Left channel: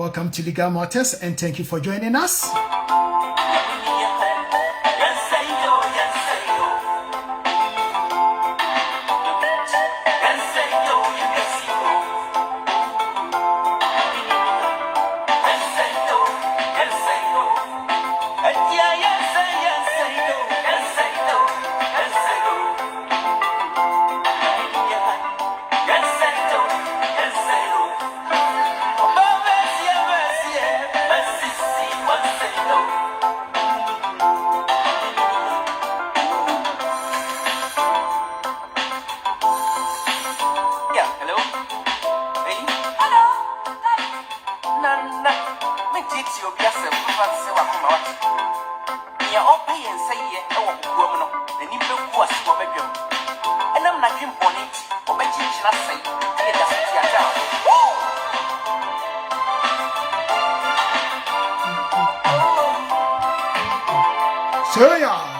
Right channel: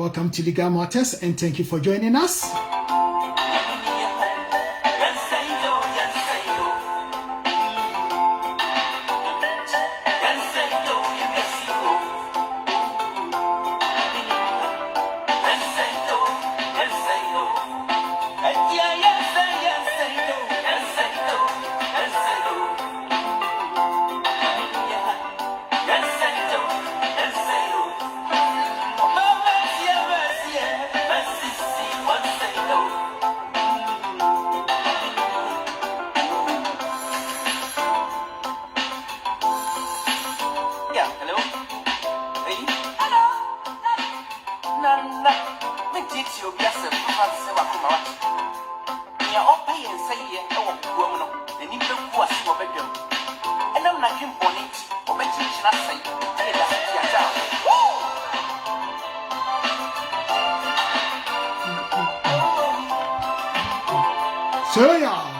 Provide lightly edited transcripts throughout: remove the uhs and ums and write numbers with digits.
Welcome to Legal Matters and thank you for joining us. So yeah.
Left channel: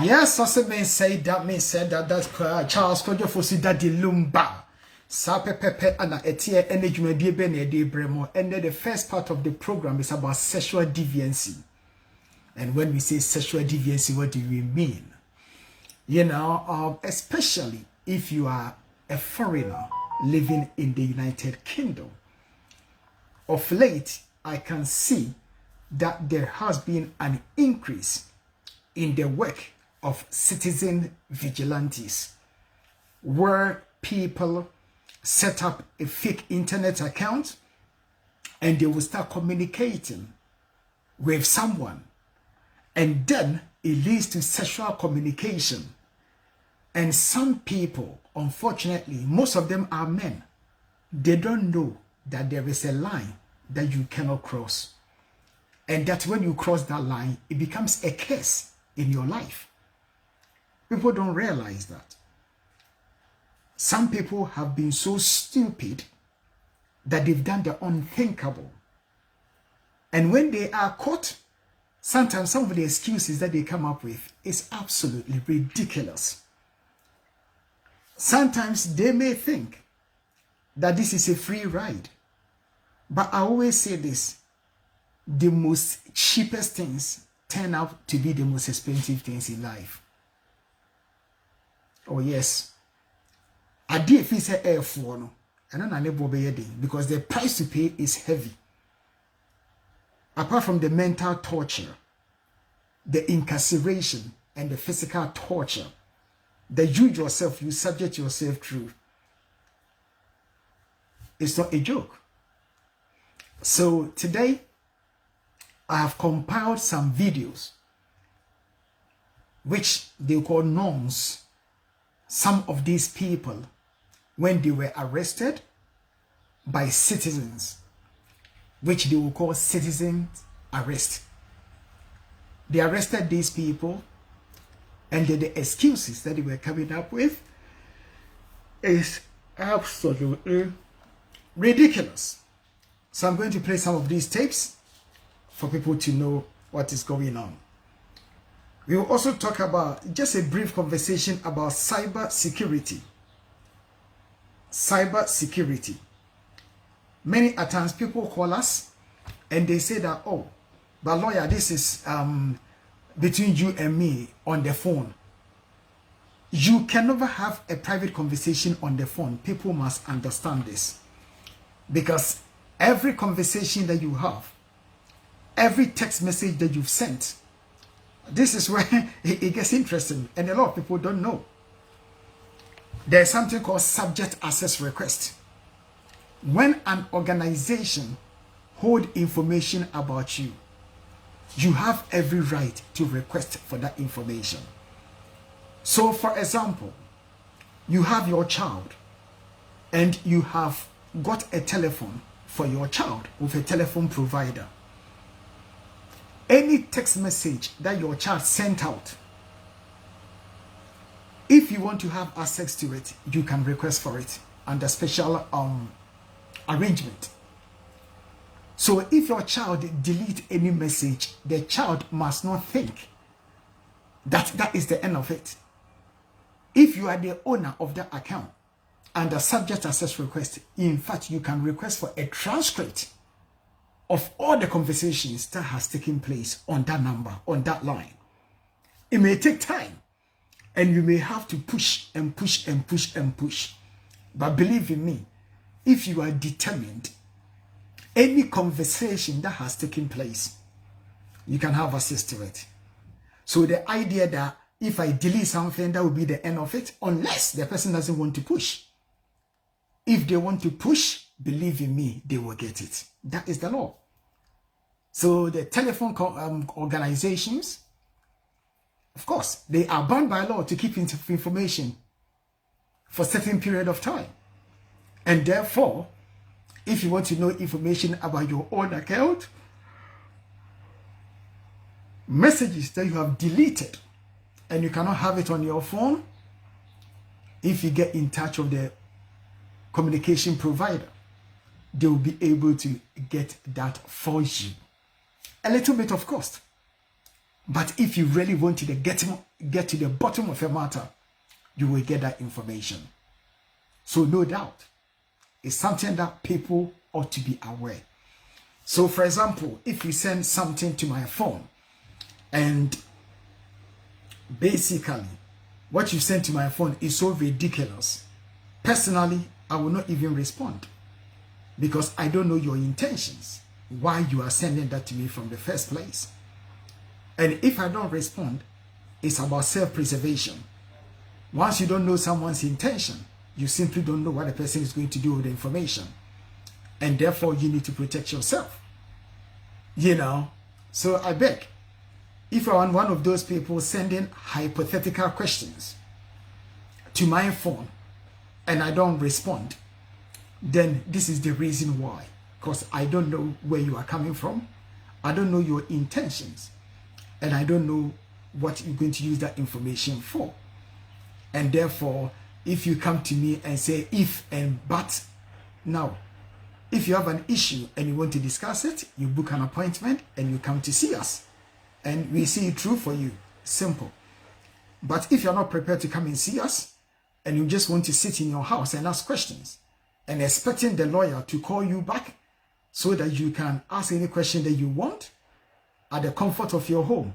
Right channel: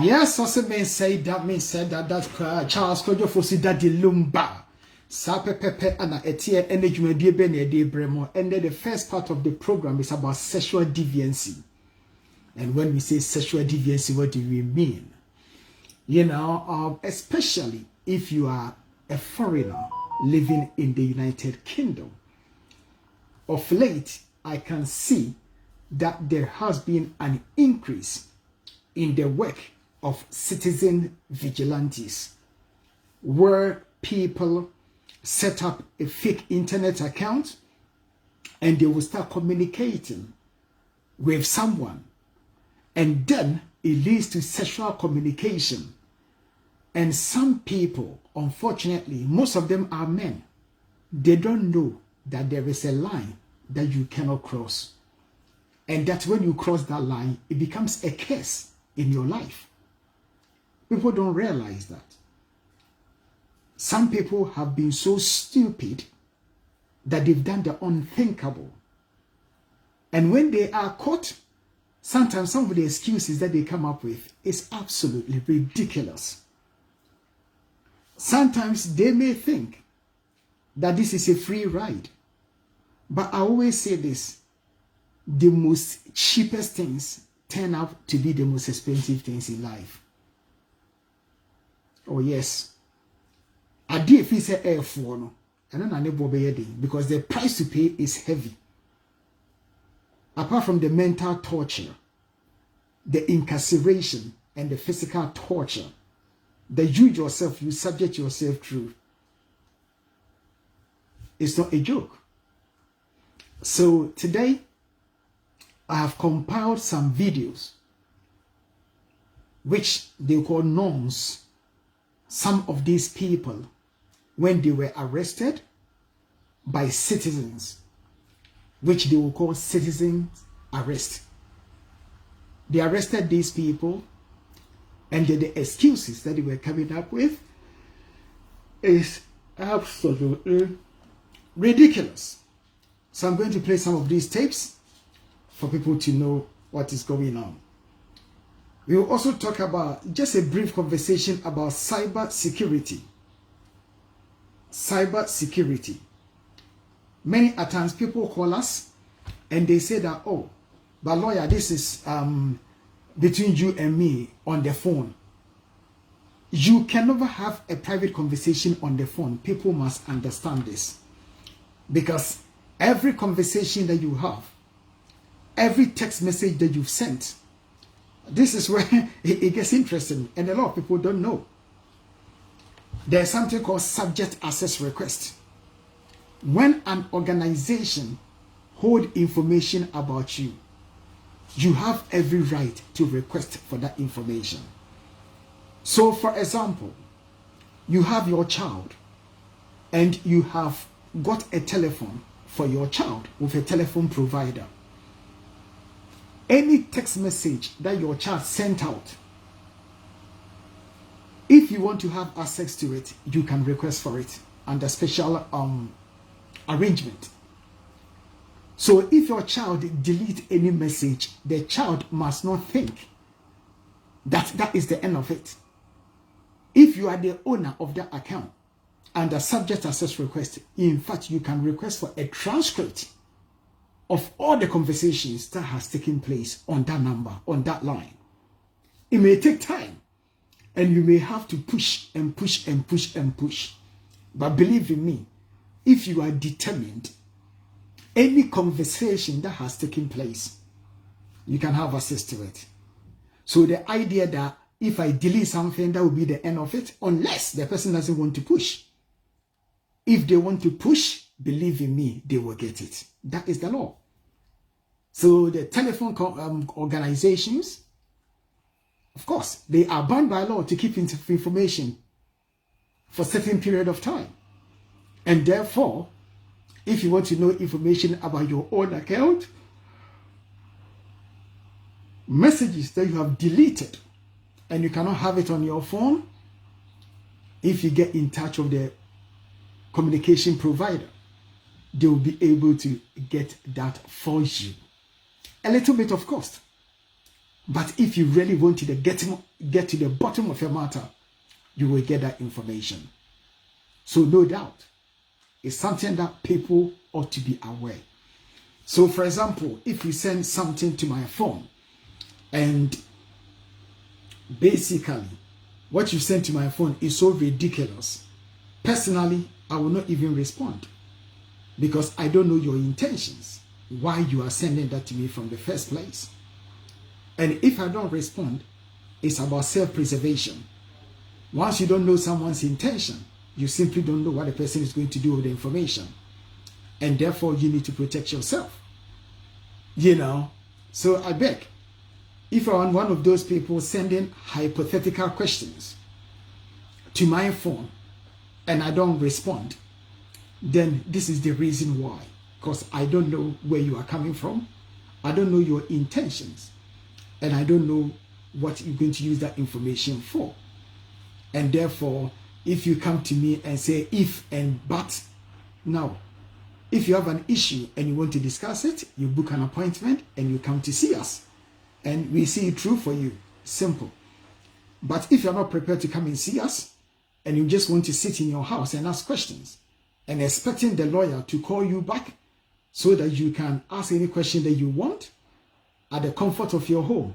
Yes, also men say that that's Charles Kojo Fosi Daddy Lumba. Sape Pepe ana etie energy be be na de bremo. And then the first part of the program is about sexual deviancy. And when we say sexual deviancy, what do we mean? You know, especially if you are a foreigner living in the United Kingdom. of late, I can see that there has been an increase in the work of citizen vigilantes, where people set up a fake internet account and they will start communicating with someone, and then it leads to sexual communication. And some people, unfortunately, most of them are men, they don't know that there is a line that you cannot cross, and that when you cross that line, it becomes a curse in your life. People don't realize that. Some people have been so stupid that they've done the unthinkable. And when they are caught, sometimes some of the excuses that they come up with is absolutely ridiculous. Sometimes they may think that this is a free ride. But I always say this, the most cheapest things turn out to be the most expensive things in life. Oh yes. I did if it's air for no, and then I never because the price to pay is heavy. Apart from the mental torture, the incarceration, and the physical torture that you yourself, you subject yourself through, it's not a joke. So today, I have compiled some videos which they call norms. Some of these people, when they were arrested by citizens, which they will call citizen arrest. They arrested these people, and the excuses that they were coming up with is absolutely ridiculous. So I'm going to play some of these tapes for people to know what is going on. We will also talk about just a brief conversation about cyber security. Cyber security. Many times people call us and they say that, oh, but lawyer, this is between you and me on the phone. You can never have a private conversation on the phone. People must understand this. Because every conversation that you have, every text message that you've sent, this is where it gets interesting, and a lot of people don't know. There's something called subject access request. When an organization holds information about you, you have every right to request for that information. So, for example, you have your child, and you have got a telephone for your child with a telephone provider. Any text message that your child sent out, if you want to have access to it, you can request for it under special arrangement. So if your child delete any message, the child must not think that that is the end of it. If you are the owner of that account under subject access request, in fact, you can request for a transcript of all the conversations that has taken place on that number, on that line. It may take time, and you may have to push and push and push and push. But believe in me, if you are determined, any conversation that has taken place, you can have access to it. So the idea that if I delete something, that will be the end of it, unless the person doesn't want to push. If they want to push, believe in me, they will get it. That is the law. So the telephone organizations, of course, they are bound by law to keep information for a certain period of time. And therefore, if you want to know information about your own account, messages that you have deleted and you cannot have it on your phone, if you get in touch with the communication provider, they will be able to get that for you. A little bit of cost. But if you really want to get to the bottom of your matter, you will get that information. So no doubt, it's something that people ought to be aware. So for example, if you send something to my phone, and basically what you send to my phone is so ridiculous, personally, I will not even respond. because I don't know your intentions, why you are sending that to me from the first place. And if I don't respond, it's about self-preservation. Once you don't know someone's intention, you simply don't know what the person is going to do with the information. And therefore, you need to protect yourself. You know, so I beg, if I'm one of those people sending hypothetical questions to my phone and I don't respond, then this is the reason why. Because I don't know where you are coming from. I don't know your intentions. And I don't know what you're going to use that information for. And therefore, if you come to me and say if and but, now, if you have an issue and you want to discuss it, you book an appointment and you come to see us. And we see it through for you. Simple. But if you're not prepared to come and see us, and you just want to sit in your house and ask questions, and expecting the lawyer to call you back so that you can ask any question that you want at the comfort of your home,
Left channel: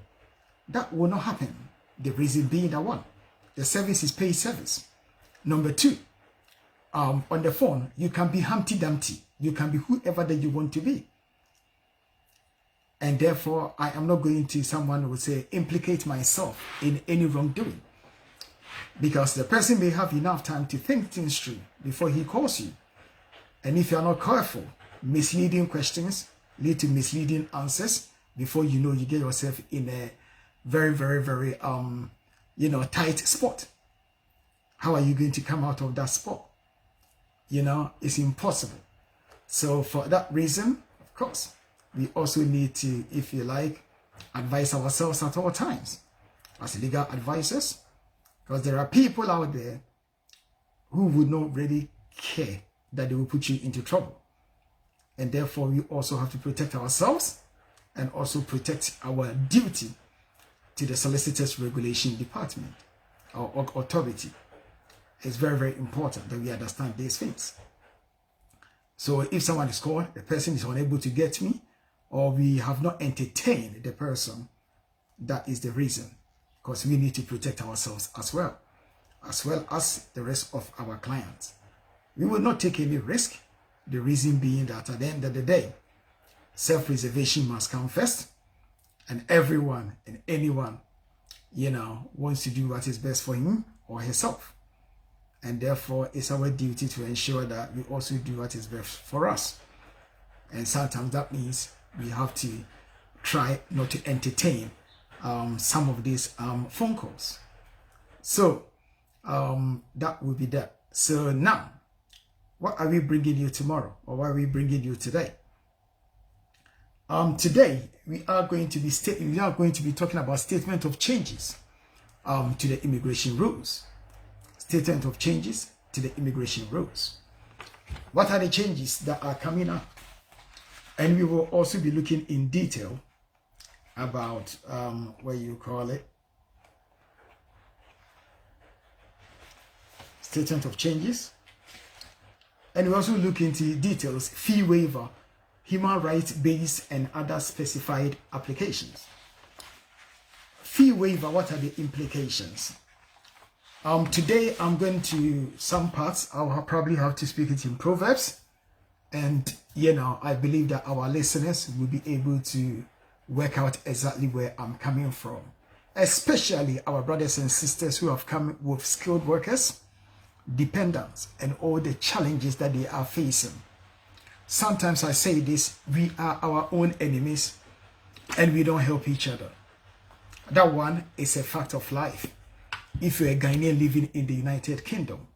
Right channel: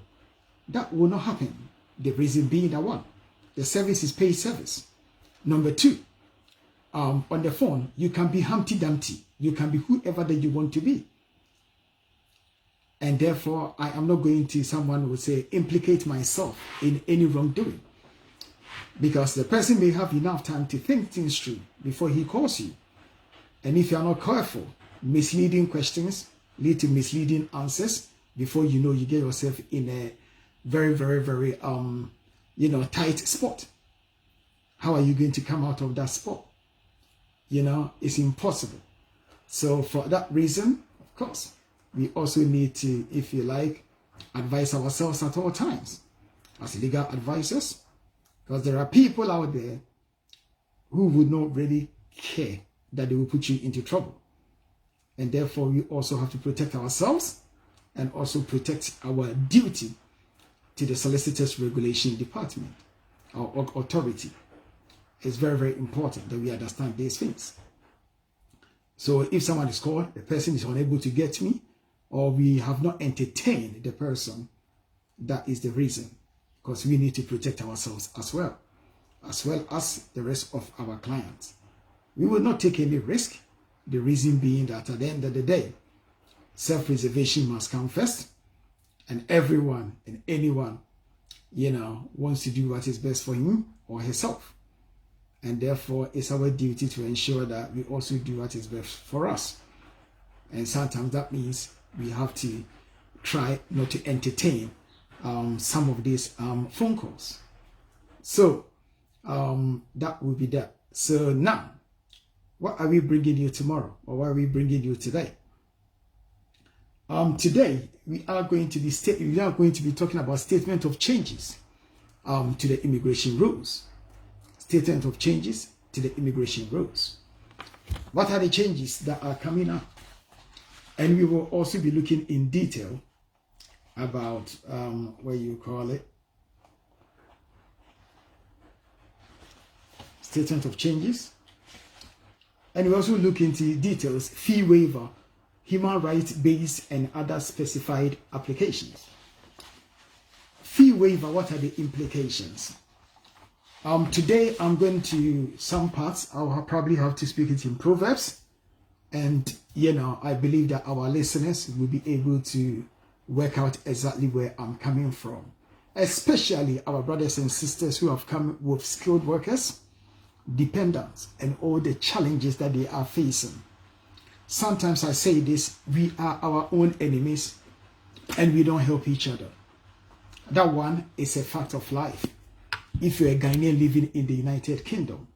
that will not happen. The reason being that one, the service is paid service. Number two, on the phone, you can be Humpty Dumpty. You can be whoever that you want to be. And therefore, I am not going to, someone would say, implicate myself in any wrongdoing. Because the person may have enough time to think things through before he calls you. And if you are not careful, misleading questions lead to misleading answers. Before you know, you get yourself in a very, very, very, tight spot. How are you going to come out of that spot? It's impossible. So for that reason, of course, we also need to, if you like, advise ourselves at all times as legal advisors, because there are people out there who would not really care that they will put you into trouble. And therefore, we also have to protect ourselves and also protect our duty to the Solicitors Regulation Department or authority. It's very, very important that we understand these things. So if someone is called, the person is unable to get me, or we have not entertained the person, that is the reason. Because we need to protect ourselves as well as the rest of our clients. We will not take any risk. The reason being that at the end of the day, self-preservation must come first. And everyone and anyone, wants to do what is best for him or herself. And therefore, it's our duty to ensure that we also do what is best for us. And sometimes that means we have to try not to entertain some of these phone calls. So that will be that. So now, what are we bringing you tomorrow, or what are we bringing you today? Today we are going to be talking about statement of changes to the immigration rules. Statement of changes to the immigration rules. What are the changes that are coming up? And we will also be looking in detail about statement of changes. And we also look into details, fee waiver, human rights based and other specified applications. Fee waiver, what are the implications? Today I'm going to some parts, I'll probably have to speak it in Proverbs. And, I believe that our listeners will be able to work out exactly where I'm coming from. Especially our brothers and sisters who have come with skilled workers, dependents, and all the challenges that they are facing. Sometimes I say this, we are our own enemies and we don't help each other. That one is a fact of life. If you're a Ghanaian living in the United Kingdom,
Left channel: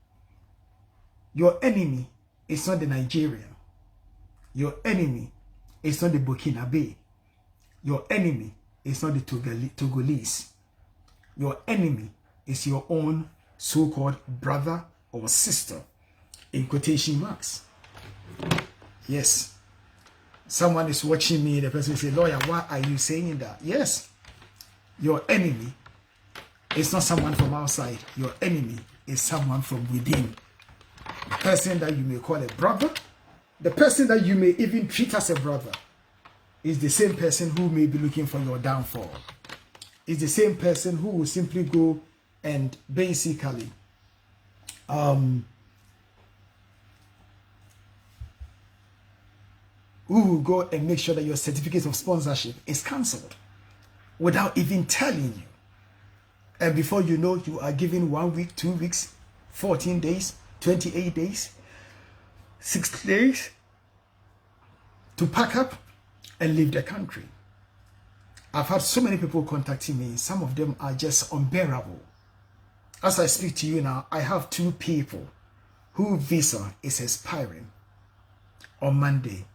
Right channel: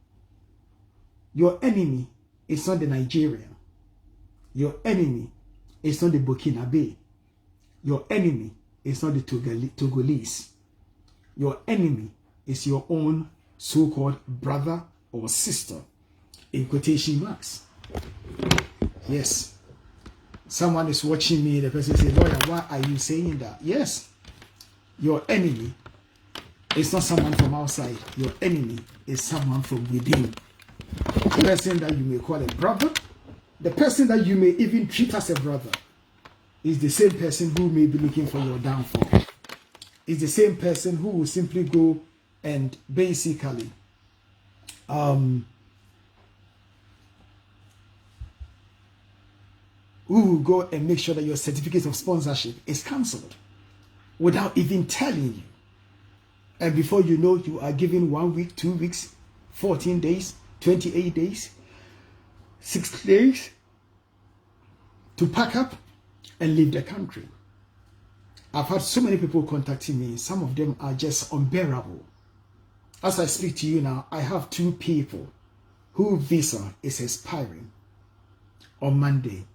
your enemy is not the Nigerian. Your enemy is not the Burkinabe. Your enemy is not the Togolese. Your enemy is your own so-called brother or sister, in quotation marks. Yes. Someone is watching me, the person says, lawyer, why are you saying that? Yes. Your enemy is not someone from outside. Your enemy is someone from within. The person that you may call a brother, the person that you may even treat as a brother, is the same person who may be looking for your downfall. Is the same person who will simply go and basically who will go and make sure that your certificate of sponsorship is cancelled without even telling you. And before you know, you are given 1 week, 2 weeks, 14 days, 28 days, 6 days to pack up and leave the country. I've had so many people contacting me. Some of them are just unbearable. As I speak to you now, I have 2 people whose visa is expiring on Monday.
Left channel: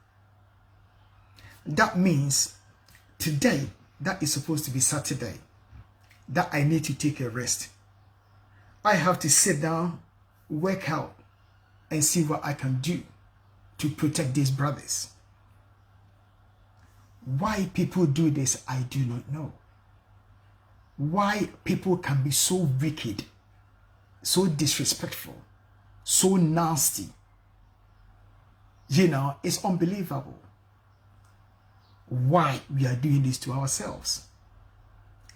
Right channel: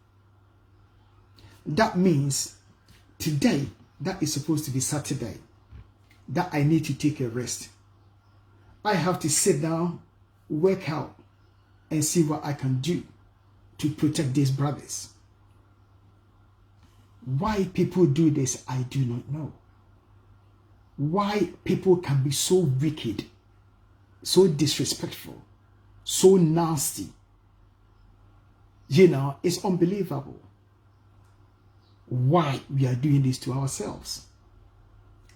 That means today, that is supposed to be Saturday, that I need to take a rest. I have to sit down, work out, and see what I can do to protect these brothers. Why people do this, I do not know. Why people can be so wicked, so disrespectful, so nasty. You know, it's unbelievable. Why we are doing this to ourselves.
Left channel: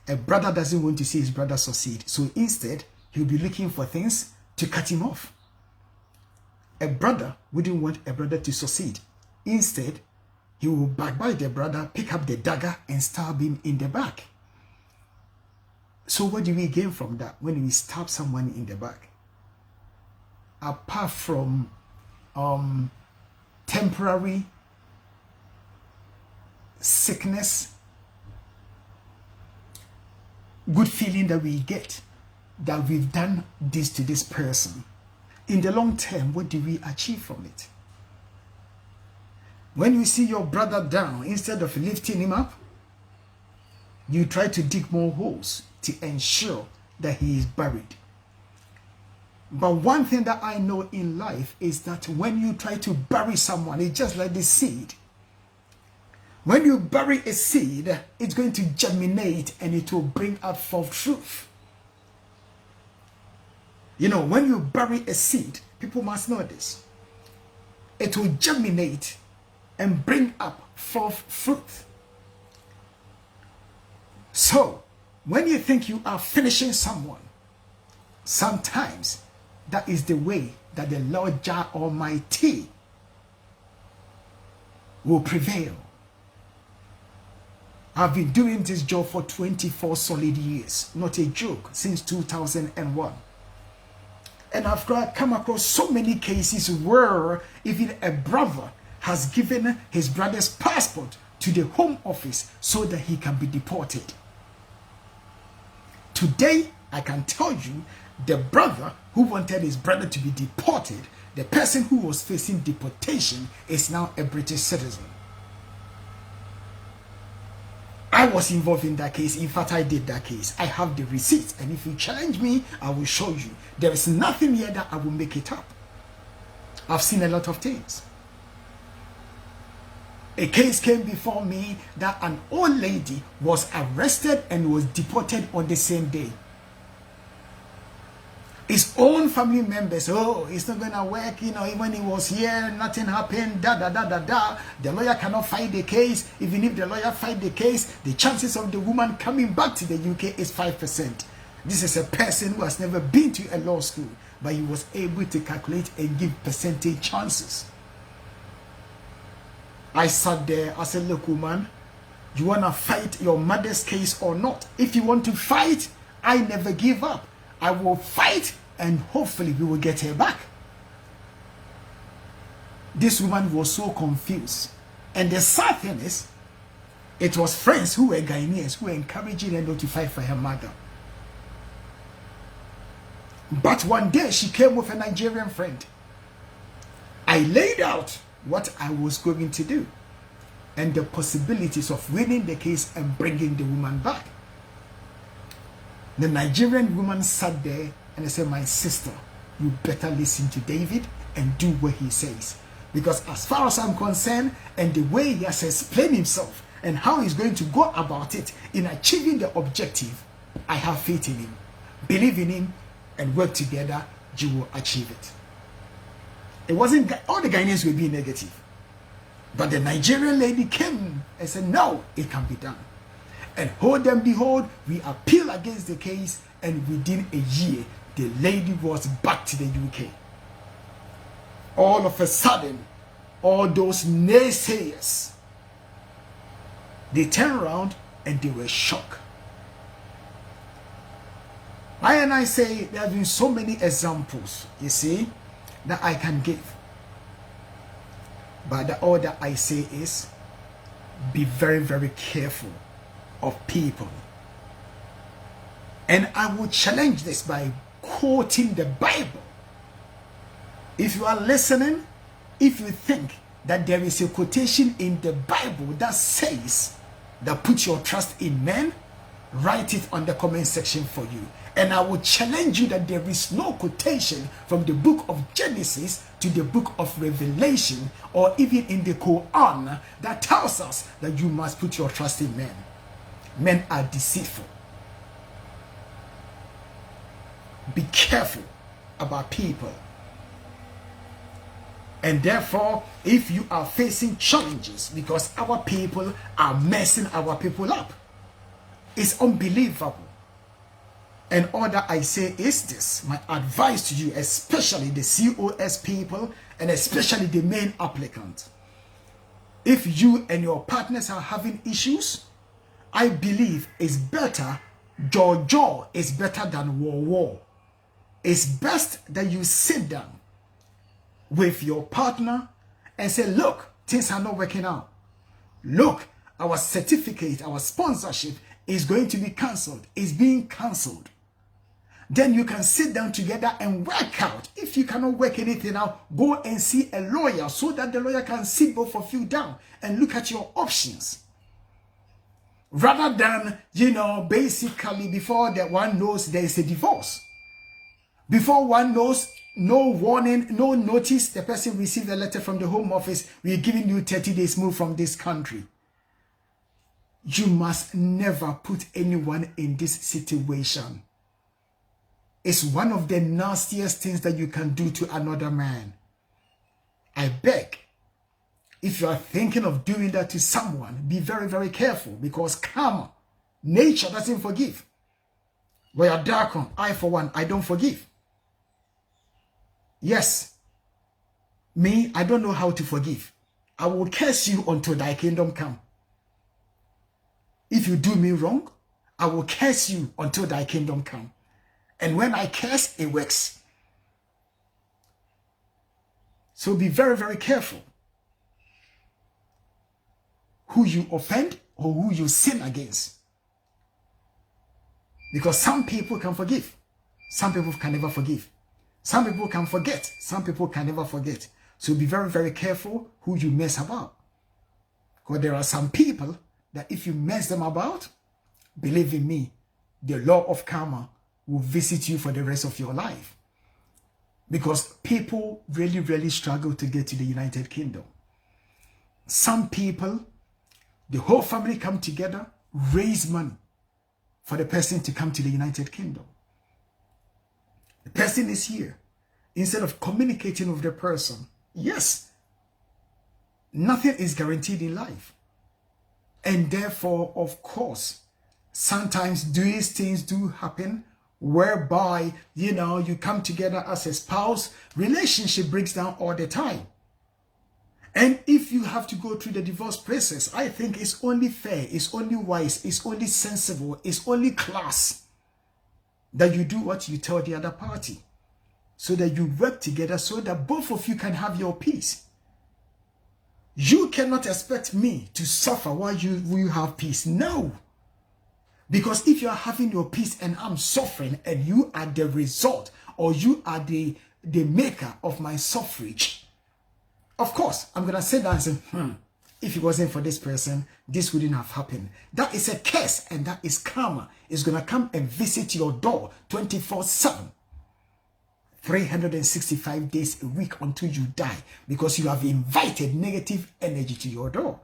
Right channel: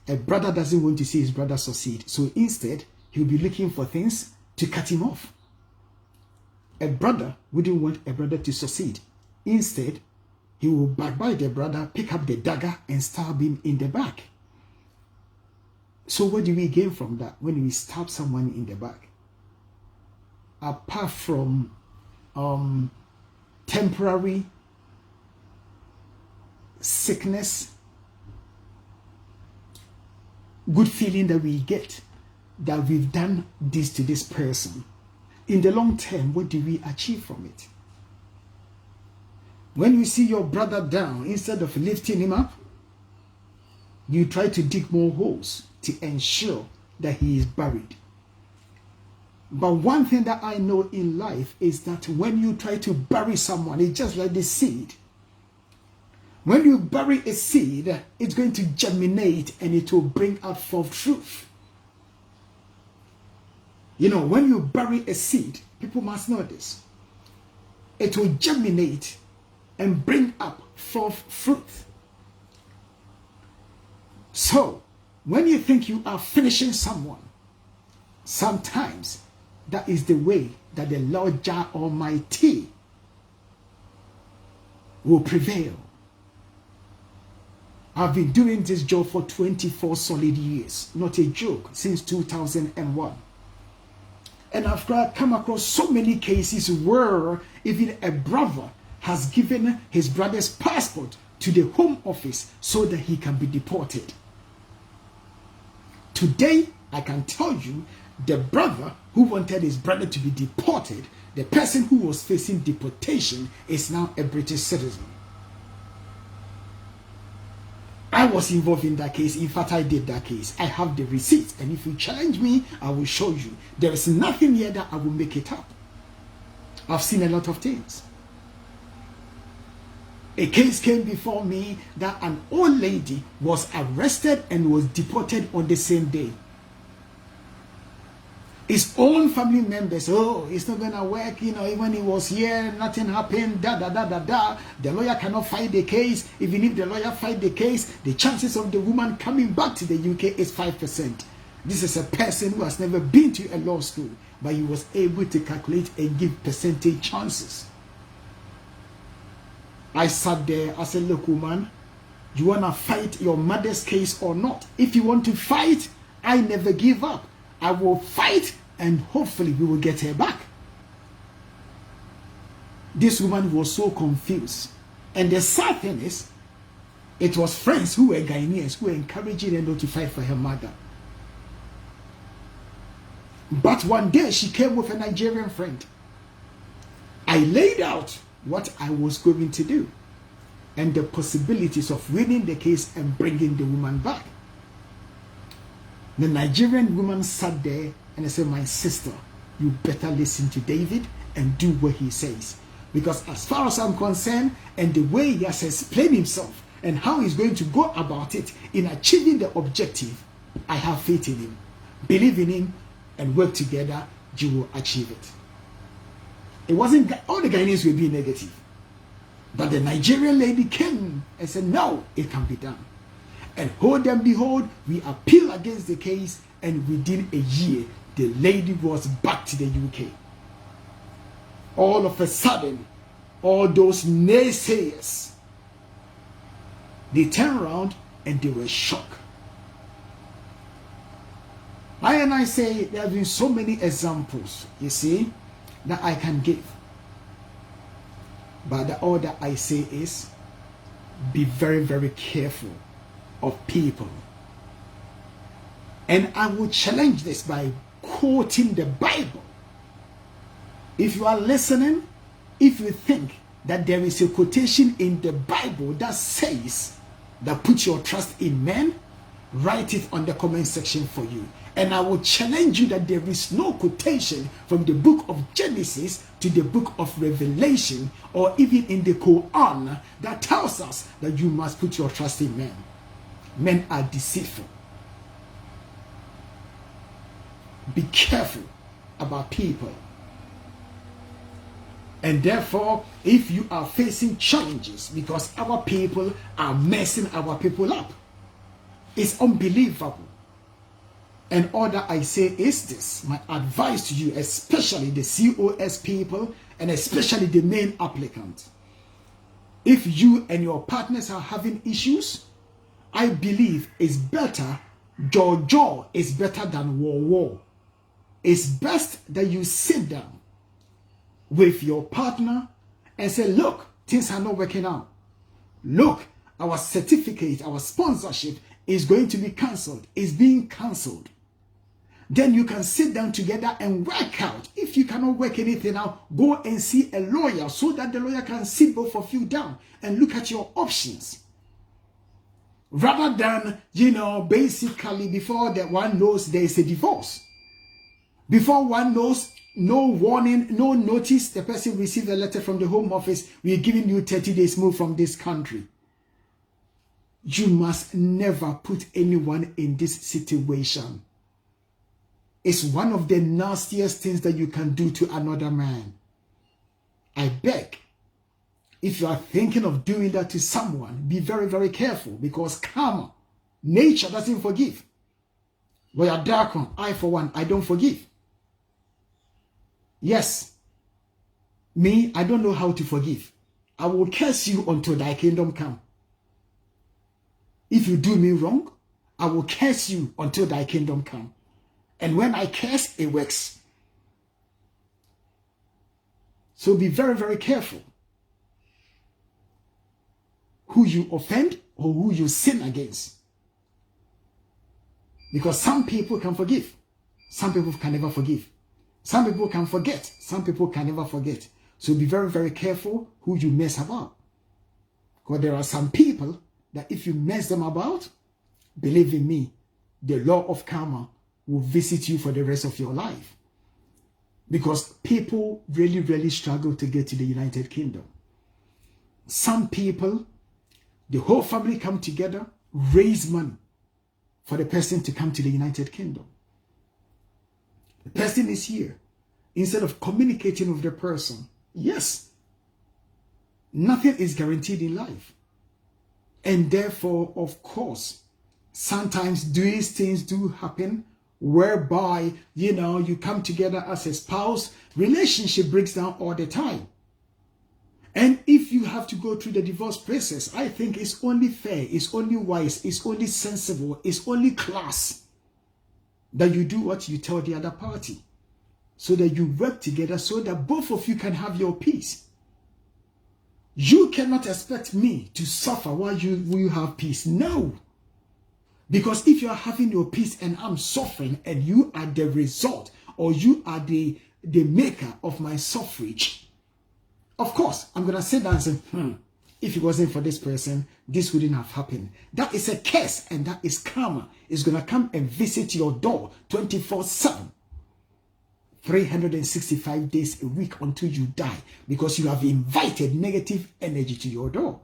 A brother doesn't want to see his brother succeed, so instead he'll be looking for things to cut him off. A brother wouldn't want a brother to succeed. Instead, he will backbite the brother, pick up the dagger and stab him in the back. So what do we gain from that when we stab someone in the back? Apart from temporary sickness, good feeling that we get that we've done this to this person, in the long term, what do we achieve from it? When you see your brother down, instead of lifting him up, you try to dig more holes to ensure that he is buried. But one thing that I know in life is that when you try to bury someone, it's just like the seed. When you bury a seed, it's going to germinate and it will bring out forth truth. You know, when you bury a seed, people must know this. It will germinate and bring up forth fruit. So, when you think you are finishing someone, sometimes that is the way that the Lord Jah Almighty will prevail. I've been doing this job for 24 solid years, not a joke, since 2001. And I've come across so many cases where even a brother has given his brother's passport to the Home Office so that he can be deported. Today, I can tell you, the brother who wanted his brother to be deported, the person who was facing deportation, is now a British citizen. I was involved in that case. In fact, I did that case. I have the receipts, and if you challenge me, I will show you. There is nothing here that I will make it up. I've seen a lot of things. A case came before me that an old lady was arrested and was deported on the same day. His own family members, oh, it's not going to work, you know, when he was here, nothing happened, The lawyer cannot fight the case. Even if the lawyer fight the case, the chances of the woman coming back to the UK is 5%. This is a person who has never been to a law school, but he was able to calculate and give percentage chances. I sat there, I said, look, woman, you want to fight your mother's case or not? If you want to fight, I never give up. I will fight and hopefully we will get her back. This woman was so confused. And the sad thing is, it was friends who were Ghanaians who were encouraging her not to fight for her mother. But one day she came with a Nigerian friend. I laid out what I was going to do and the possibilities of winning the case and bringing the woman back. The Nigerian woman sat there and I said, my sister, you better listen to David and do what he says. Because as far as I'm concerned, and the way he has explained himself and how he's going to go about it in achieving the objective, I have faith in him. Believe in him and work together, you will achieve it. It wasn't all the Ghanaians were being negative. But the Nigerian lady came and said, no, it can be done. And hold and behold, we appeal against the case, and within a year, the lady was back to the UK. All of a sudden, all those naysayers, they turned around and they were shocked. Why and I say there have been so many examples, you see, that I can give. But all that I say is, be very, very careful of people. And I will challenge this by quoting the Bible. If you are listening, if you think that there is a quotation in the Bible that says that put your trust in men, write it on the comment section for you. And I will challenge you that there is no quotation from the book of Genesis to the book of Revelation, or even in the Quran, that tells us that you must put your trust in men. Men are deceitful. Be careful about people. And therefore, if you are facing challenges because our people are messing our people up, it's unbelievable. And all that I say is this, my advice to you, especially the COS people and especially the main applicant. If you and your partners are having issues, I believe it's better, jaw is better than war. It's best that you sit down with your partner and say, look, things are not working out. Look, our certificate, our sponsorship is going to be cancelled. It's being cancelled. Then you can sit down together and work out. If you cannot work anything out, go and see a lawyer so that the lawyer can sit both of you down and look at your options. Rather than, basically before that one knows there is a divorce. Before one knows, no warning, no notice, the person received a letter from the Home Office, we are giving you 30 days move from this country. You must never put anyone in this situation. It's one of the nastiest things that you can do to another man. I beg, if you are thinking of doing that to someone, be very, very careful, because karma, nature doesn't forgive. We are dark on, I for one, I don't forgive. Yes, me, I don't know how to forgive. I will curse you until thy kingdom come. If you do me wrong, I will curse you until thy kingdom come. And when I curse, it works. So be very, very careful who you offend or who you sin against. Because some people can forgive. Some people can never forgive. Some people can forget. Some people can never forget. So be very, very careful who you mess about. Because there are some people that if you mess them about, believe in me, the law of karma will visit you for the rest of your life. Because people really, really struggle to get to the United Kingdom. Some people, the whole family come together, raise money for the person to come to the United Kingdom. The person is here. Instead of communicating with the person, yes, nothing is guaranteed in life. And therefore, of course, sometimes these things do happen whereby, you come together as a spouse, relationship breaks down all the time. And if you have to go through the divorce process, I think it's only fair, it's only wise, it's only sensible, it's only class that you do what you tell the other party, so that you work together so that both of you can have your peace. You cannot expect me to suffer while you have peace. No. Because if you are having your peace and I'm suffering and you are the result, or you are the maker of my suffrage, of course, I'm going to sit down and say, if it wasn't for this person, this wouldn't have happened. That is a curse, and that is karma. It's going to come and visit your door 24/7. 365 days a week until you die, because you have invited negative energy to your door.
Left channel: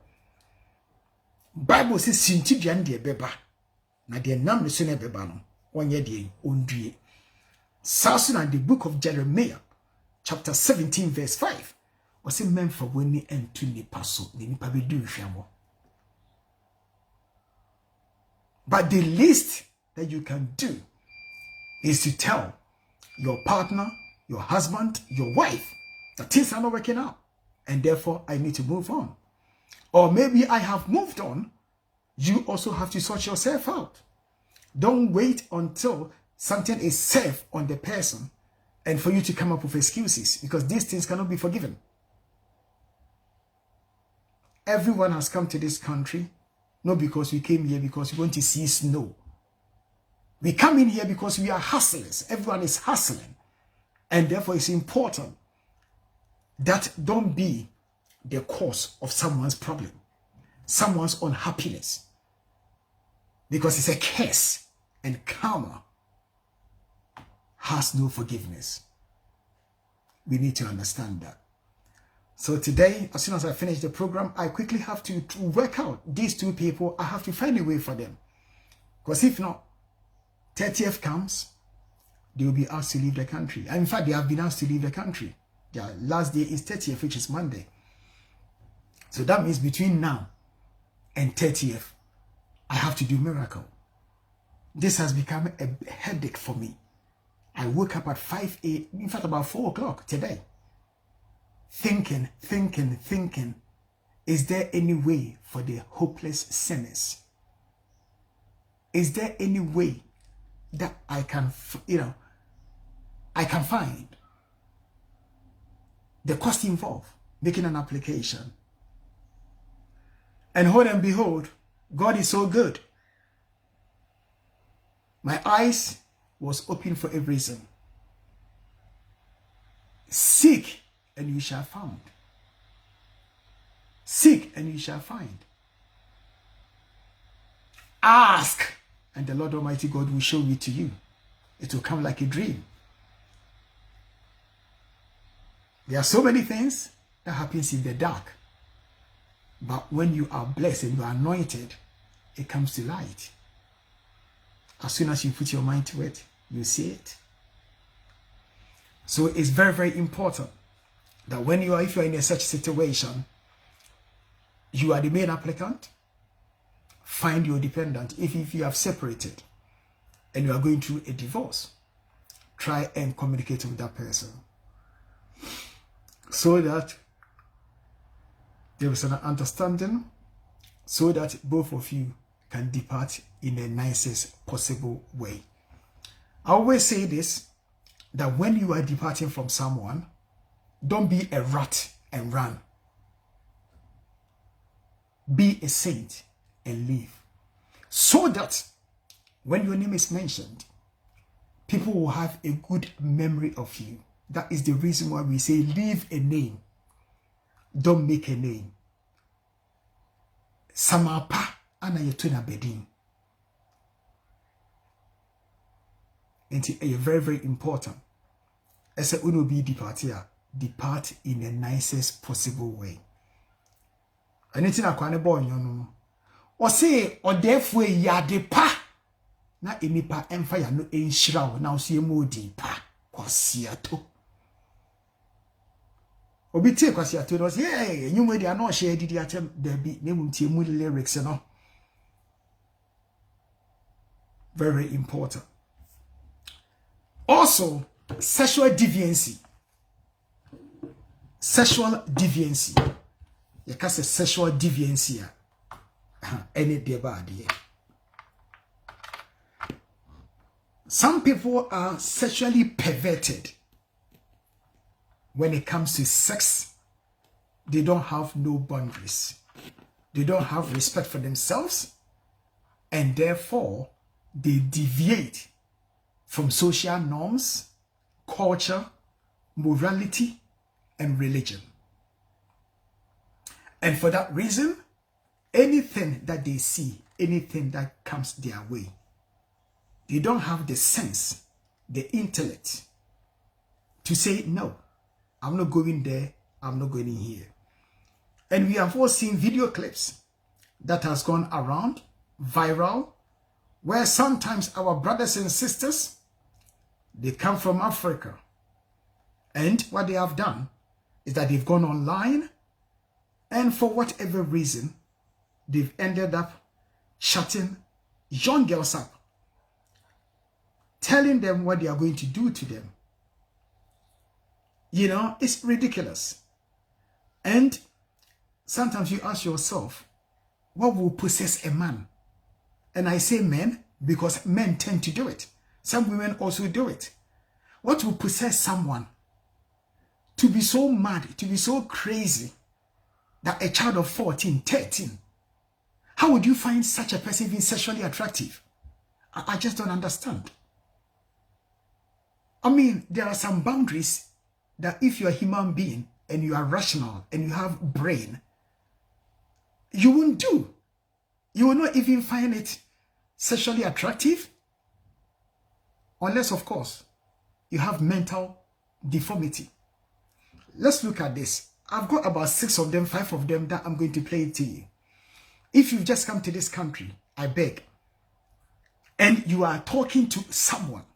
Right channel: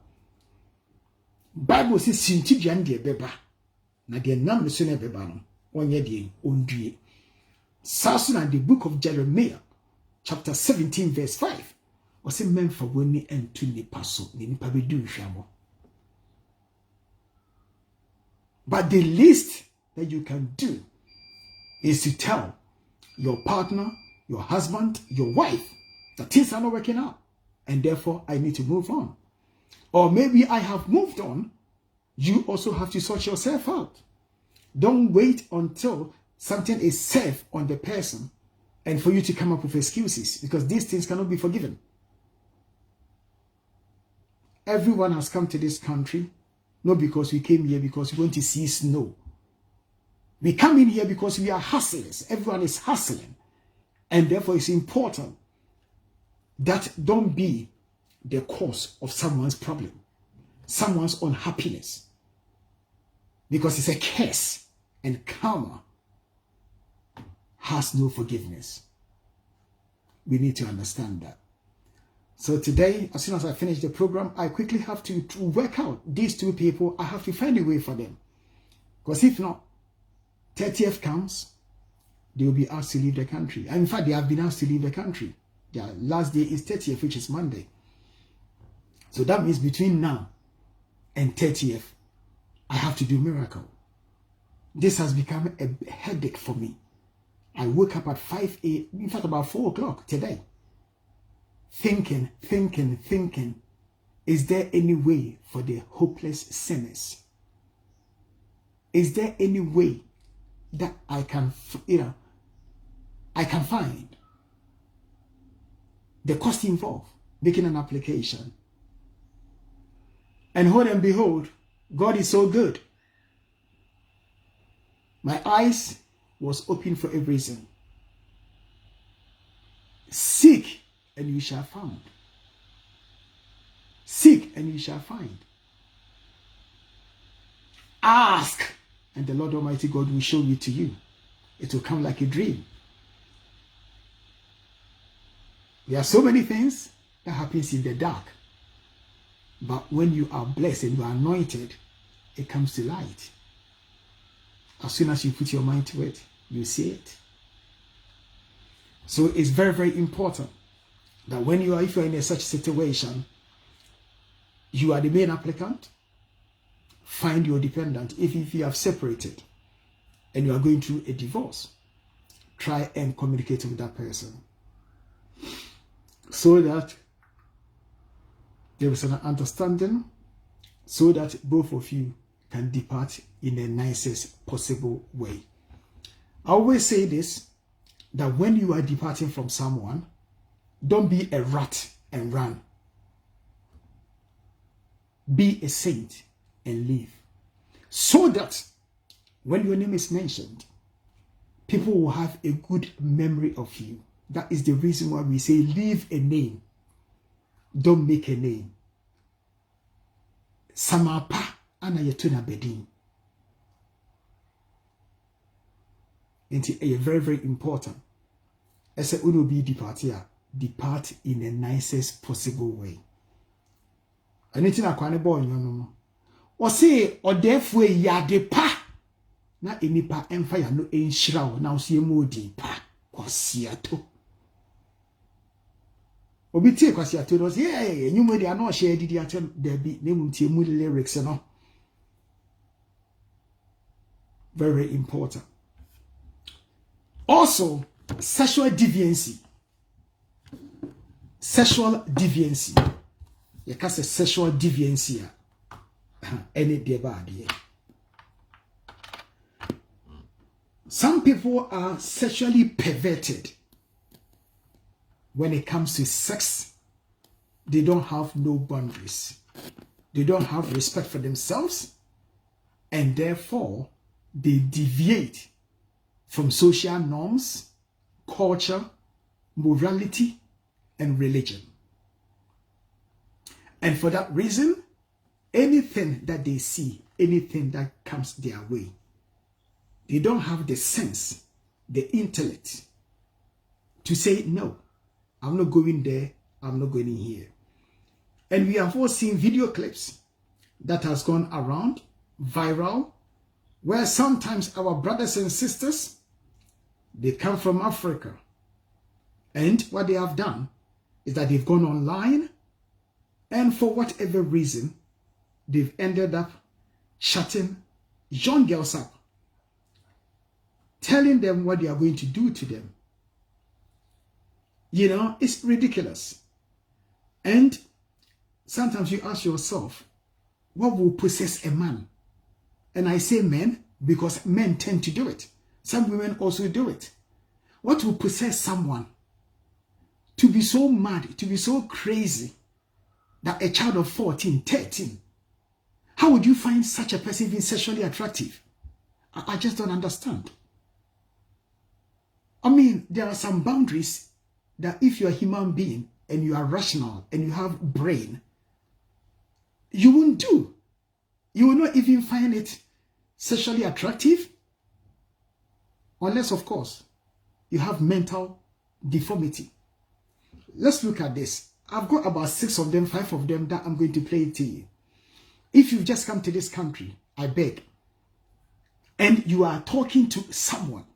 Bible says, "Sinti dian de beba, na de nam so na beba no, onye de ondue." Sasu na the book of Jeremiah, chapter 17, verse 5. Was a man for winning and to nipa so, ni nipa be do hwamo. But the least that you can do is to tell your partner, your husband, your wife, that things are not working out. and therefore I need to move on. Or maybe I have moved on. You also have to sort yourself out. Don't wait until something is safe on the person and for you to come up with excuses, because these things cannot be forgiven. Everyone has come to this country not because we came here because we want to see snow. We come in here because we are hustlers. Everyone is hustling. And therefore it's important that don't be the cause of someone's problem, someone's unhappiness, because it's a curse, and karma has no forgiveness. We need to understand that. So today, as soon as I finish the program, I quickly have to work out these two people. I have to find a way for them, because if not, 30th comes, they will be asked to leave the country. And in fact, they have been asked to leave the country. Their last day is 30th, which is Monday. So that means between now and 30th, I have to do miracle. This has become a headache for me. I woke up at 5 a.m., in fact about 4 o'clock today, thinking, is there any way for the hopeless sinners? Is there any way that I can, I can find the cost involved making an application? And hold and behold, God is so good. My eyes was open for a reason. Seek and you shall find. Seek and you shall find. Ask and the Lord Almighty God will show it to you. It will come like a dream. There are so many things that happens in the dark. But when you are blessed and you are anointed, it comes to light. As soon as you put your mind to it, you see it. So it's very, very important that when you are, if you are in such situation, you are the main applicant, find your dependent. If you have separated and you are going through a divorce, try and communicate with that person so that there is an understanding, so that both of you can depart in the nicest possible way. I always say this, that when you are departing from someone, don't be a rat and run. Be a saint and leave. So that when your name is mentioned, people will have a good memory of you. That is the reason why we say leave a name. Don't make a name. Samapa ana yetuna bedin. It's very, very important. As a uno be departia, depart in the nicest possible way. Anything I can born you know. Or say or therefore ya depa na enipa empire no enshiraw na so yemu depa kwasiato. Obi tie kwasiato no say eh enyumu dia no share didi atem there be nemu tie mu lyrics no. Very important. Also, sexual deviancy. Sexual deviancy. You can say sexual deviancy. Any day bad. Some people are sexually perverted. When it comes to sex, they don't have no boundaries. They don't have respect for themselves, and therefore they deviate from social norms, culture, morality, and religion. And for that reason, anything that they see, anything that comes their way, they don't have the sense, the intellect to say, no, I'm not going there, I'm not going in here. And we have all seen video clips that has gone around, viral, where sometimes our brothers and sisters, they come from Africa. And what they have done is that they've gone online, and for whatever reason, they've ended up shutting young girls up, telling them what they are going to do to them. You know, it's ridiculous. And sometimes you ask yourself, what will possess a man? And I say men because men tend to do it. Some women also do it. What will possess someone to be so mad, to be so crazy that a child of 14, 13, how would you find such a person being sexually attractive? I just don't understand. I mean, there are some boundaries that if you're a human being and you are rational and you have brain, you won't do. You will not even find it sexually attractive. Unless, of course, you have mental deformity. Let's look at this. I've got about 6 of them, 5 of them that I'm going to play to you. If you've just come to this country, I beg, and you are talking to someone,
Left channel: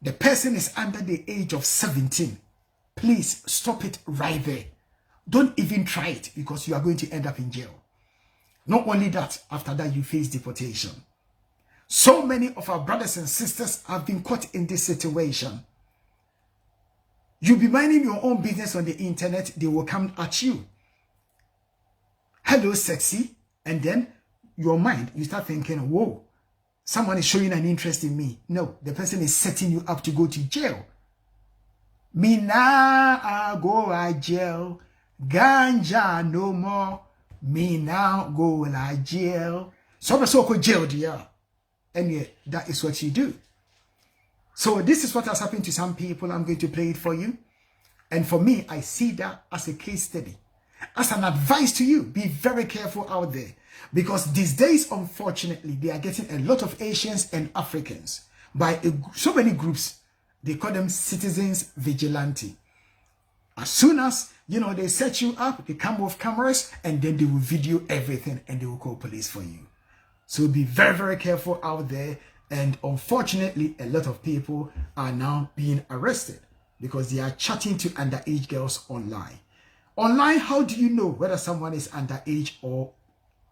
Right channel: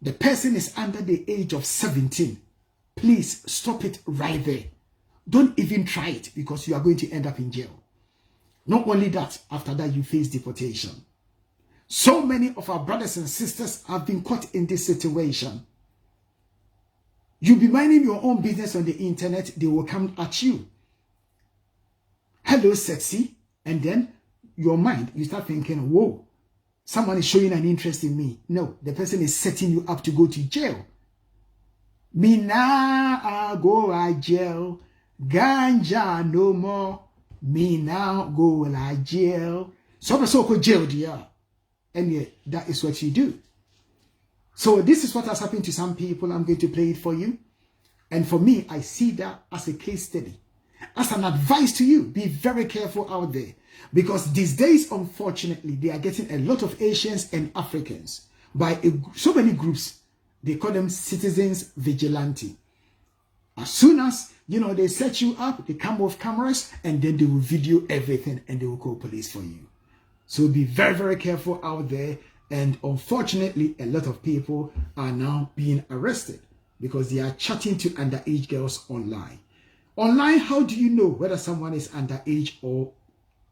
the person is under the age of 17, please stop it right there. Don't even try it because you are going to end up in jail. Not only that, after that you face deportation. So many of our brothers and sisters have been caught in this situation. You'll be minding your own business on the internet, they will come at you. Hello, sexy. And then your mind, you start thinking, whoa, someone is showing an interest in me. No, the person is setting you up to go to jail. Me now I go to jail. Ganja no more. Me now go to jail. So go jail, dear. And yeah, that is what you do. So this is what has happened to some people. I'm going to play it for you. And for me, I see that as a case study. As an advice to you, be very careful out there. Because these days, unfortunately, they are getting a lot of Asians and Africans by so many groups. They call them citizens vigilante. As soon as, they set you up, they come with cameras, and then they will video everything and they will call police for you. So be very, very careful out there. And unfortunately, a lot of people are now being arrested because they are chatting to underage girls online. Online, how do you know whether someone is underage or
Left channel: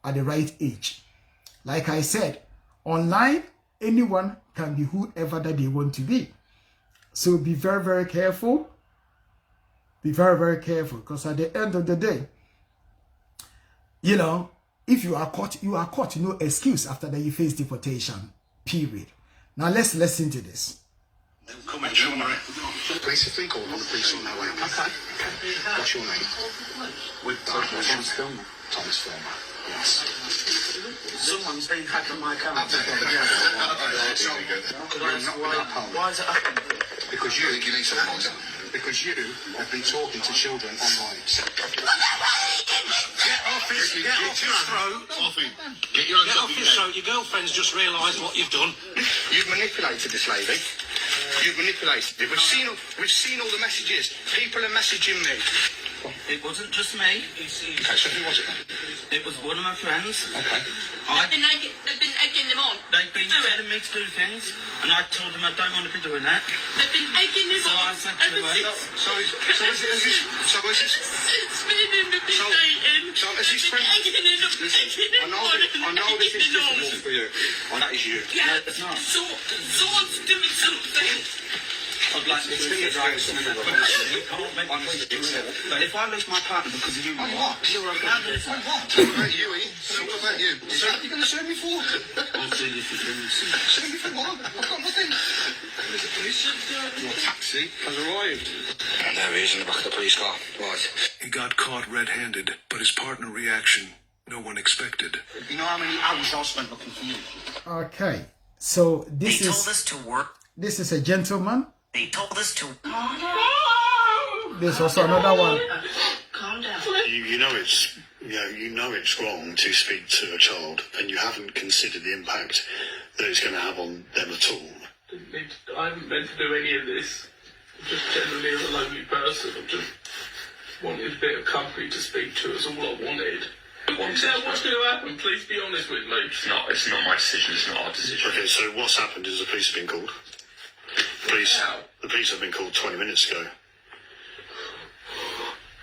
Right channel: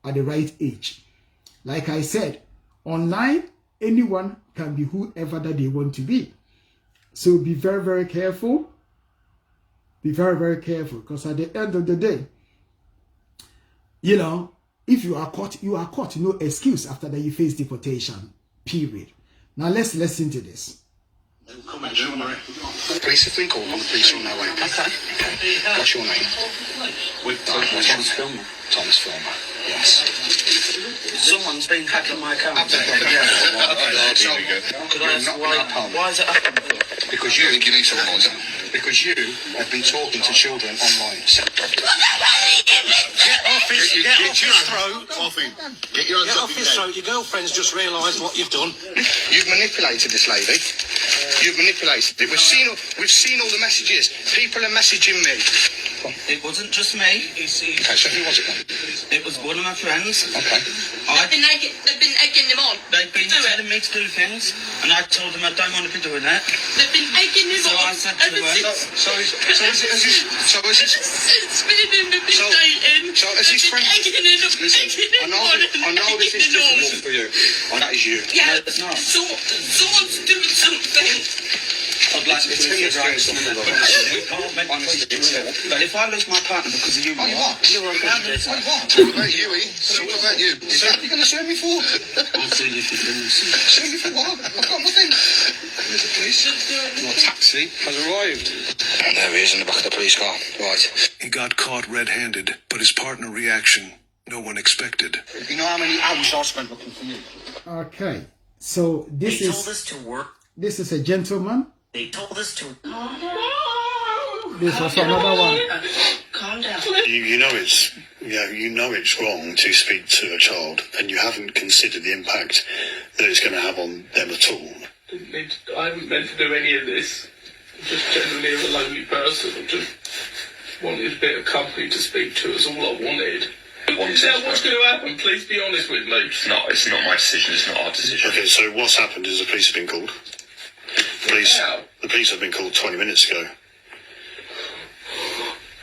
at the right age? Like I said, online, anyone can be whoever that they want to be. So be very, very careful. Be very, very careful, because at the end of the day, if you are caught, you are caught. No excuse after that you face deportation. Period. Now let's listen to this. Police have been called on the police on their way. Okay. What's your name? Thomas Filmer. Thomas Filmer. Yes. Someone's been hacking my account. Could I ask why is it happening? Because you think you need someone else. Because you have been talking to children online. Get off his throat. Get your Get off his throat. Your girlfriend's just realised what you've done. You've manipulated this lady. You've manipulated it. We've seen all the messages. People are messaging me. It wasn't just me. Okay, so who was it then? It was one of my friends. Okay. They've been egging them on. They've been telling me to do things, and I told them I don't want to be doing that. They've been egging them on. So is this friend? Listen, I know this is difficult for you, and that is you. Yeah, it's not. Someone's doing something. I'd like to be right. But if I lose my partner because of you, what about you? What about you? So what are you going to sue me for? I'll sue you for doing this. Sue me for what? I've got nothing. There's a police. Your taxi has arrived. And there he is in the back of the police car. Right. He got caught red-handed, but his partner reaction, no one expected. You know how many hours I spent looking for you? Okay, so this is a gentleman. They told us to. There's also another one. Calm down. You know it's wrong to speak to a child, and you haven't considered the impact that it's going to have on them at all. I haven't meant to do any of this. I'm just genuinely a lonely person. I just wanted a bit of company to speak to. Is all I wanted. What's going to happen? Please be honest with me. It's not my decision. It's not our decision. Okay, so what's happened is the police have been called. The police have been called 20 minutes ago.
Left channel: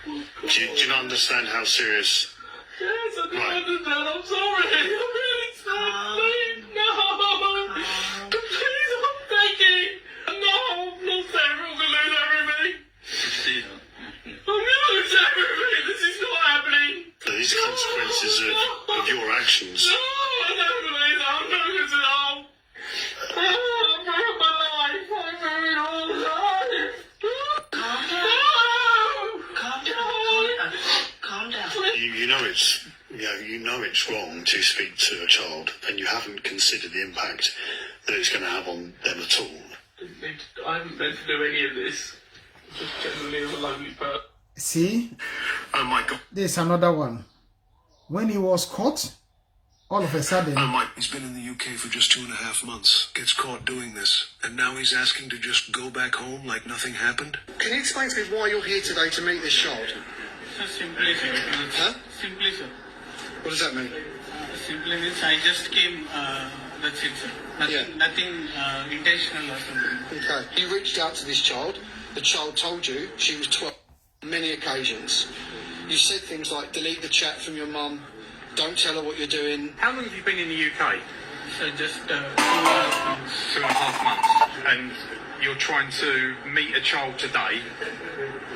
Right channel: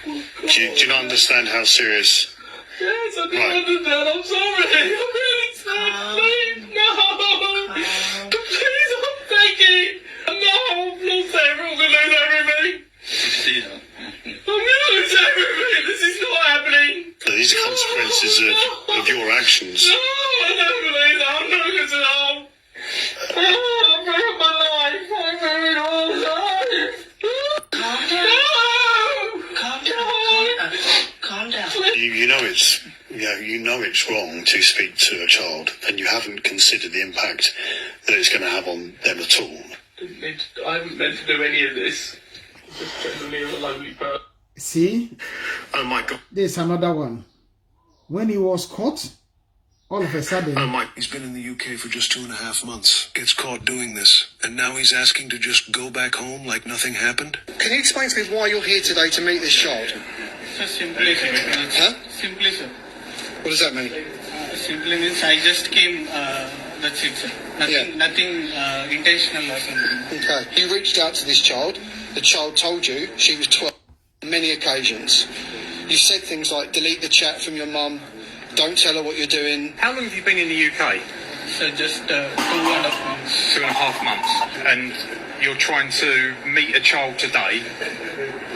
Do you not understand how serious? Yes, I do understand. I'm sorry. I'm really sorry. Please, no. Please, I'm begging. No, I've lost everything. I'm going to lose everything. I'm going to lose everything. This it's wrong to speak to a child and you haven't considered the impact that it's going to have on them at all. I haven't meant to do any of this. Just telling me as a lonely person. See, Oh my God. there's another one. When he was caught, all of a sudden, He's been in the UK for just 2.5 months, gets caught doing this, and now he's asking to just go back home like nothing happened? Can you explain to me why you're here today to meet this child? So simply, sir. Huh? Simply, sir. What does that mean? Simply means I just came, that's it, sir. Nothing intentional or something. Okay. You reached out to this child. The child told you she was 12 on many occasions. You said things like, delete the chat from your mum, don't tell her what you're doing. How long have you been in the UK? So just 2.5 months. 2.5 months. And you're trying to meet a child today?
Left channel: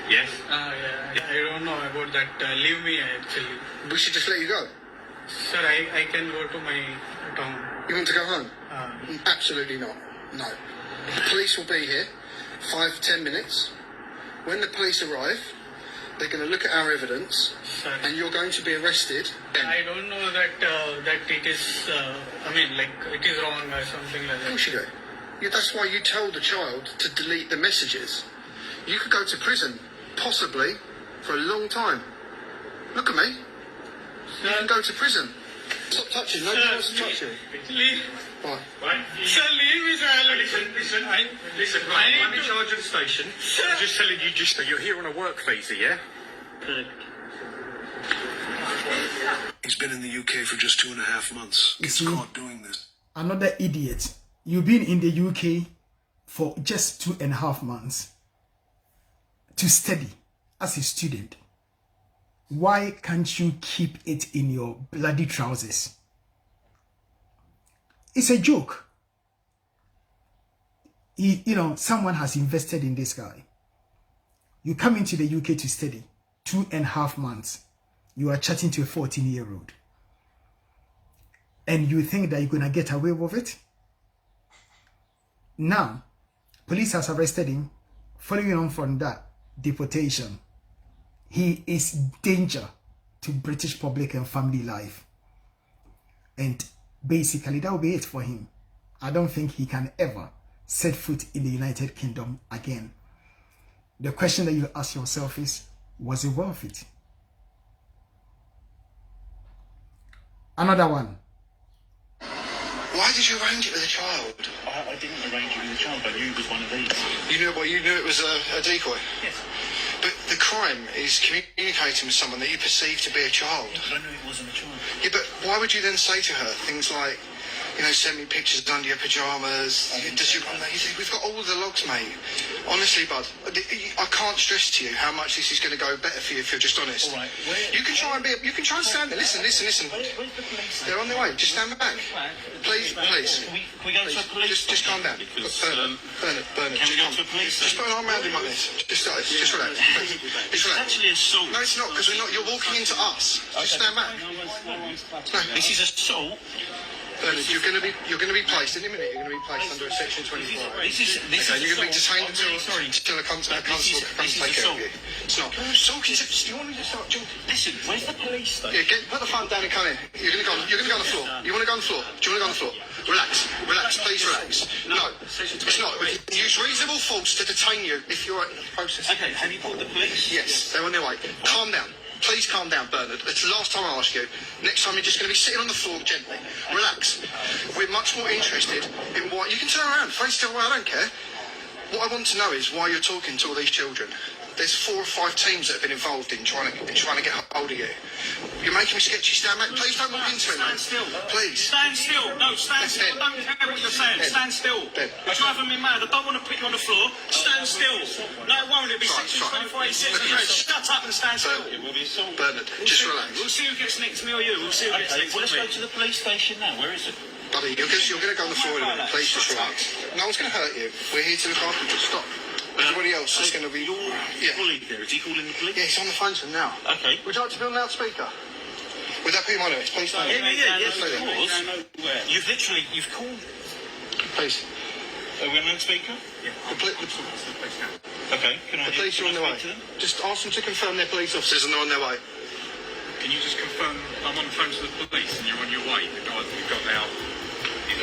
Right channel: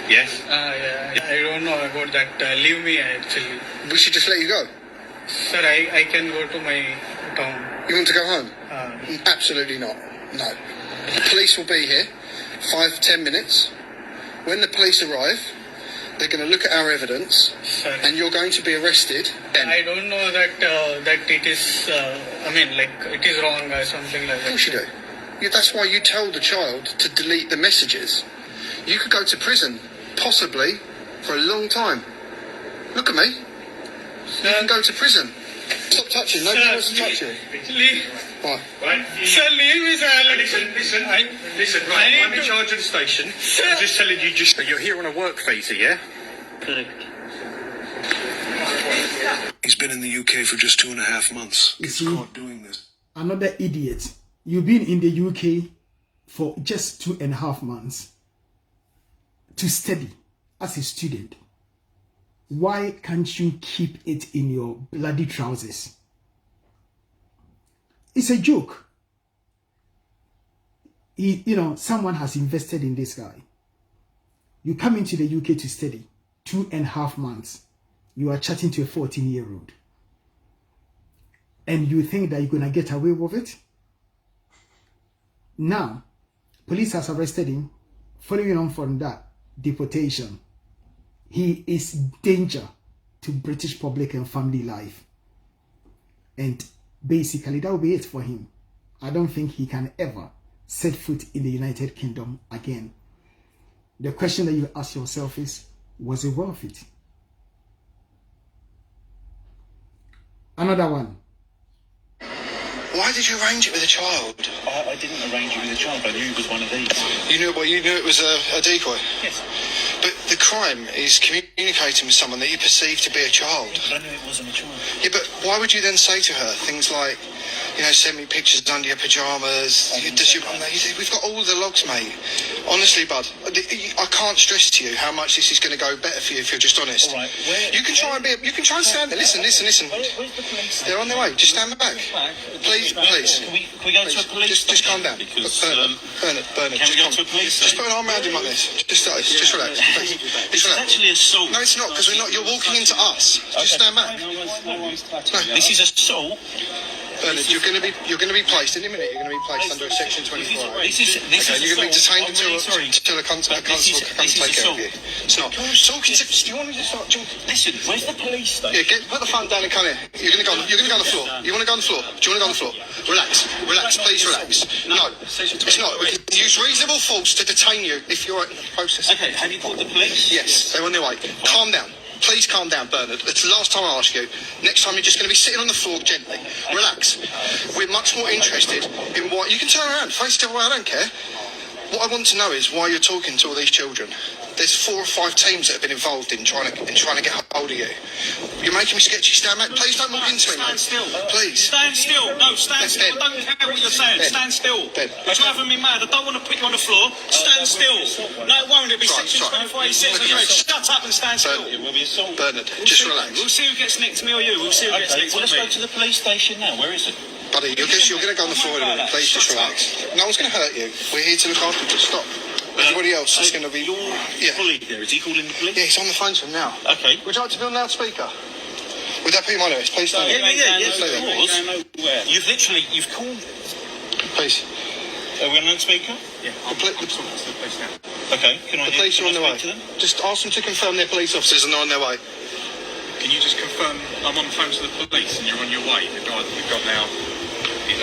Yes? Yeah. I don't know about that. Leave me actually. We should just let you go. Sir, I can go to my town. You want to go home? Absolutely not. No. The police will be here 5-10 minutes. When the police arrive, they're going to look at our evidence, Sir. and you're going to be arrested. I don't know that it is, it is wrong or something like Of that. course you do. That's why you told the child to delete the messages. You could go to prison, possibly, for a long time. Look at me. You can go to prison. Stop touching. Nobody wants to touch you. Leave. What? Sir, leave me, sir. Listen, I'm in charge of the station. I'm just telling you, you're here on a work visa, yeah? Correct. He's been in the UK for just 2.5 months, gets see? caught doing this. another idiot. You've been in the UK for just 2.5 months to study as a student. Why can't you keep it in your bloody trousers? It's a joke. Someone has invested in this guy. You come into the UK to study 2.5 months. You are chatting to a 14-year-old. And you think that you're going to get away with it? Now, police has arrested him. Following on from that, deportation. He is danger to British public and family life. And basically, that will be it for him. I don't think he can ever set foot in the United Kingdom again. The question that you ask yourself is, was it worth it? Another one. Why did you arrange it with a child? I didn't arrange it with a child. I knew it was one of these. You knew it was a decoy? Yes. But the crime is communicating with someone that you perceive to be a child. But I knew it wasn't a child. Yeah, but why would you then say to her things like, send me pictures under your pyjamas? We've got all the logs, mate. Honestly, bud, I can't stress to you how much this is going to go better for you if you're just honest. All right, you can try and stand there. Listen. Where's the police? They're on their way. Just stand back. Please. Can we go to a police Just calm down. Because, Bernard, can we go to a police just put an arm around him like this. Just like this. Just relax. Please. Just This is relax. actually assault. No, it's not, because you're walking into us. Just stand back. This is assault. Bernard, you're going to be placed in a minute. You're going to be placed under a section 24. This is You're going to be detained I'm really sorry. until a constable can This come is take care of assault. you. It's not. Talking to. Do you want me to start? Listen, where's the police station? Yeah, put the phone down and come in. You're going to go on the floor. You want to go on the floor? Do you want to go on the floor? Relax, please relax. No, it's not. We can use reasonable force to detain you if you're at the process. Okay, have you called the police? Yes, they're on their way. Calm down. Please calm down, Bernard. It's the last time I ask you. Next time you're just going to be sitting on the floor gently. Relax. We're much more interested in why... You can turn around, face the other way, I don't care. What I want to know is why you're talking to all these children. There's 4 or 5 teams that have been involved in trying to get hold of you. You're making me sketchy. Stand back. Please don't walk into me, mate. Stand still. Please. Stand still. No, stand That's still. dead. I don't care what you're saying. Dead. Stand still. Dead. You're driving me mad. I don't want to put you on the floor. Stand still. No, it won't. It'll be Right, section right. 2486. Shut up and stand still. Bernard, just relax. We'll see who gets next to me or you. We'll see who gets Okay, next well, to let's go me. to the police station now. Where is it? Buddy, you're going to go on the floor in a minute. Please just relax. No one's going to hurt you. We're here to look after you. Stop. Everybody else is going to be... Your Yeah. colleague there, is he calling the police? Yeah, he's on the phone to him now. Okay. Would you like to be on loudspeaker? Would that be my noise? Please don't. Yeah, Stay of there. course. You've called... Please. Are we on loudspeaker? Yeah. The Okay, can I... police are on can their I way. speak to them? Just ask them to confirm they're police officers and they're on their way. Can you just confirm I'm on the phone to the police and you're on your way? The guy that we've got now is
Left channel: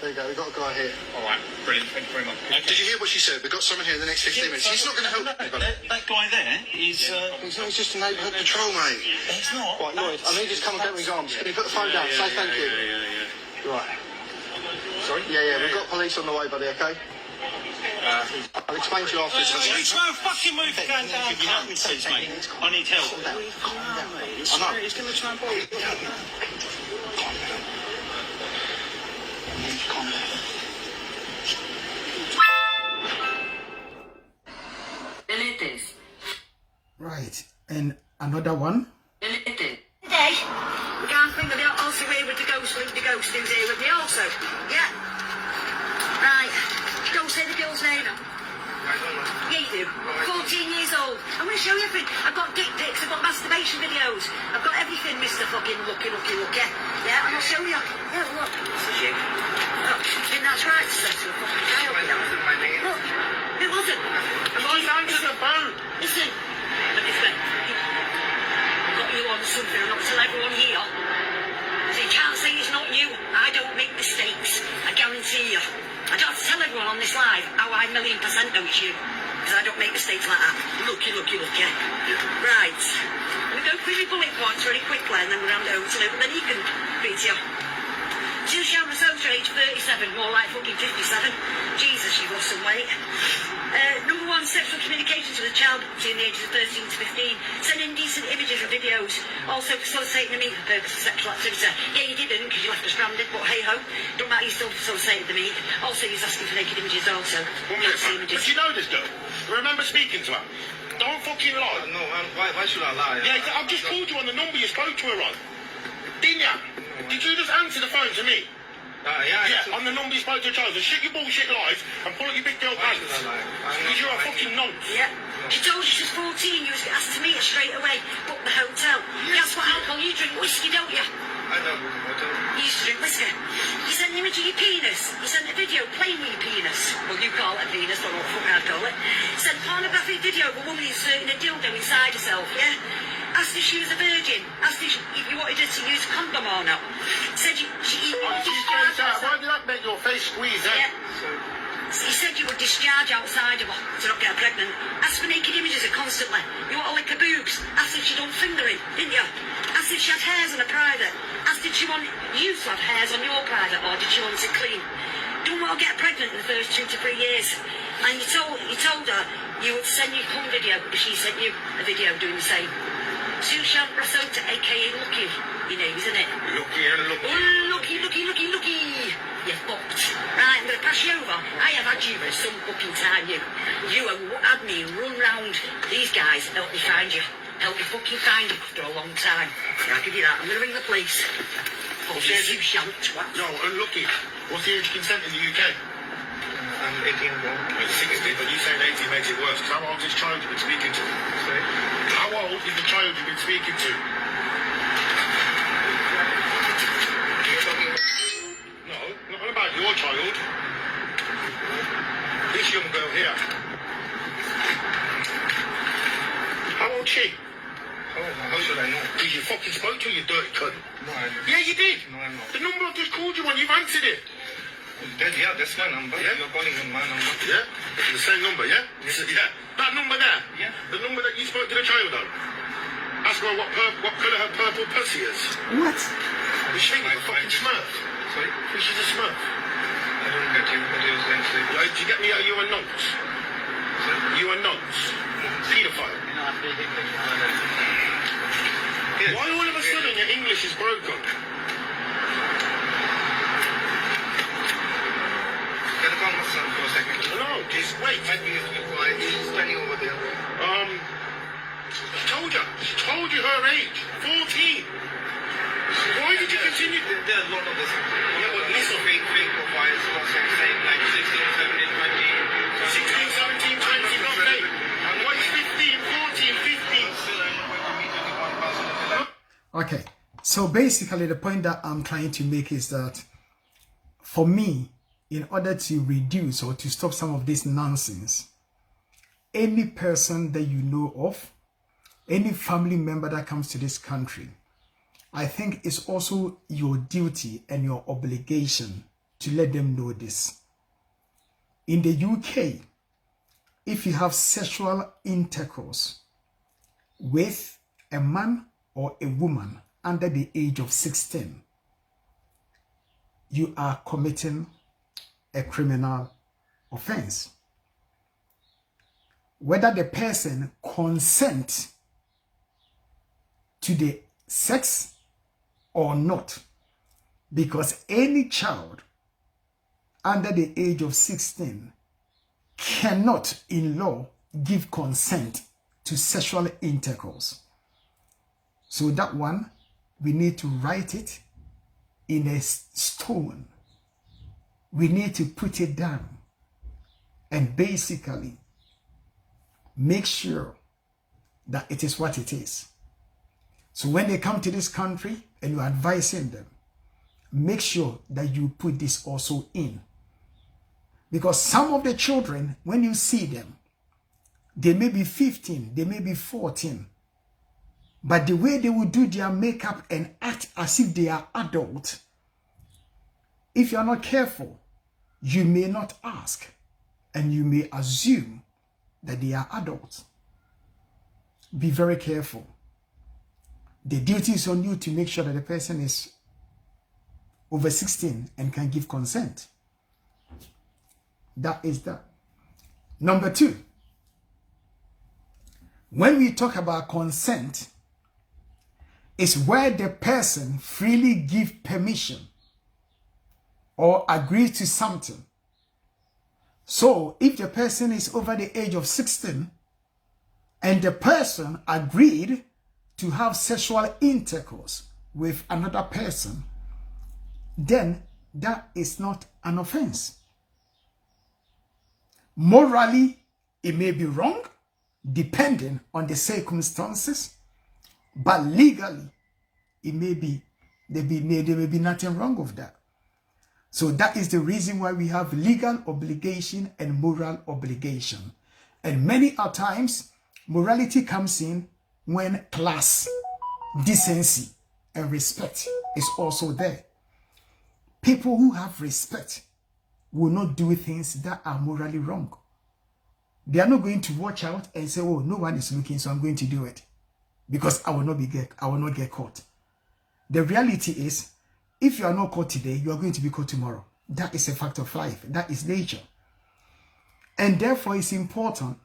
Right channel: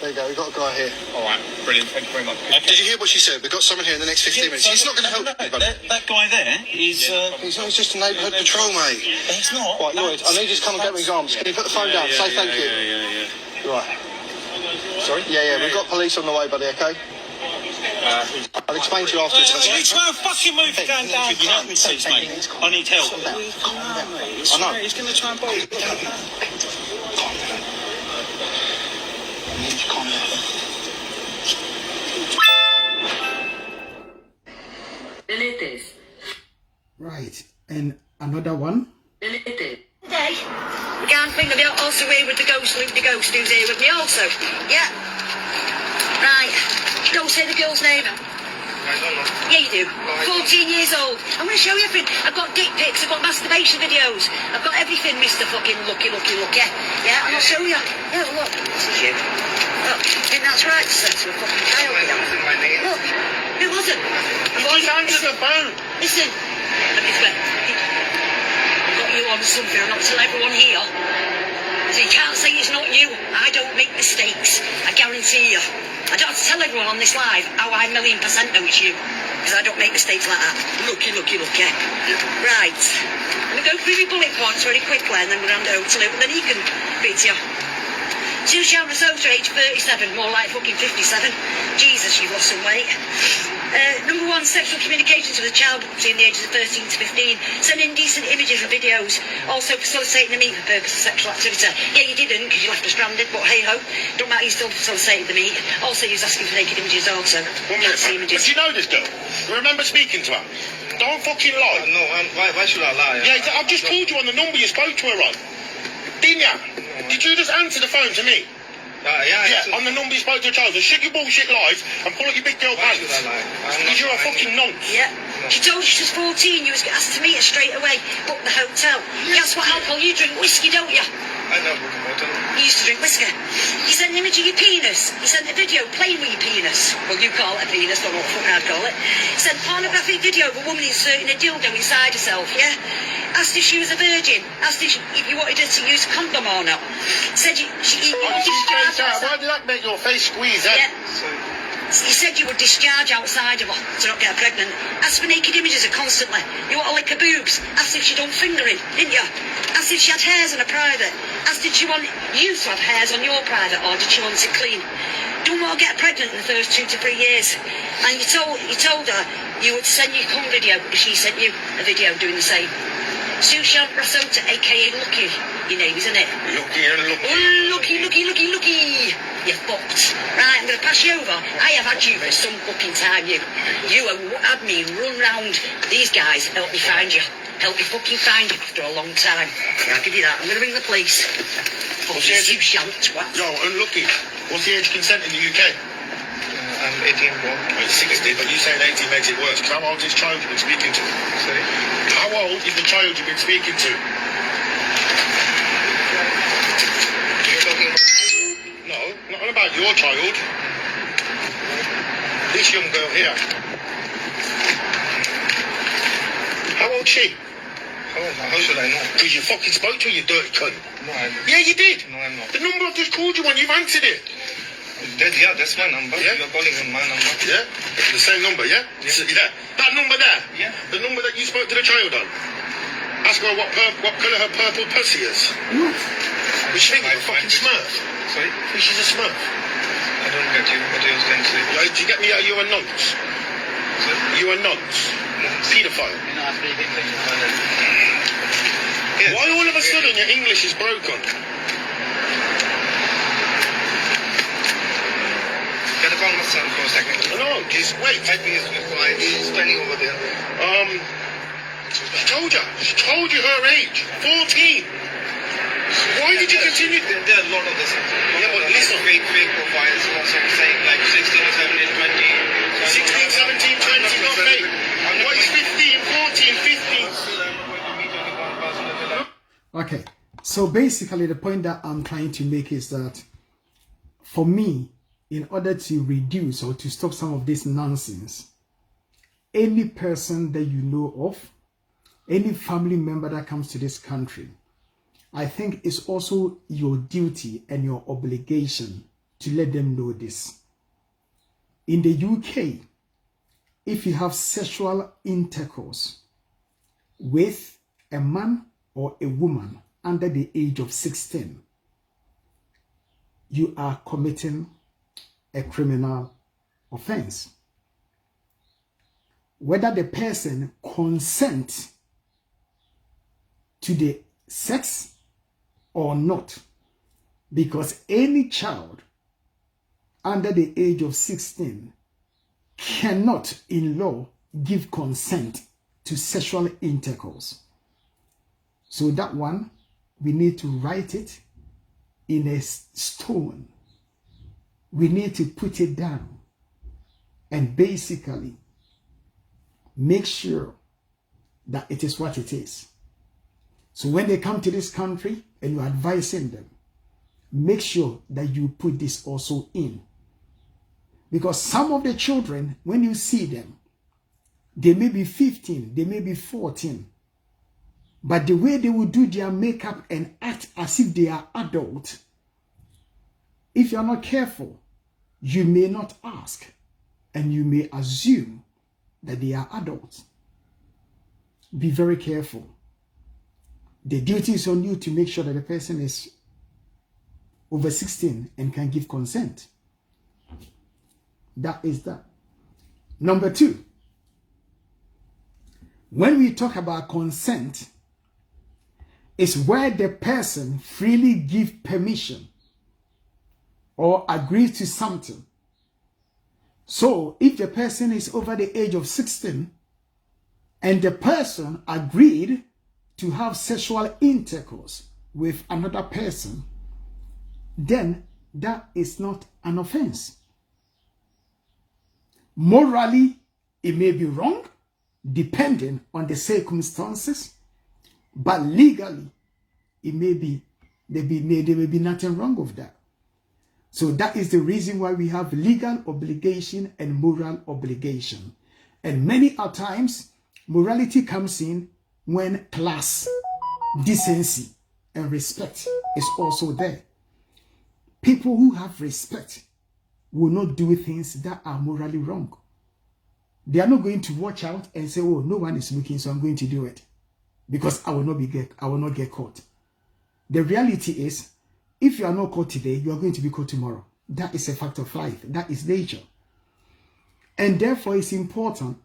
There you go, we've got a guy here. all right, brilliant. Thank you very much. Did you hear what she said? We've got someone here in the next 15 minutes. He's not going to help anybody. That guy there is. He's not, he's just a neighbourhood patrol, mate. It's not. Right, Lloyd, I need you to come and get me his arms. Can you put the phone down? Say thank you. Right. Sorry? Yeah, we've got police on the way, buddy, okay? I'll explain to you afterwards. It's no fucking move going down. Can you help me, please, mate? I need help. I know. He's going to try and bolt you. Right, and another one. Today, we can't think of it also here with the ghost who's here with me also. Yeah. Right. Don't say the girl's name. Yeah, you do. 14 years old. I'm going to show you everything. I've got dick pics, I've got masturbation videos. I've got everything, Mr. fucking Lucky. Yeah, and I'll show you. Yeah, look. This is you. Look, I think that's right to say to a fucking child. Look, it wasn't. Listen. I've got you on something. I'm not telling everyone here. So you can't say it's not you. I don't make mistakes. I guarantee you. I don't have to tell everyone on this live how I 1,000,000% know it's you. Because I don't make mistakes like that. Lucky. Right. I'm going to go through your bullet points very quickly and then we'll hand over to Luke. Then he can beat you. Sushan Risotto, age 37, more like fucking 57. Jesus, you've lost some weight. Number 1, sexual communications with a child between the ages of 13 to 15. Sending indecent images and videos. Also facilitating the meet for the purpose of sexual activity. Yeah, you didn't because you left us stranded, but hey ho. Don't matter, you still facilitated the meet. Also, he was asking for naked images also. Did you know this girl? You remember speaking to her? Don't fucking lie. No, why should I lie? Yeah, I've just called you on the number you spoke to her on. Didn't you? Did you just answer the phone to me? Yeah, on the number you spoke to a child. So shut your bullshit lies and pull up your big girl pants. Because you're a fucking nonce. Yeah. She told you she was 14, you was asked to meet her straight away, book the hotel. Guess what alcohol you drink? Whiskey, don't you? I know book a hotel. You used to drink whiskey. You sent an image of your penis. You sent a video playing with your penis. Well, you call it a penis, don't know what the fuck I'd call it. Sent a pornographic video of a woman inserting a dildo inside herself, yeah? Asked if she was a virgin. Asked if you wanted her to use a condom or not. Said you Why did that make your face squeeze, Yeah. You said you would discharge outside of her to not get her pregnant. Asked for naked images of constantly. You want to lick her boobs. Asked if she done fingering, didn't you? Asked if she had hairs on her private. Asked did she want you to have hairs on your private or did she want it clean? Don't want to get pregnant in the first 2 to 3 years. And you told her you would send you a cum video if she sent you a video doing the same. Sushan Risotto, aka Lucky, your name, isn't it? Lucky. You're fucked. Right, I'm going to pass you over. I have had you for some fucking time, you. You have had me run round these guys, help me find you. Help me fucking find you after a long time. I'll give you that. I'm going to ring the police. Sushan twat. Yo, unlucky. What's the age of consent in the UK? I'm 18, bro. Well, 60, but you saying 18 makes it worse. How old is the child you've been speaking to? Sorry? How old is the child you've been speaking to? You're talking... No, not about your child. This young girl here. How old's she? How should I know? Because you fucking spoke to her, you dirty cunt. No, I didn't. Yeah, you did. No, I'm not. The number I've just called you on, you've answered it. Yeah, that's my number. Yeah. You're calling on my number. Yeah? The same number, yeah? Yeah. That number there? Yeah. The number that you spoke to the child on? Ask her what colour her purple pussy is. What? Is she thinking a fucking smurf? Sorry? Think she's a smurf? I don't get you. What are you going to say? Yeah, do you get me? Are you a nonce? Sorry? You a nonce? Paedophile? Yes. Why all of a sudden your English is broken? Can I call my son for a second? No, just wait. 5 minutes before he's standing over there. She told you her age. 14. Why did you continue? There are a lot of this. Yeah, but listen. Fake profiles also saying like 16, 17, 20. 16, 17, 20, not late. And what is 15, 14, 15? Okay, so basically the point that I'm trying to make is that for me, in order to reduce or to stop some of this nonsense, any person that you know of, any family member that comes to this country, I think it's also your duty and your obligation to let them know this. In the UK, if you have sexual intercourse with a man or a woman under the age of 16, you are committing a criminal offense. Whether the person consents to the sex or not, because any child under the age of 16 cannot in law give consent to sexual intercourse. So that one, we need to write it in a stone. We need to put it down and basically make sure that it is what it is. So when they come to this country and you're advising them, make sure that you put this also in. Because some of the children, when you see them, they may be 15, they may be 14, but the way they will do their makeup and act as if they are adults, if you're not careful, you may not ask and you may assume that they are adults. Be very careful. The duty is on you to make sure that the person is over 16 and can give consent. That is that. Number 2, when we talk about consent, is where the person freely gives permission or agrees to something. So if the person is over the age of 16 and the person agreed to have sexual intercourse with another person, then that is not an offense. Morally, it may be wrong, depending on the circumstances, but legally, it may be, there may be nothing wrong with that. So that is the reason why we have legal obligation and moral obligation. And many a times, morality comes in when class, decency, and respect is also there. People who have respect will not do things that are morally wrong. They are not going to watch out and say, oh, no one is looking, so I'm going to do it because I will not get caught. The reality is, if you are not caught today, you are going to be caught tomorrow. That is a fact of life. That is nature. And therefore, it's important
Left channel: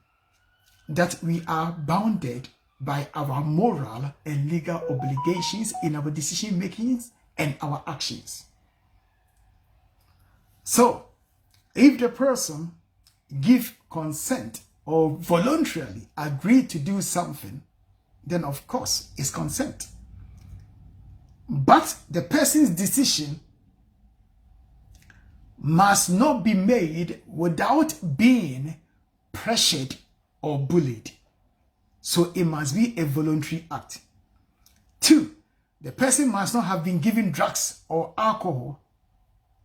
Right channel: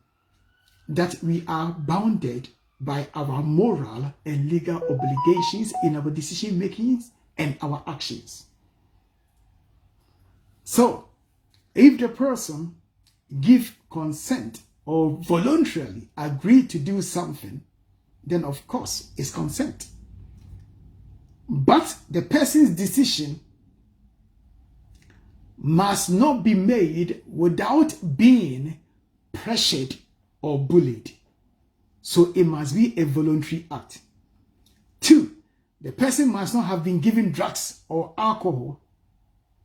that we are bounded by our moral and legal obligations in our decision making and our actions. So, if the person gives consent or voluntarily agree to do something, then of course it's consent. But the person's decision must not be made without being pressured or bullied. So it must be a voluntary act. 2, the person must not have been given drugs or alcohol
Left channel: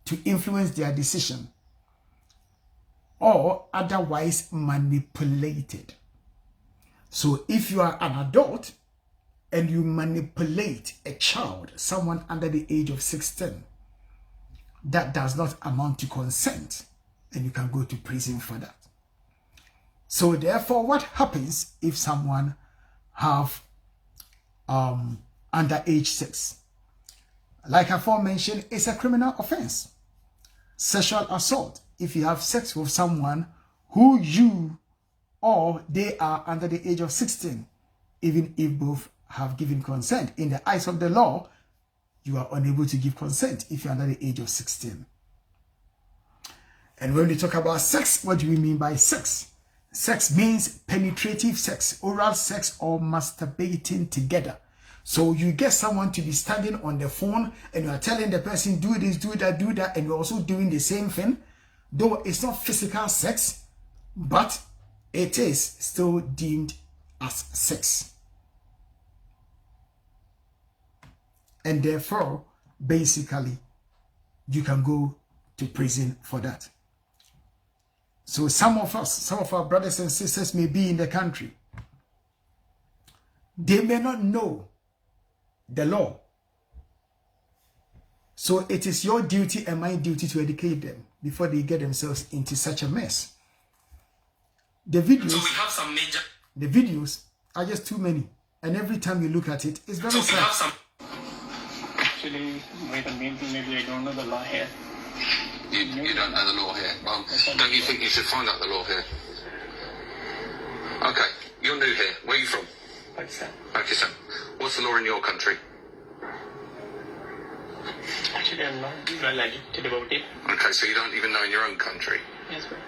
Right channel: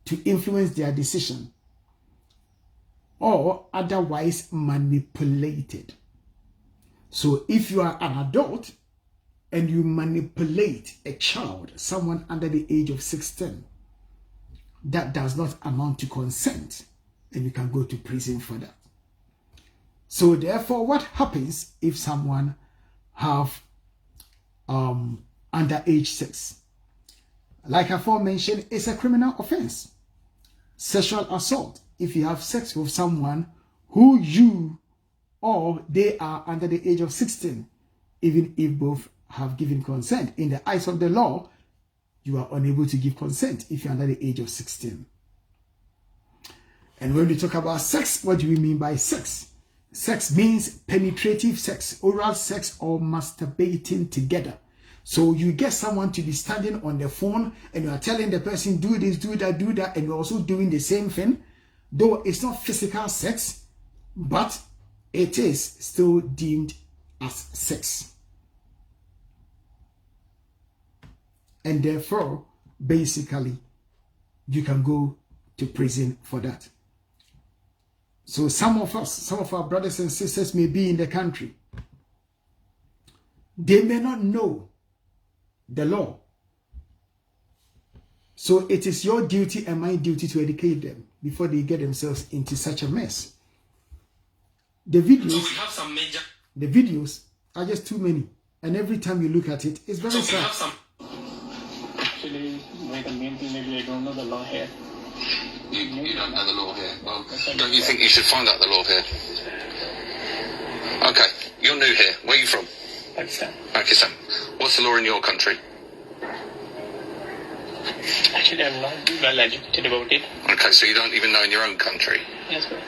to influence their decision or otherwise manipulated. So if you are an adult and you manipulate a child, someone under the age of 16, that does not amount to consent, and you can go to prison for that. So therefore, what happens if someone have underage sex? Like I aforementioned, it's a criminal offense. Sexual assault. If you have sex with someone who you or they are under the age of 16, even if both have given consent, in the eyes of the law, you are unable to give consent if you're under the age of 16. And when we talk about sex, what do we mean by sex? Sex means penetrative sex, oral sex, or masturbating together. So you get someone to be standing on the phone and you are telling the person, do this, do that, and you're also doing the same thing. Though it's not physical sex, but it is still deemed as sex. And therefore, basically, you can go to prison for that. So some of us, some of our brothers and sisters may be in the country. They may not know the law. So it is your duty and my duty to educate them before they get themselves into such a mess. The videos are just too many. And every time you look at it, it's very sad. Actually, the main thing, maybe I don't know the law here. You don't know the law here. Well, don't you think you should find out the law here? Okay, you're new here. Where are you from? Pakistan. Pakistan. What's the law in your country? Actually, I'm not well educated about it. Okay, so you don't even know in your own country? Yes, sir.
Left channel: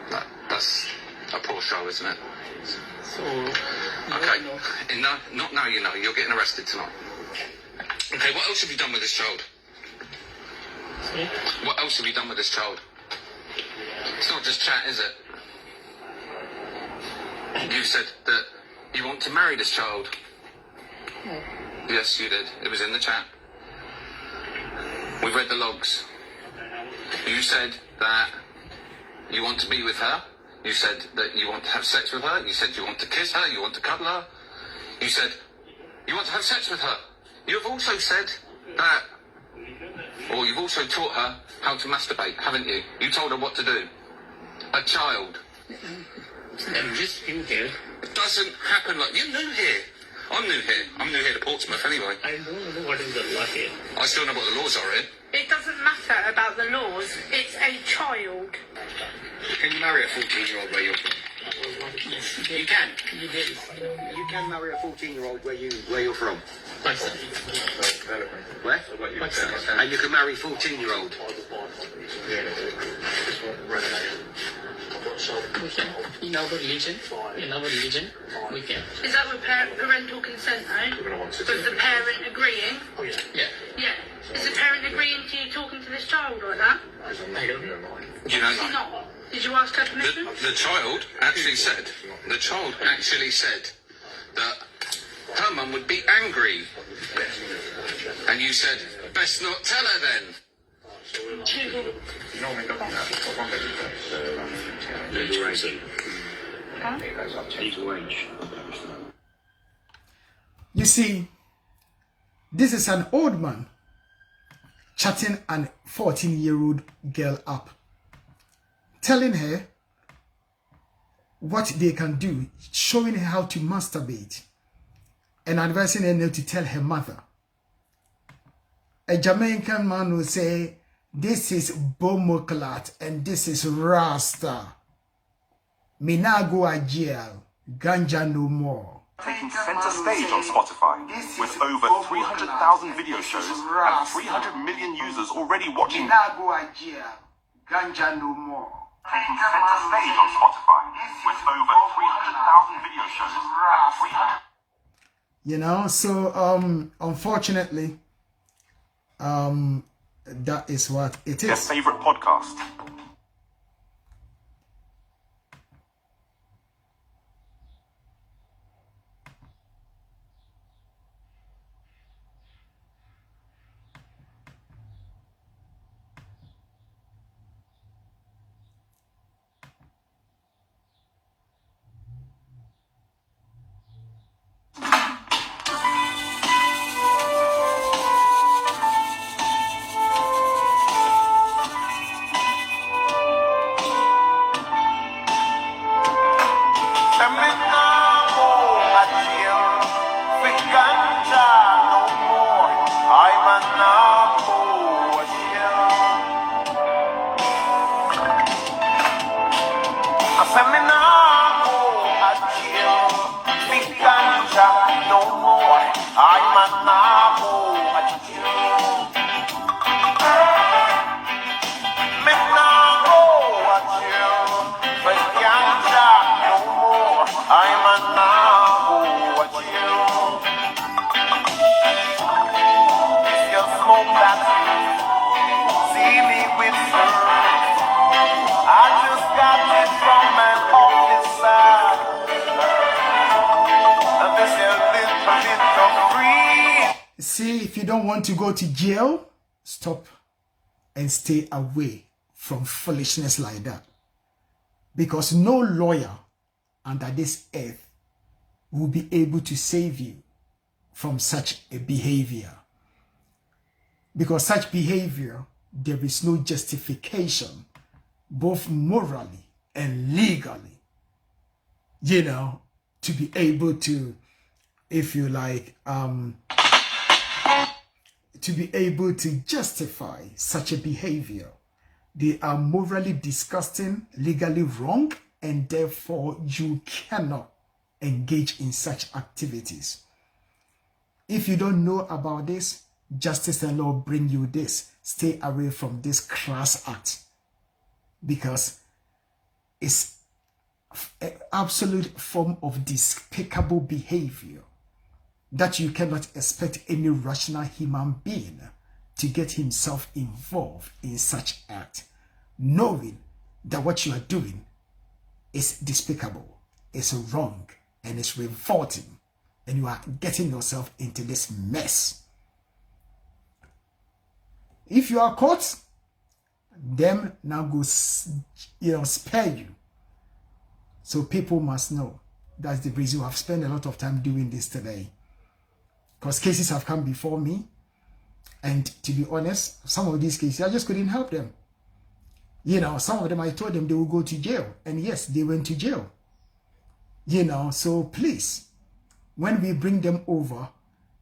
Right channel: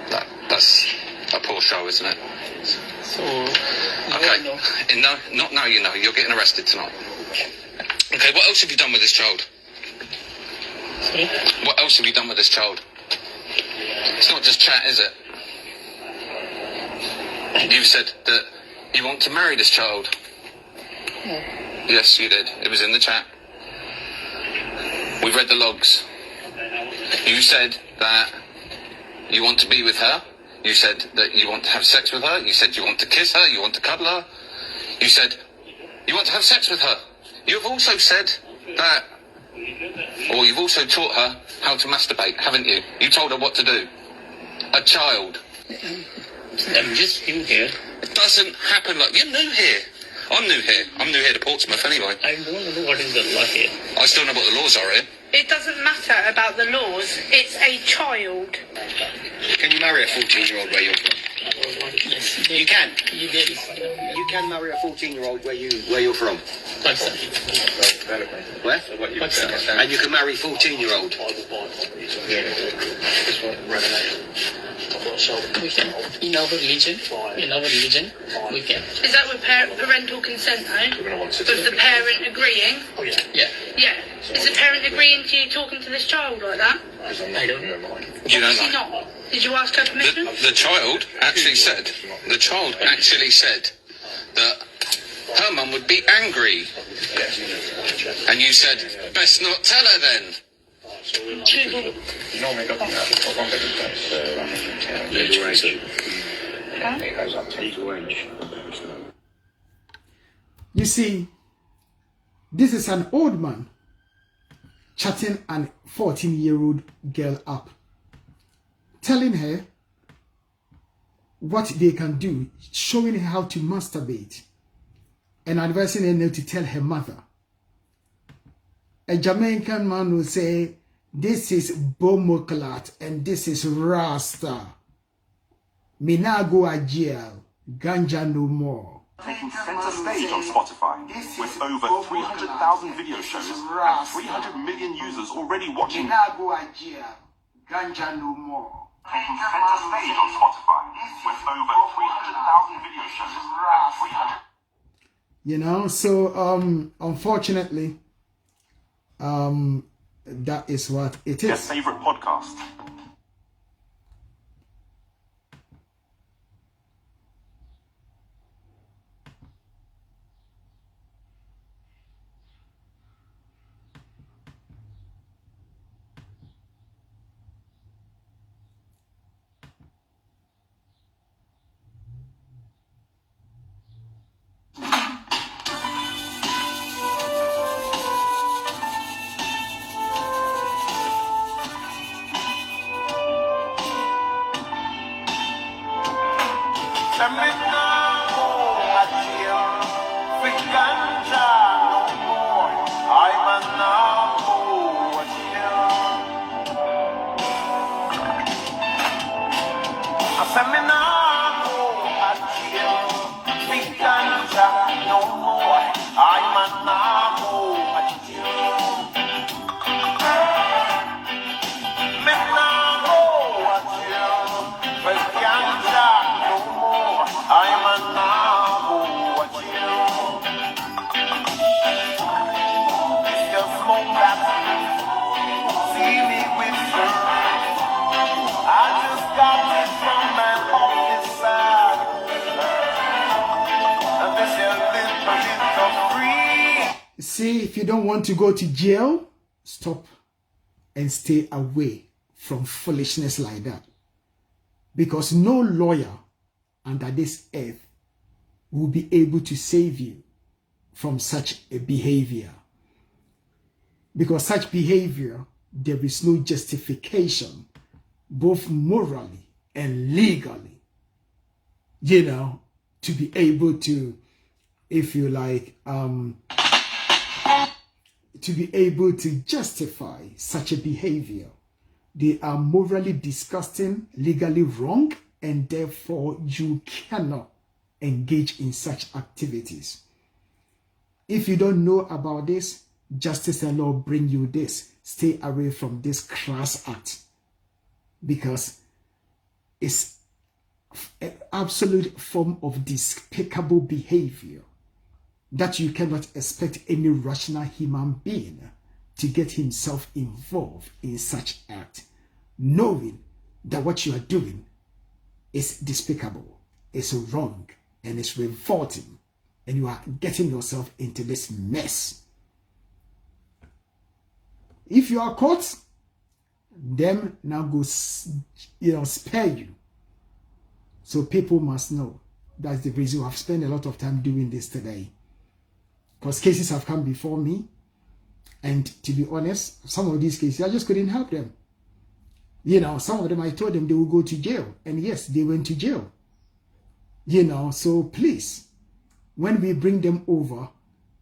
That's a poor show, isn't it? So, okay. No, not now you know. You're getting arrested tonight. Okay, what else have you done with this child? Sorry? What else have you done with this child? It's not just chat, is it? You said that you want to marry this child. No. Yes, you did. It was in the chat. We read the logs. You said that you want to be with her. You said that you want to have sex with her. You said you want to kiss her. You want to cuddle her. You said you want to have sex with her. You've also said that, or you've also taught her how to masturbate, haven't you? You told her what to do. A child. I'm just new here. It doesn't happen like... You're new here. I'm new here. I'm new here to Portsmouth anyway. I don't know what is the law here. I still know what the laws are here. It doesn't matter about the laws. It's a child. Can you marry a 14-year-old where you're from? Yes. You can. You can marry a 14-year-old where you're from. Pakistan. Where? Pakistan. And you can marry 14-year-old. We can. In our religion, we can. Is that with parental consent, though? With the parent agreeing? Yeah. Yeah. Is the parent agreeing to you talking to this child like that? I don't know. You don't Obviously know. not. Did you ask her permission? The child actually said that her mum would be angry. And you said, best not tell her then. You see, this is an old man chatting an 14-year-old girl up, telling her what they can do, showing her how to masturbate, and advising her not to tell her mother. A Jamaican man will say, this is Bomoklat and this is Rasta. Me nah go a jail, ganja no more. Taking center stage on Spotify, with over 300,000 video shows and 300 million users already watching. Me nah go a jail, ganja no more. Taking center stage on Spotify, with over 300,000 video shows and 300. You know, so unfortunately, that is what it is. Your favorite podcast. See, if you don't want to go to jail, stop and stay away from foolishness like that. Because no lawyer under this earth will be able to save you from such a behavior. Because such behavior, there is no justification, both morally and legally, you know, to be able to, if you like, to be able to justify such a behavior. They are morally disgusting, legally wrong, and therefore you cannot engage in such activities. If you don't know about this, justice and law bring you this. Stay away from this crass act, because it's an absolute form of despicable behavior that you cannot expect any rational human being to get himself involved in such act, knowing that what you are doing is despicable, it's wrong, and it's revolting, and you are getting yourself into this mess. If you are caught, them now go, spare you. So people must know. That's the reason I've spent a lot of time doing this today. Because cases have come before me, and to be honest, some of these cases, I just couldn't help them. You know, some of them, I told them they will go to jail. And yes, they went to jail. You know, so please, when we bring them over,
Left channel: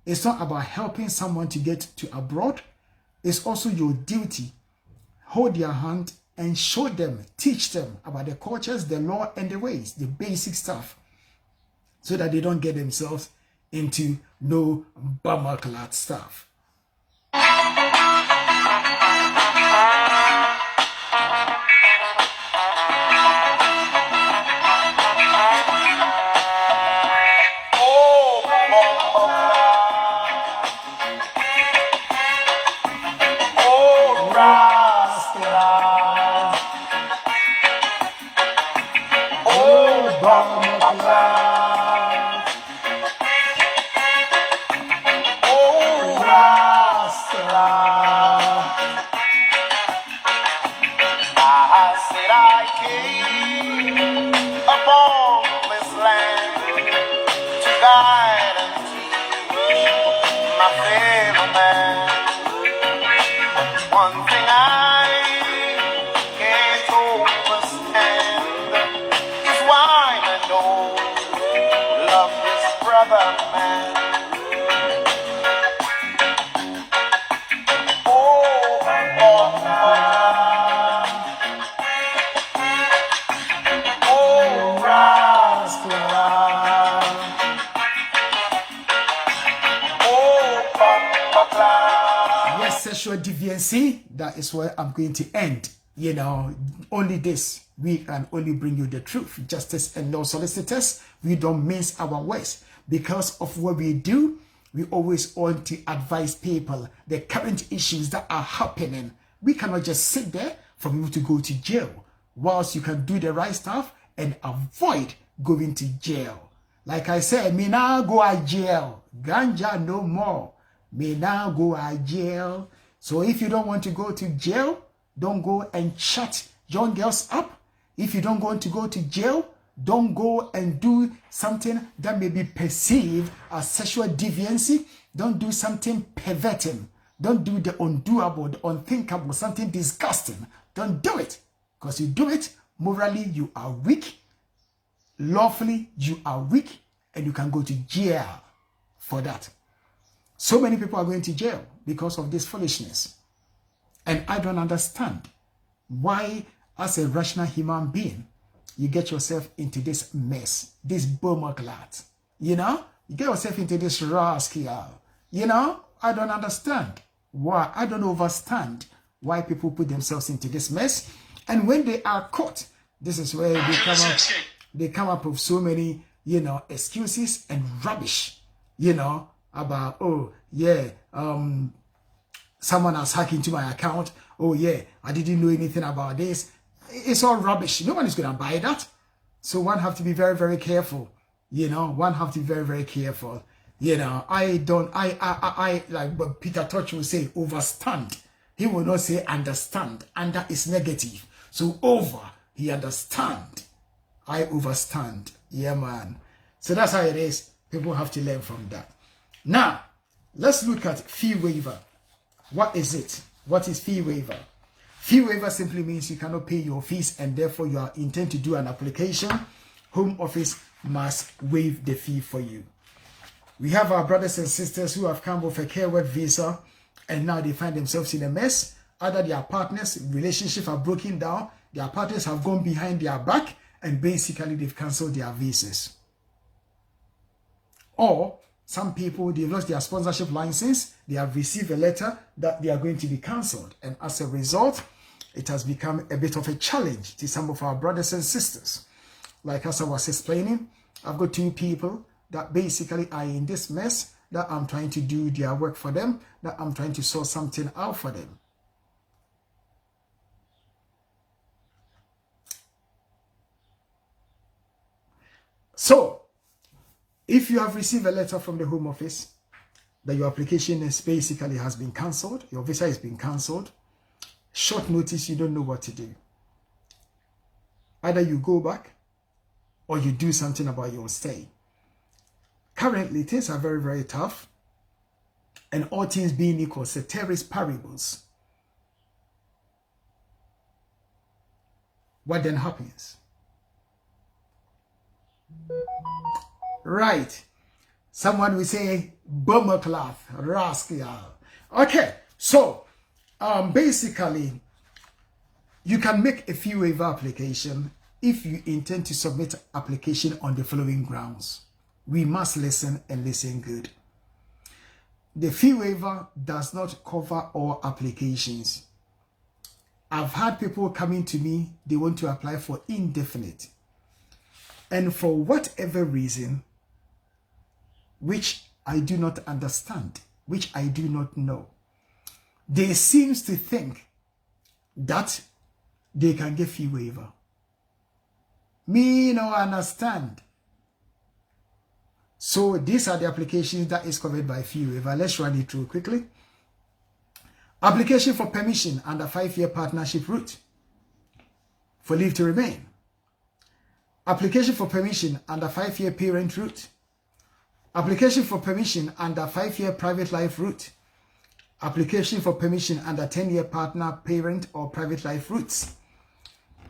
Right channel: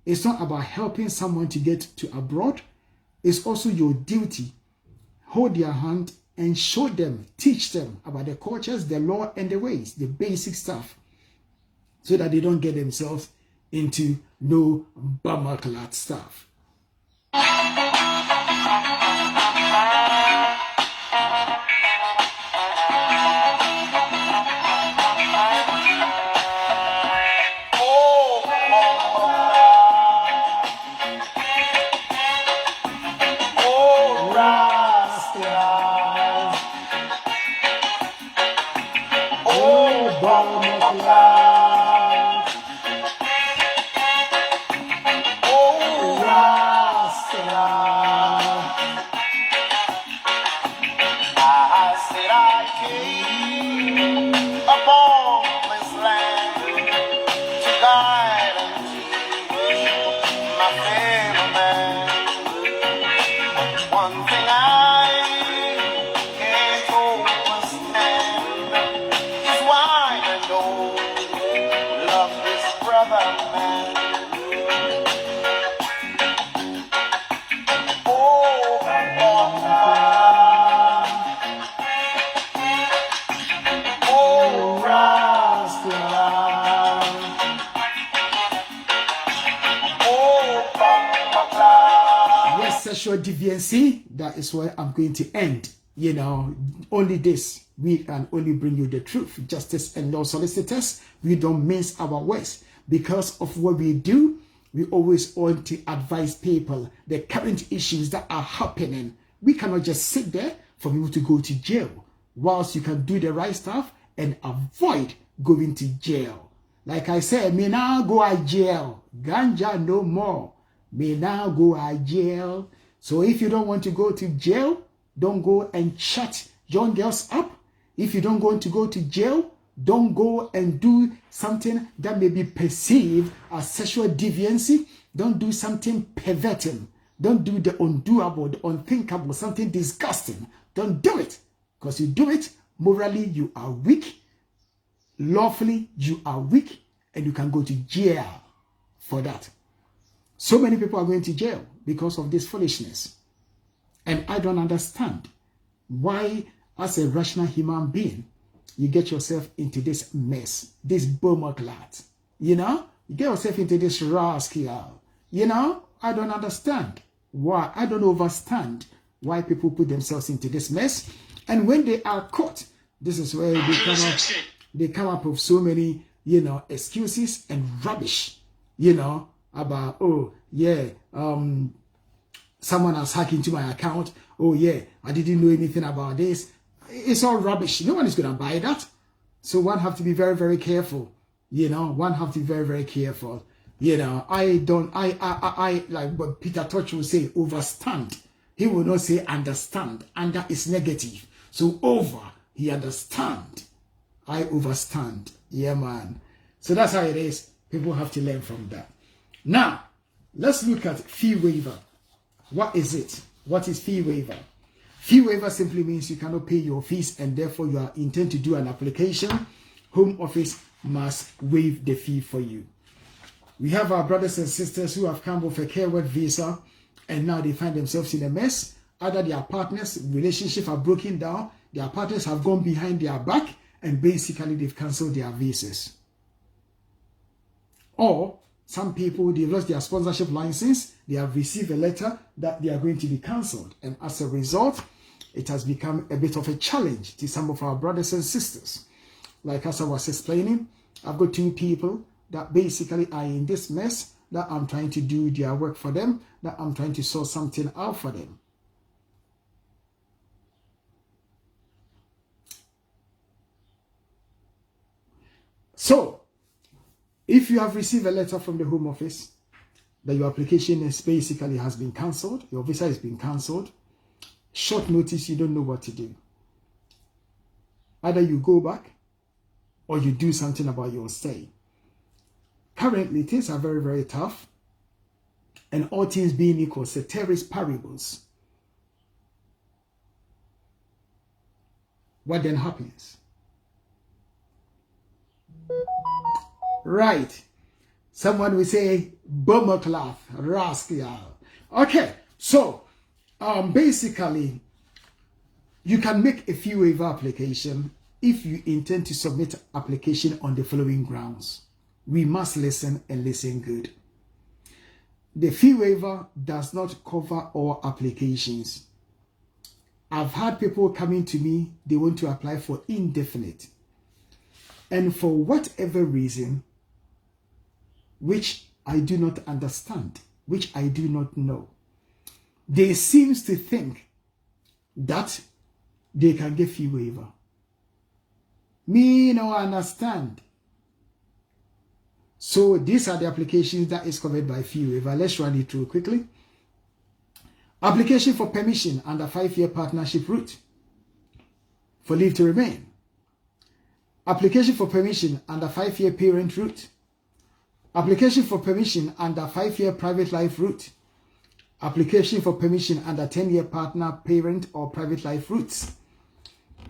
it's not about helping someone to get to abroad. It's also your duty. Hold their hand and show them, teach them about the cultures, the law, and the ways, the basic stuff, so that they don't get themselves into no bummer-clad stuff. Sexual deviancy, that is where I'm going to end. You know, only this, we can only bring you the truth. Justice and law solicitors, we don't mince our words. Because of what we do, we always want to advise people the current issues that are happening. We cannot just sit there for you to go to jail, whilst you can do the right stuff and avoid going to jail. Like I said, me now go to jail. Ganja no more. Me now go to jail. So if you don't want to go to jail, don't go and chat young girls up. If you don't want to go to jail, don't go and do something that may be perceived as sexual deviancy. Don't do something perverting. Don't do the undoable, the unthinkable, something disgusting. Don't do it. Because you do it, morally you are weak. Lawfully you are weak. And you can go to jail for that. So many people are going to jail because of this foolishness. And I don't understand why, as a rational human being, you get yourself into this mess, this bummerclat. You know? You get yourself into this rascal. You know? I don't understand why. I don't understand why people put themselves into this mess. And when they are caught, this is where they come up with so many, you know, excuses and rubbish, you know, about, oh, yeah, someone has hacked into my account. Oh, yeah, I didn't know anything about this. It's all rubbish. No one is going to buy that. So one have to be very, very careful. You know, one have to be very, very careful. You know, I like what Peter Touch will say, overstand. He will not say understand. Under is negative. So over, he understand. I overstand. Yeah, man. So that's how it is. People have to learn from that. Now, let's look at fee waiver. What is it? What is fee waiver? Fee waiver simply means you cannot pay your fees and therefore you are intend to do an application. Home Office must waive the fee for you. We have our brothers and sisters who have come with a care work visa and now they find themselves in a mess. Either their partners' relationships are broken down, their partners have gone behind their back, and basically they've cancelled their visas. Or some people, they've lost their sponsorship license, they have received a letter that they are going to be cancelled, and as a result, it has become a bit of a challenge to some of our brothers and sisters. Like as I was explaining, I've got 2 people that basically are in this mess, that I'm trying to do their work for them, that I'm trying to sort something out for them. So, if you have received a letter from the Home Office that your application is basically has been cancelled, your visa has been cancelled, short notice, you don't know what to do. Either you go back or you do something about your stay. Currently, things are very, very tough. And all things being equal, ceteris paribus. What then happens? Right. Someone will say, bummer cloth, rascal. Okay, so basically, you can make a fee waiver application if you intend to submit application on the following grounds. We must listen and listen good. The fee waiver does not cover all applications. I've had people coming to me, they want to apply for indefinite. And for whatever reason, which I do not understand, which I do not know, they seem to think that they can get fee waiver. Me no understand. So these are the applications that is covered by fee waiver. Let's run it through quickly. Application for permission under 5-year partnership route for leave to remain. Application for permission under 5-year parent route. Application for permission under 5-year private life route. Application for permission under 10-year partner, parent, or private life routes.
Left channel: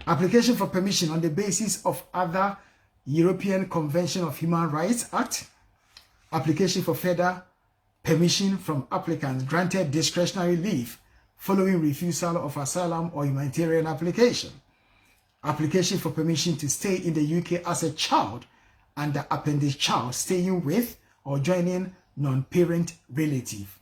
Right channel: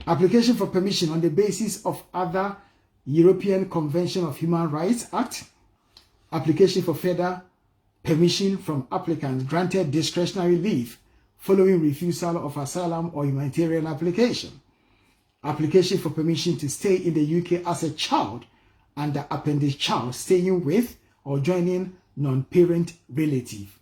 Application for permission on the basis of other European Convention of Human Rights Act. Application for further permission from applicants granted discretionary leave following refusal of asylum or humanitarian application. Application for permission to stay in the UK as a child under appendix child staying with or joining non-parent relative.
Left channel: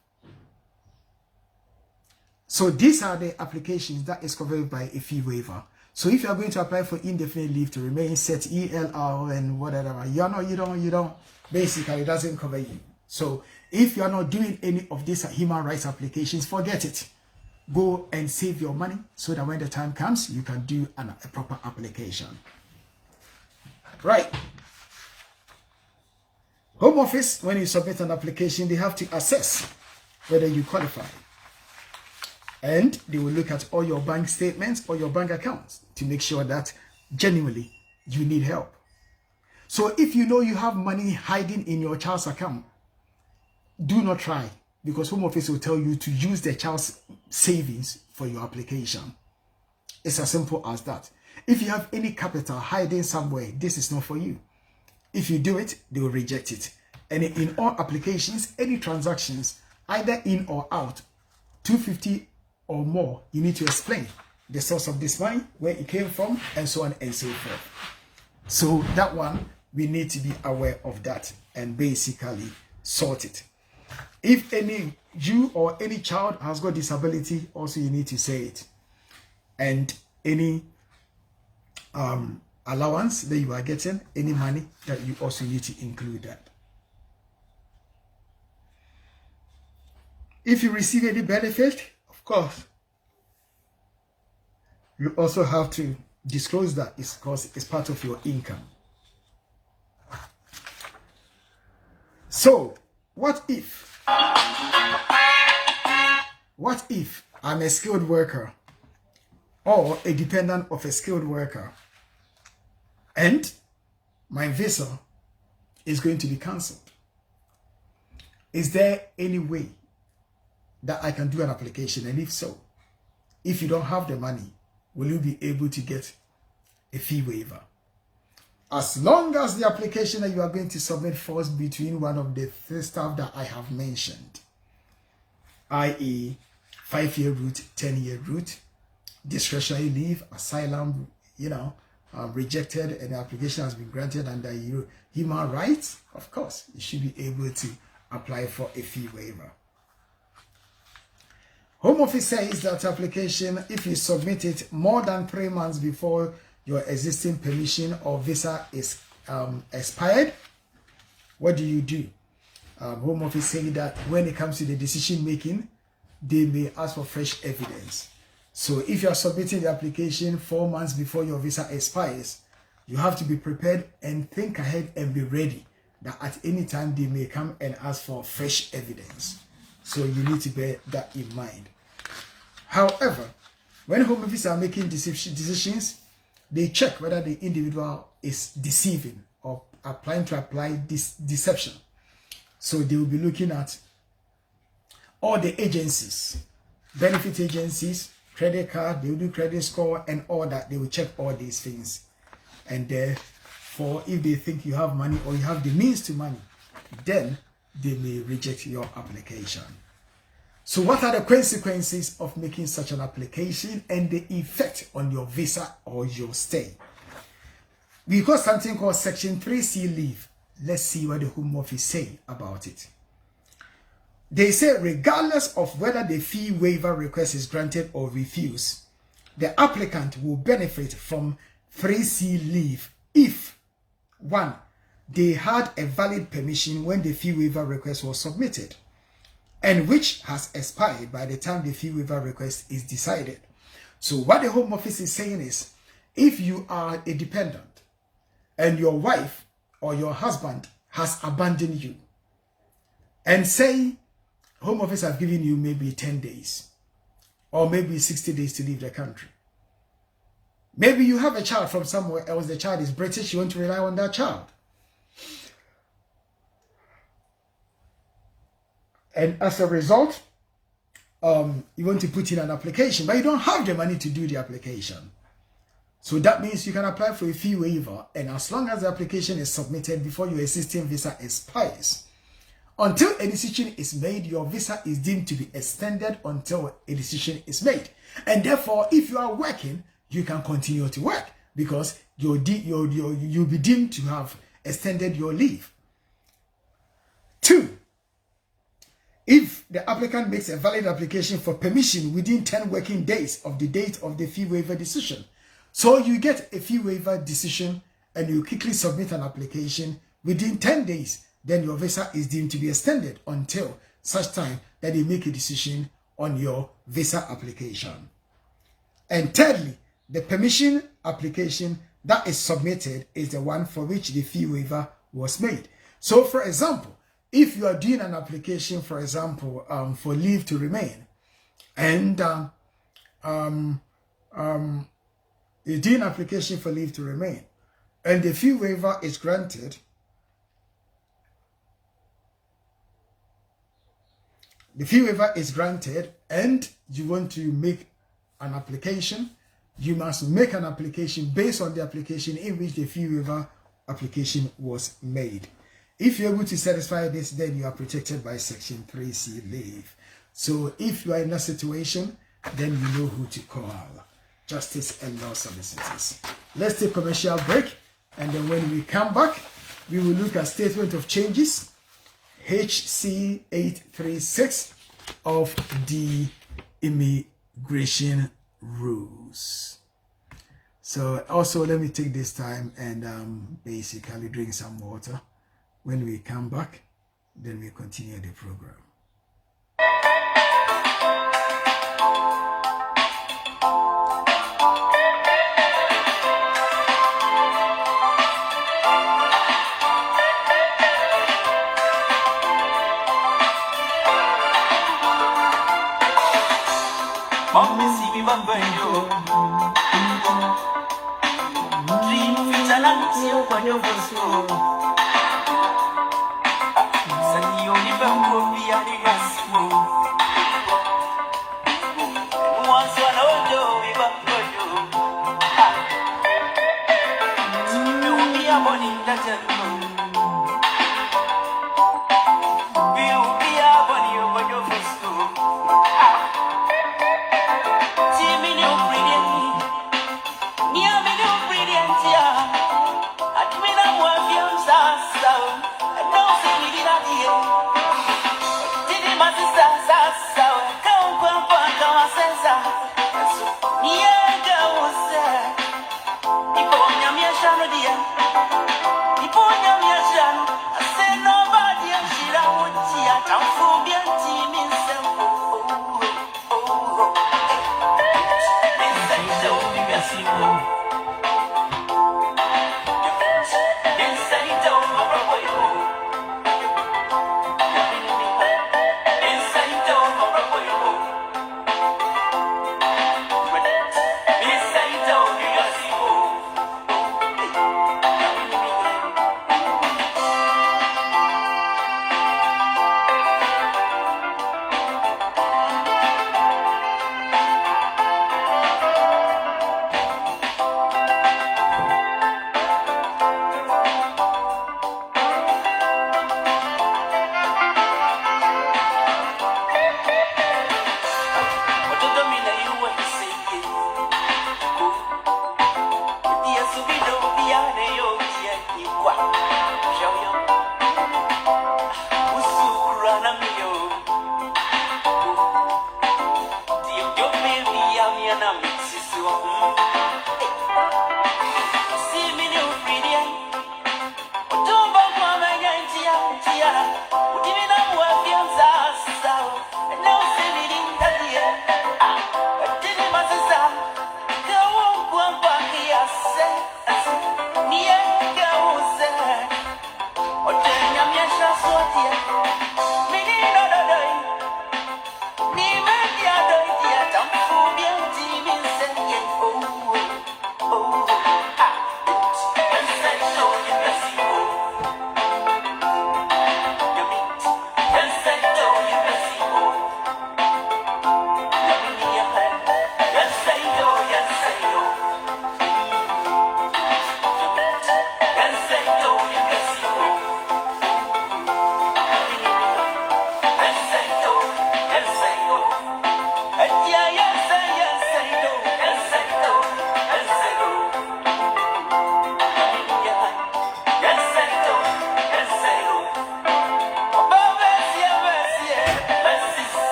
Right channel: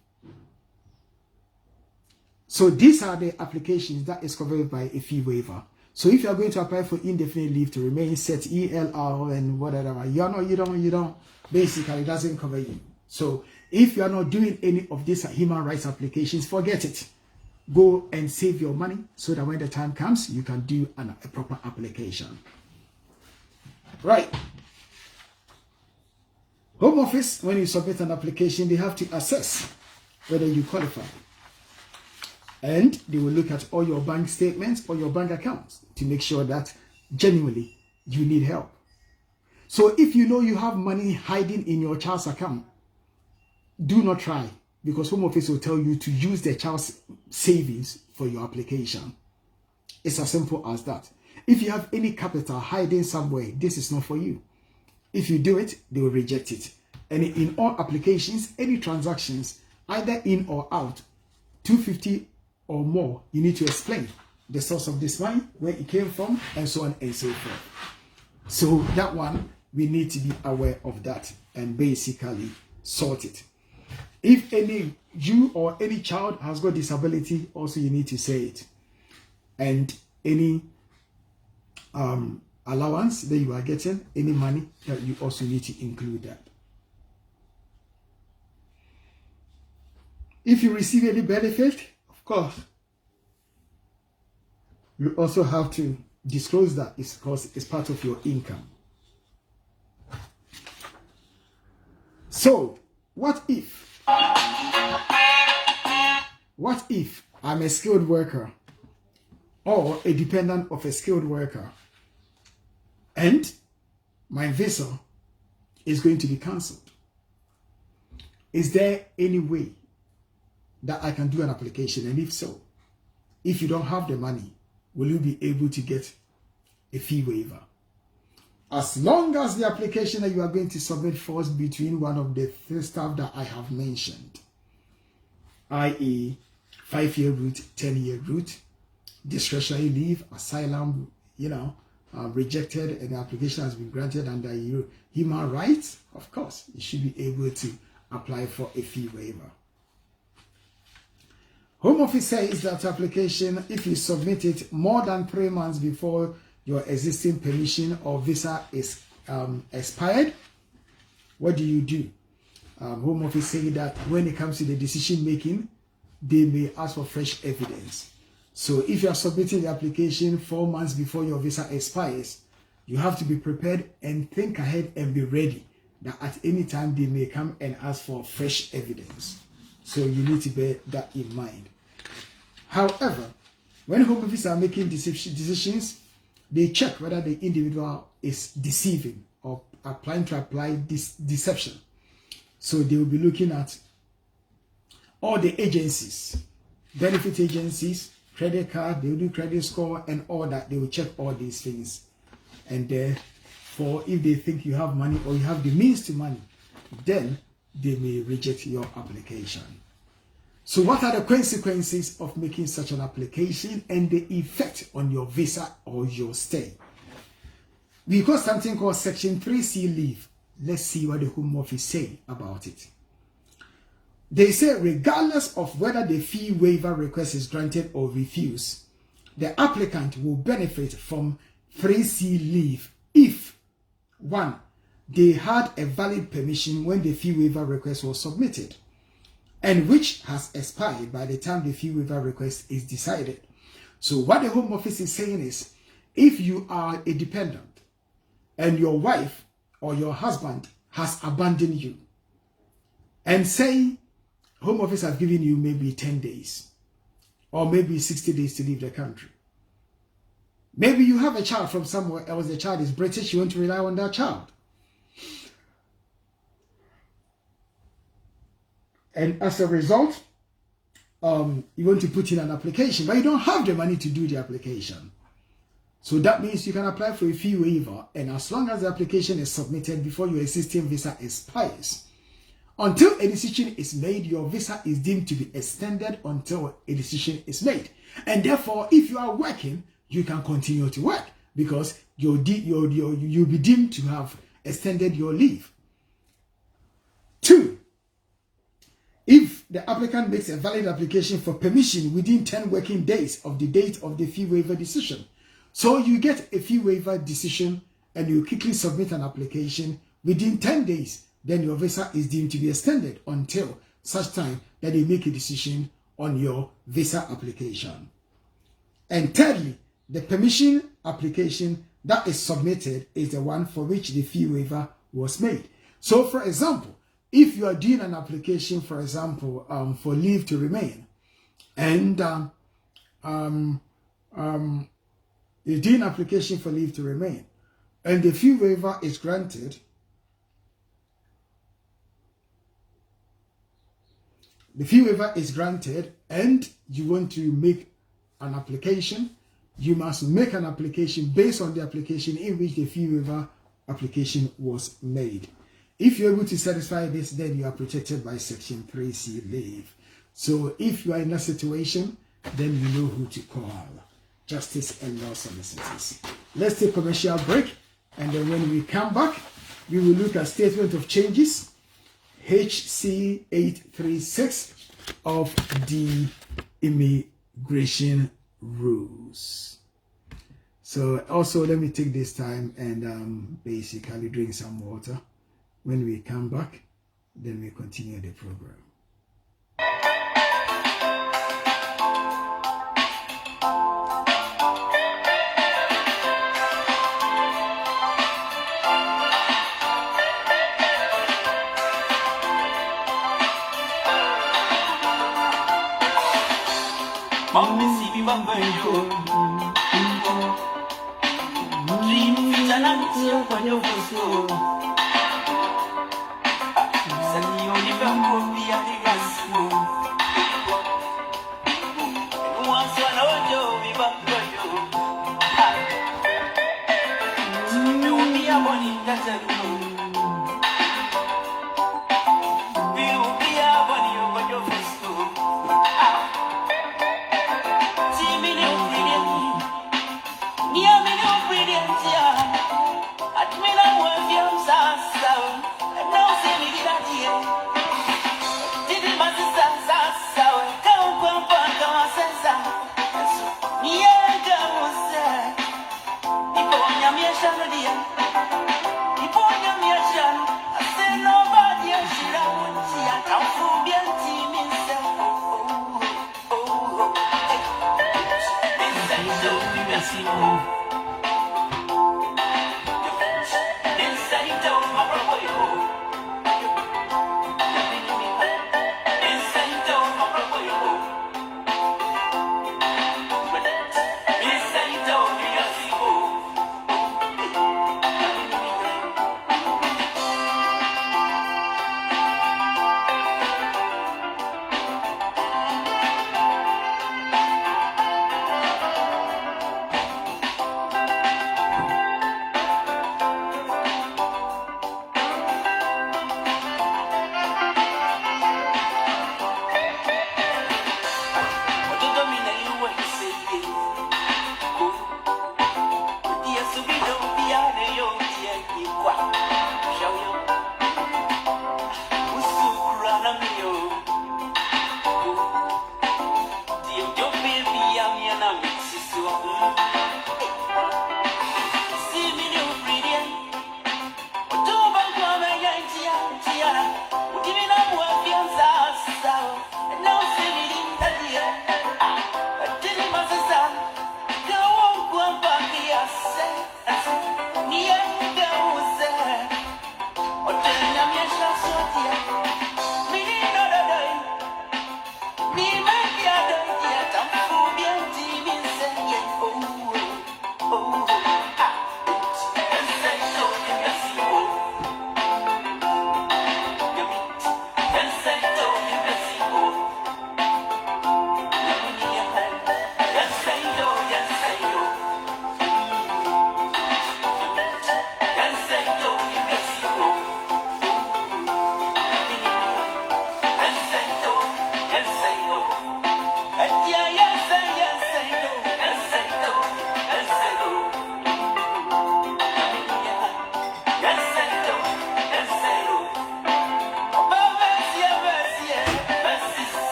So these are the applications that is covered by a fee waiver. So if you are going to apply for indefinite leave to remain, set ELR and whatever, you don't, basically it doesn't cover you. So if you are not doing any of these human rights applications, forget it. Go and save your money so that when the time comes, you can do a proper application. Right. Home Office, when you submit an application, they have to assess whether you qualify. And they will look at all your bank statements or your bank accounts to make sure that genuinely you need help. So if you know you have money hiding in your child's account, do not try, because Home Office will tell you to use the child's savings for your application. It's as simple as that. If you have any capital hiding somewhere, this is not for you. If you do it, they will reject it. And in all applications, any transactions, either in or out, 250 or more, you need to explain the source of this money, where it came from, and so on and so forth. So that one, we need to be aware of that and basically sort it. If you or any child has got disability, also you need to say it. And any allowance that you are getting, any money, that you also need to include that. If you receive any benefit, of course, you also have to disclose that, because it's part of your income. So, what if I'm a skilled worker or a dependent of a skilled worker, and my visa is going to be cancelled. Is there any way that I can do an application? And if so, if you don't have the money, will you be able to get a fee waiver? As long as the application that you are going to submit falls between one of the three stuff that I have mentioned, i.e. 5-year route, 10-year route, discretionary leave, asylum, rejected, and the application has been granted under human rights, of course, you should be able to apply for a fee waiver. Home Office says that application, if you submit it more than 3 months before your existing permission or visa is expired, what do? Home Office saying that when it comes to the decision making, they may ask for fresh evidence. So if you are submitting the application 4 months before your visa expires, you have to be prepared and think ahead and be ready that at any time they may come and ask for fresh evidence. So you need to bear that in mind. However, when Home Office are making decisions, they check whether the individual is deceiving or applying to apply this deception. So they will be looking at all the agencies, benefit agencies, credit card, they will do credit score and all that. They will check all these things. And therefore, if they think you have money or you have the means to money, then they may reject your application. So what are the consequences of making such an application and the effect on your visa or your stay? We got something called Section 3C leave. Let's see what the Home Office say about it. They say regardless of whether the fee waiver request is granted or refused, the applicant will benefit from 3C leave if 1. They had a valid permission when the fee waiver request was submitted, and which has expired by the time the fee waiver request is decided. So what the Home Office is saying is, if you are a dependent and your wife or your husband has abandoned you, and say Home Office have given you maybe 10 days or maybe 60 days to leave the country. Maybe you have a child from somewhere else, the child is British, you want to rely on that child. And as a result, you want to put in an application, but you don't have the money to do the application. So that means you can apply for a fee waiver, and as long as the application is submitted before your existing visa expires, until a decision is made, your visa is deemed to be extended until a decision is made. And therefore, if you are working, you can continue to work because you'll be deemed to have extended your leave. 2. If the applicant makes a valid application for permission within 10 working days of the date of the fee waiver decision, so you get a fee waiver decision and you quickly submit an application within 10 days, then your visa is deemed to be extended until such time that they make a decision on your visa application. And thirdly, the permission application that is submitted is the one for which the fee waiver was made. So for example, if you are doing an application, for example, for leave to remain, and you're doing an application for leave to remain, and the fee waiver is granted, and you want to make an application, you must make an application based on the application in which the fee waiver application was made. If you're able to satisfy this, then you are protected by Section 3C leave. So if you are in that situation, then you know who to call. Justice and Law Solicitors. Let's take a commercial break, and then when we come back, we will look at Statement of Changes, HC 836 of the Immigration Rules. So also let me take this time and basically drink some water. When we come back, then we continue the program. Dream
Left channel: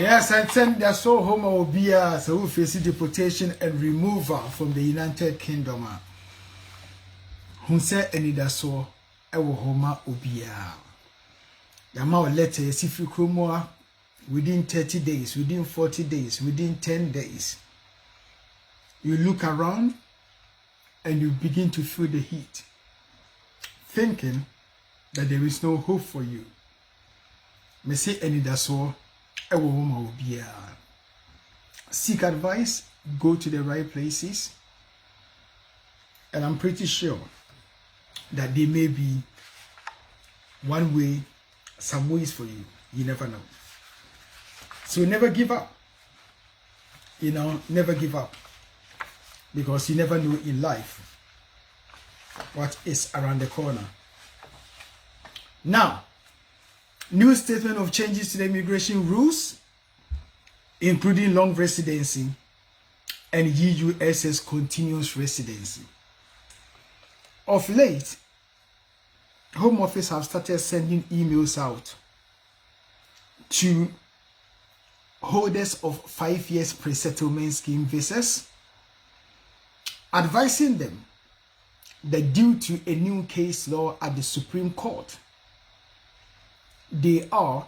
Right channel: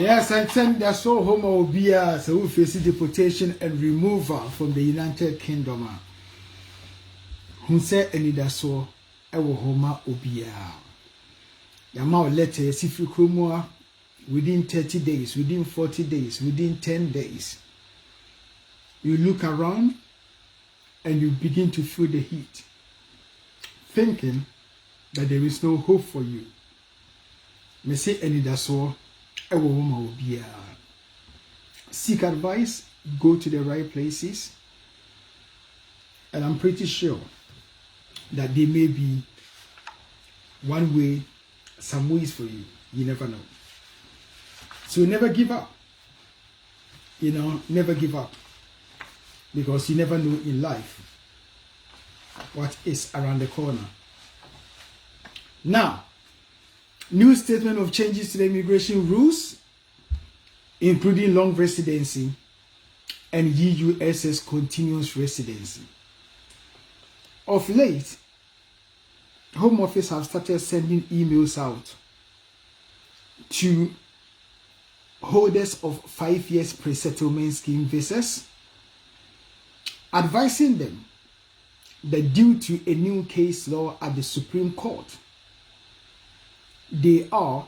Yes, and send their soul home obia so who face deportation and removal from the United Kingdom. Who say any da so ewo homa obia. Yama letter if you kromoa within 30 days, within 40 days, within 10 days. You look around and you begin to feel the heat, thinking that there is no hope for you. Me say any da so seek advice, go to the right places, and I'm pretty sure that there may be one way, some ways for you. You never know. So never give up. You know, never give up, because you never know in life what is around the corner. Now, new statement of changes to the immigration rules, including long residency and UUSS continuous residency. Of late, Home Office have started sending emails out to holders of 5 years pre-settlement scheme visas, advising them that due to a new case law at the Supreme Court, they are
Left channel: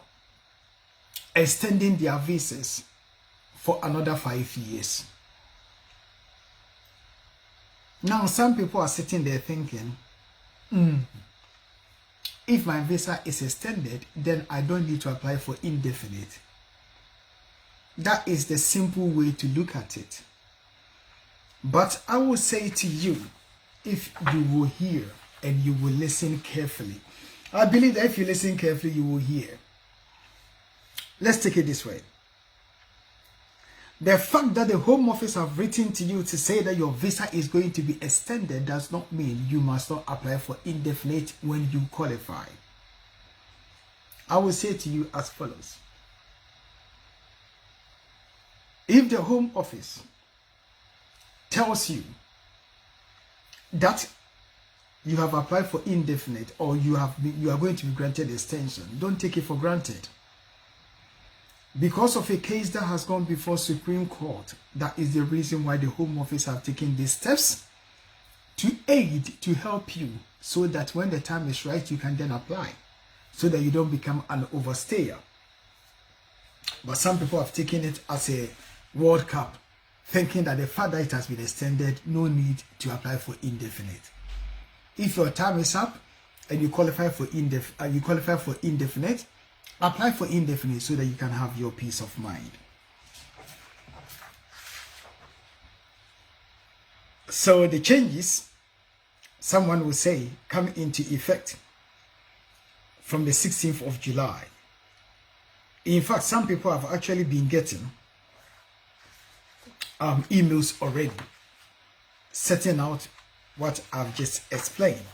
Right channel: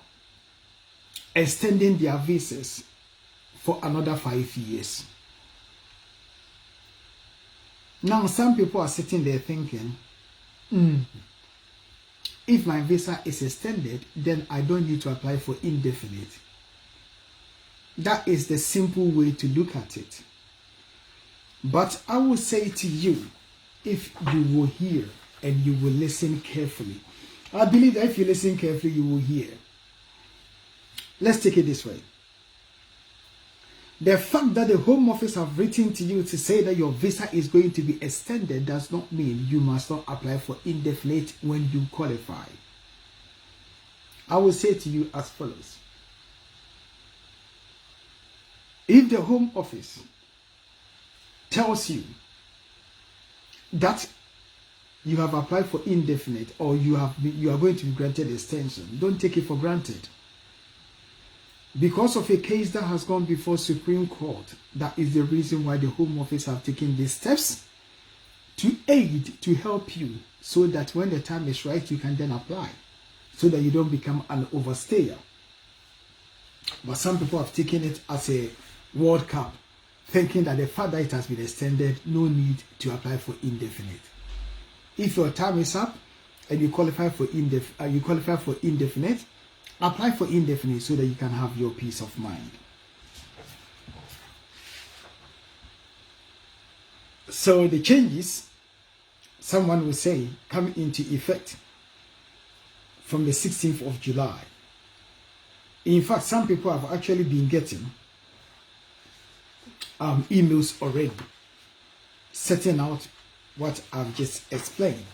extending their visas for another 5 years. Now, some people are sitting there thinking, if my visa is extended, then I don't need to apply for indefinite. That is the simple way to look at it. But I will say to you, if you will hear and you will listen carefully, I believe that if you listen carefully, you will hear. Let's take it this way. The fact that the Home Office have written to you to say that your visa is going to be extended does not mean you must not apply for indefinite when you qualify. I will say to you as follows. If the Home Office tells you that you have applied for indefinite or you are going to be granted extension, don't take it for granted. Because of a case that has gone before Supreme Court, that is the reason why the Home Office have taken these steps to aid, to help you, so that when the time is right, you can then apply, so that you don't become an overstayer. But some people have taken it as a World Cup, thinking that the fact that it has been extended, no need to apply for indefinite. If your time is up and you qualify for indefinite, apply for indefinite so that you can have your peace of mind. So the changes, someone will say, come into effect from the 16th of July. In fact, some people have actually been getting emails already, setting out what I've just explained.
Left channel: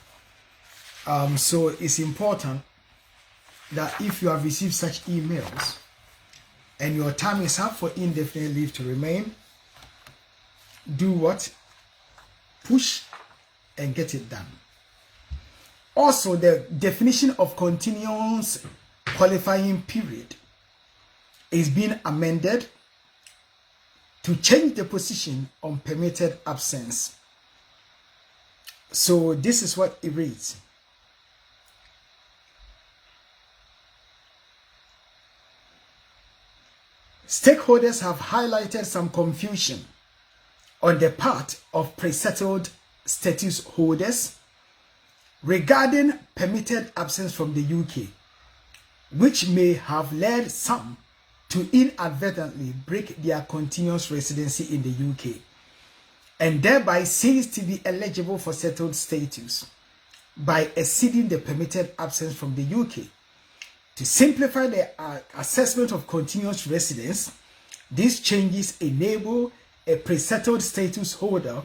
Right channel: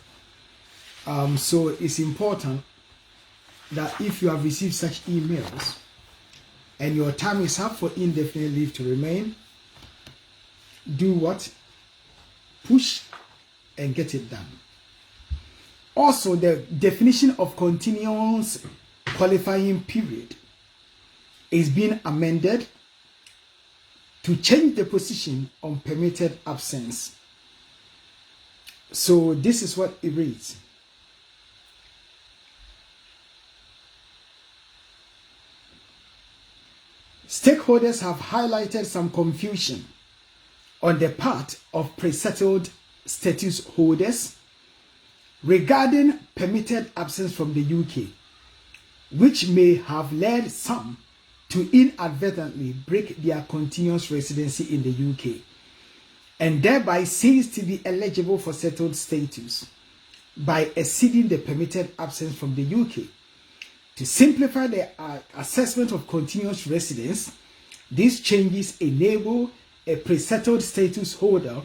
So it's important that if you have received such emails and your time is up for indefinite leave to remain, do what? Push and get it done. Also, the definition of continuous qualifying period is being amended to change the position on permitted absence. So this is what it reads. Stakeholders have highlighted some confusion on the part of pre-settled status holders regarding permitted absence from the UK, which may have led some to inadvertently break their continuous residency in the UK and thereby cease to be eligible for settled status by exceeding the permitted absence from the UK. To simplify the assessment of continuous residence, these changes enable a pre-settled status holder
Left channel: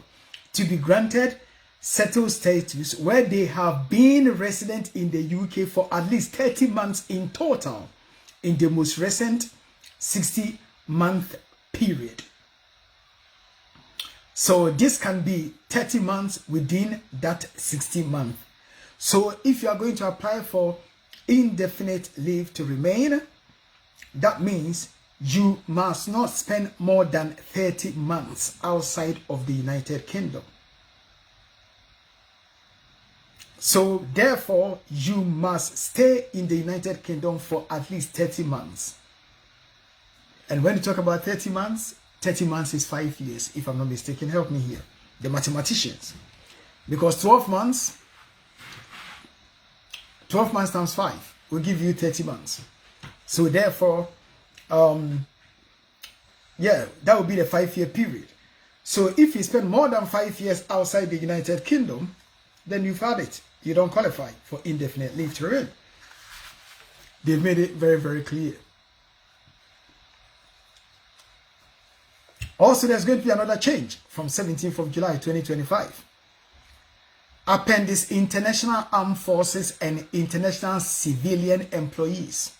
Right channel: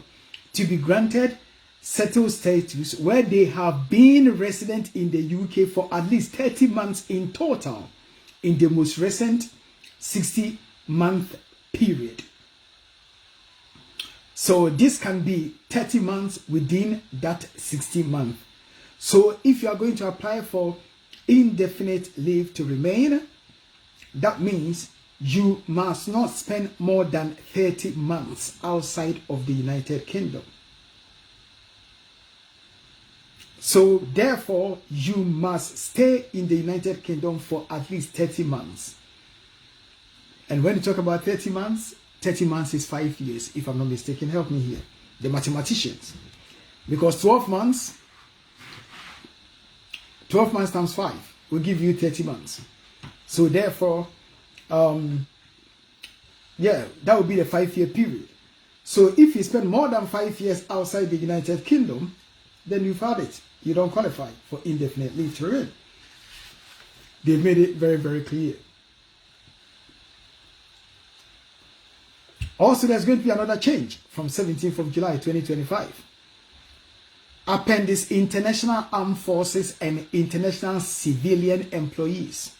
to be granted settled status where they have been resident in the UK for at least 30 months in total in the most recent 60-month period. So this can be 30 months within that 60 months. So if you are going to apply for indefinite leave to remain, that means you must not spend more than 30 months outside of the United Kingdom. So therefore, you must stay in the United Kingdom for at least 30 months. And when you talk about 30 months is 5 years, if I'm not mistaken. Help me here, the mathematicians. Because 12 months times 5 will give you 30 months. So therefore, yeah, that would be the 5-year period. So if you spend more than 5 years outside the United Kingdom, then you've had it. You don't qualify for indefinite leave to remain. They've made it very, very clear. Also, there's going to be another change from 17th of July 2025. Appendix International Armed Forces and International Civilian Employees.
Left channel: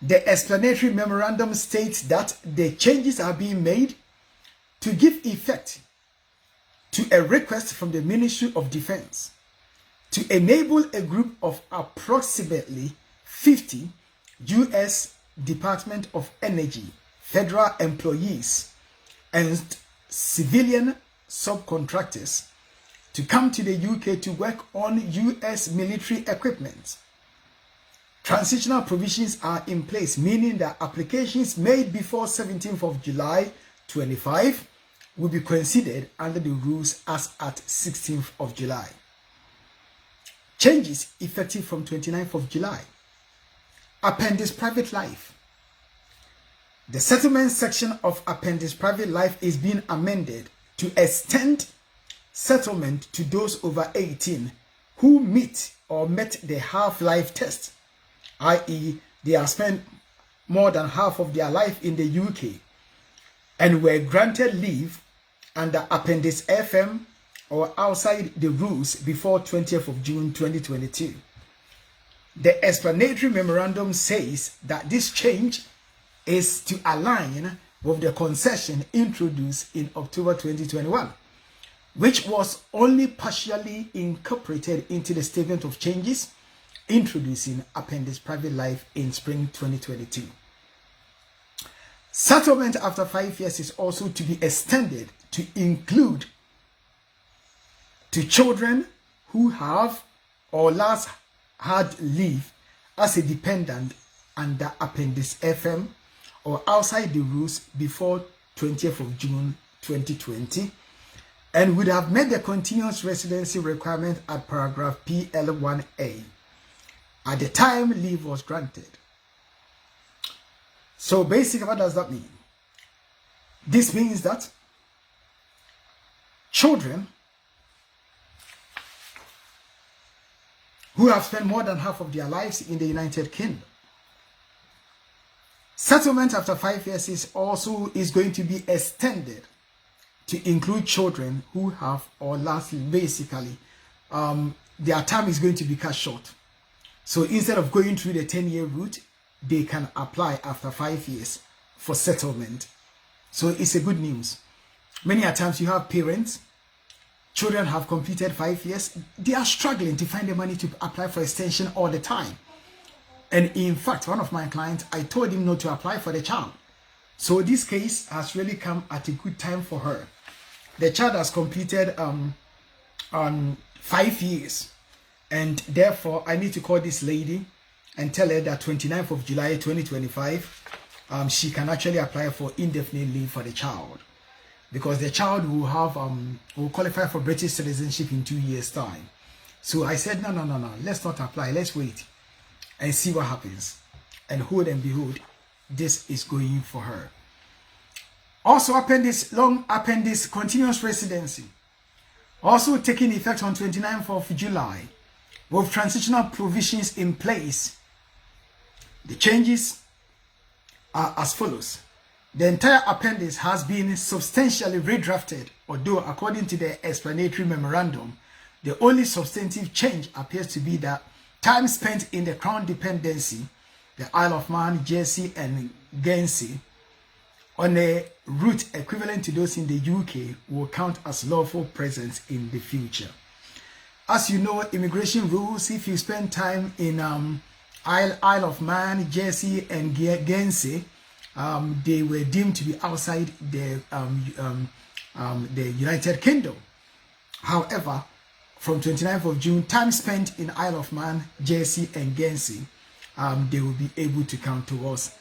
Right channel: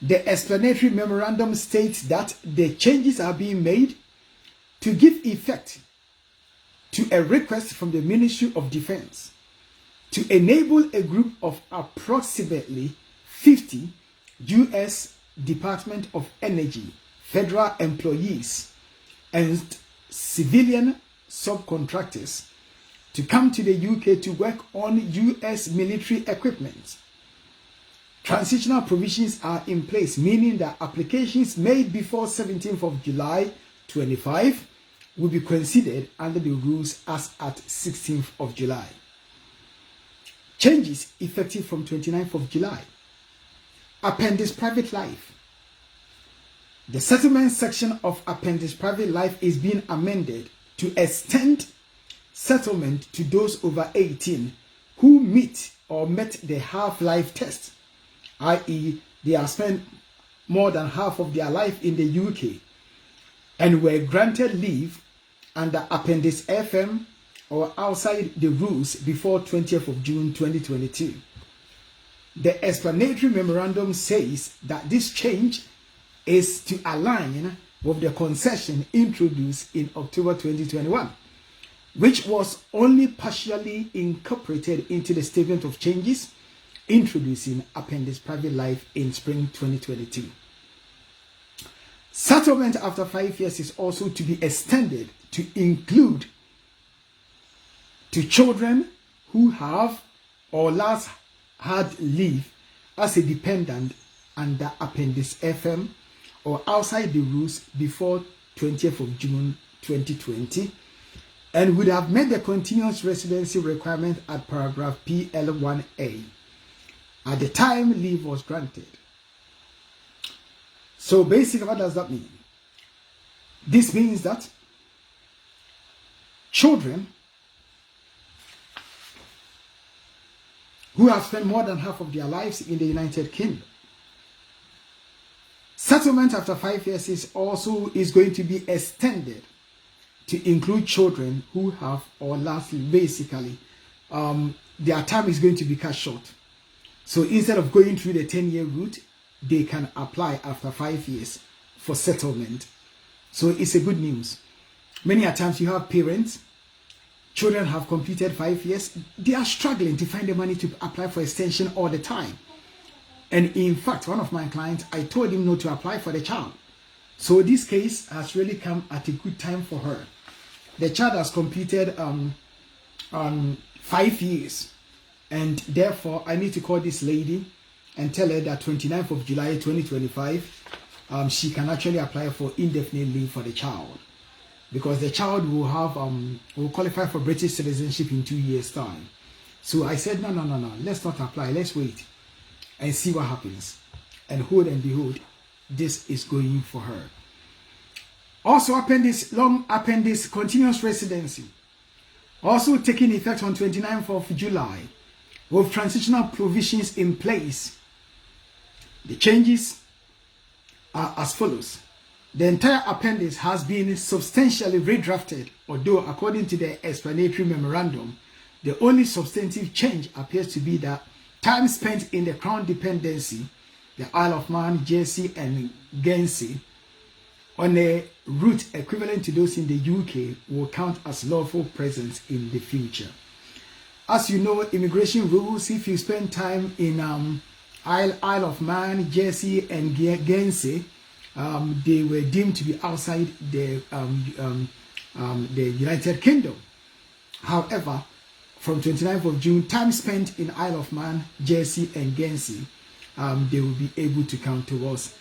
The explanatory memorandum states that the changes are being made to give effect to a request from the Ministry of Defense to enable a group of approximately 50 U.S. Department of Energy federal employees and civilian subcontractors to come to the UK to work on U.S. military equipment. Transitional provisions are in place, meaning that applications made before 17th of July 25 will be considered under the rules as at 16th of July. Changes effective from 29th of July. Appendix Private Life. The settlement section of Appendix Private Life is being amended to extend settlement to those over 18 who meet or met the half-life test, i.e., they have spent more than half of their life in the UK and were granted leave under Appendix FM or outside the rules before 20th of June 2022. The explanatory memorandum says that this change is to align with the concession introduced in October 2021, which was only partially incorporated into the statement of changes introducing Appendix Private Life in spring 2022. Settlement after 5 years is also to be extended to include to children who have or last had leave as a dependent under Appendix FM or outside the rules before 20th of June 2020 and would have met the continuous residency requirement at paragraph PL1A at the time leave was granted. So basically, what does that mean? This means that children who have spent more than half of their lives in the United Kingdom, settlement after 5 years is going to be extended to include children who have, or lastly, basically, their time is going to be cut short. So instead of going through the 10-year route, they can apply after 5 years for settlement. So it's a good news. Many a times you have parents, children have completed 5 years, they are struggling to find the money to apply for extension all the time. And in fact, one of my clients, I told him not to apply for the child. So this case has really come at a good time for her. The child has completed 5 years. And therefore, I need to call this lady and tell her that 29th of July 2025, she can actually apply for indefinite leave for the child. Because the child will have will qualify for British citizenship in 2 years' time. So I said, no, let's not apply. Let's wait and see what happens. And hold and behold, this is going for her. Also, long appendix continuous residency, also taking effect on 29th of July, with transitional provisions in place. The changes are as follows. The entire appendix has been substantially redrafted, although according to the explanatory memorandum, the only substantive change appears to be that time spent in the Crown dependency, the Isle of Man, Jersey and Guernsey, on a route equivalent to those in the UK will count as lawful presence in the future. As you know, immigration rules, if you spend time in Isle of Man, Jersey and Guernsey, they were deemed to be outside the United Kingdom. However, from 29th of June, time spent in Isle of Man, Jersey and Guernsey, they will be able to count towards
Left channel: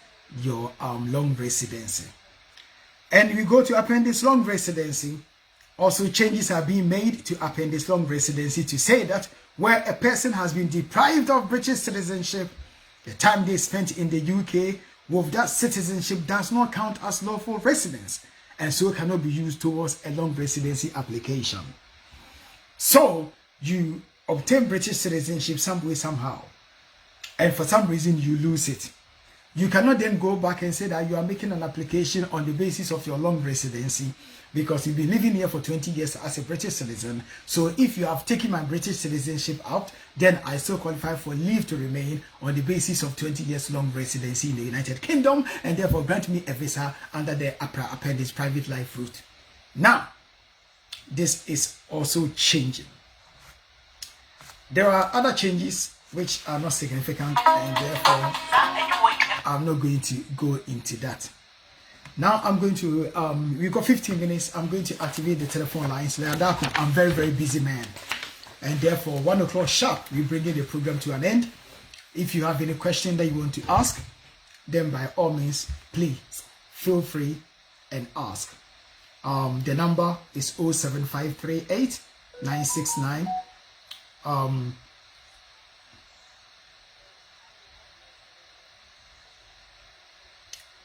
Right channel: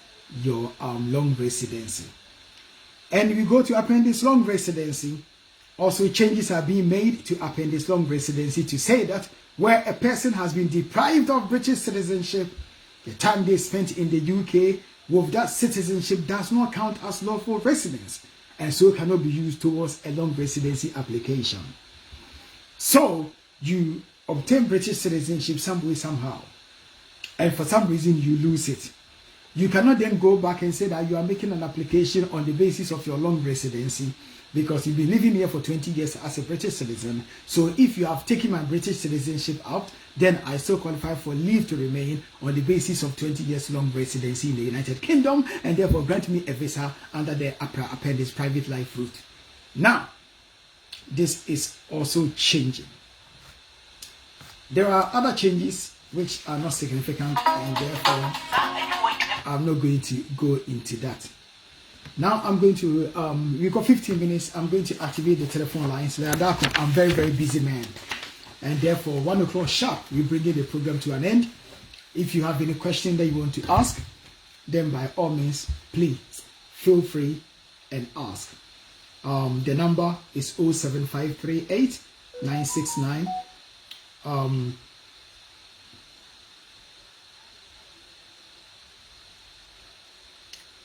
your long residency. And we go to appendix long residency. Also, changes are being made to appendix long residency to say that where a person has been deprived of British citizenship, the time they spent in the UK with that citizenship does not count as lawful residence, and so cannot be used towards a long residency application. So you obtain British citizenship some way, somehow, and for some reason you lose it. You cannot then go back and say that you are making an application on the basis of your long residency, because you've been living here for 20 years as a British citizen. So if you have taken my British citizenship out, then I still qualify for leave to remain on the basis of 20 years long residency in the United Kingdom, and therefore grant me a visa under the appendix private life route. Now, this is also changing. There are other changes which are not significant, and therefore I'm not going to go into that. Now I'm going to, we've got 15 minutes. I'm going to activate the telephone lines. I'm very, very busy man. And therefore, 1 o'clock sharp, we bring the program to an end. If you have any question that you want to ask, then by all means, please feel free and ask. The number is 07538 969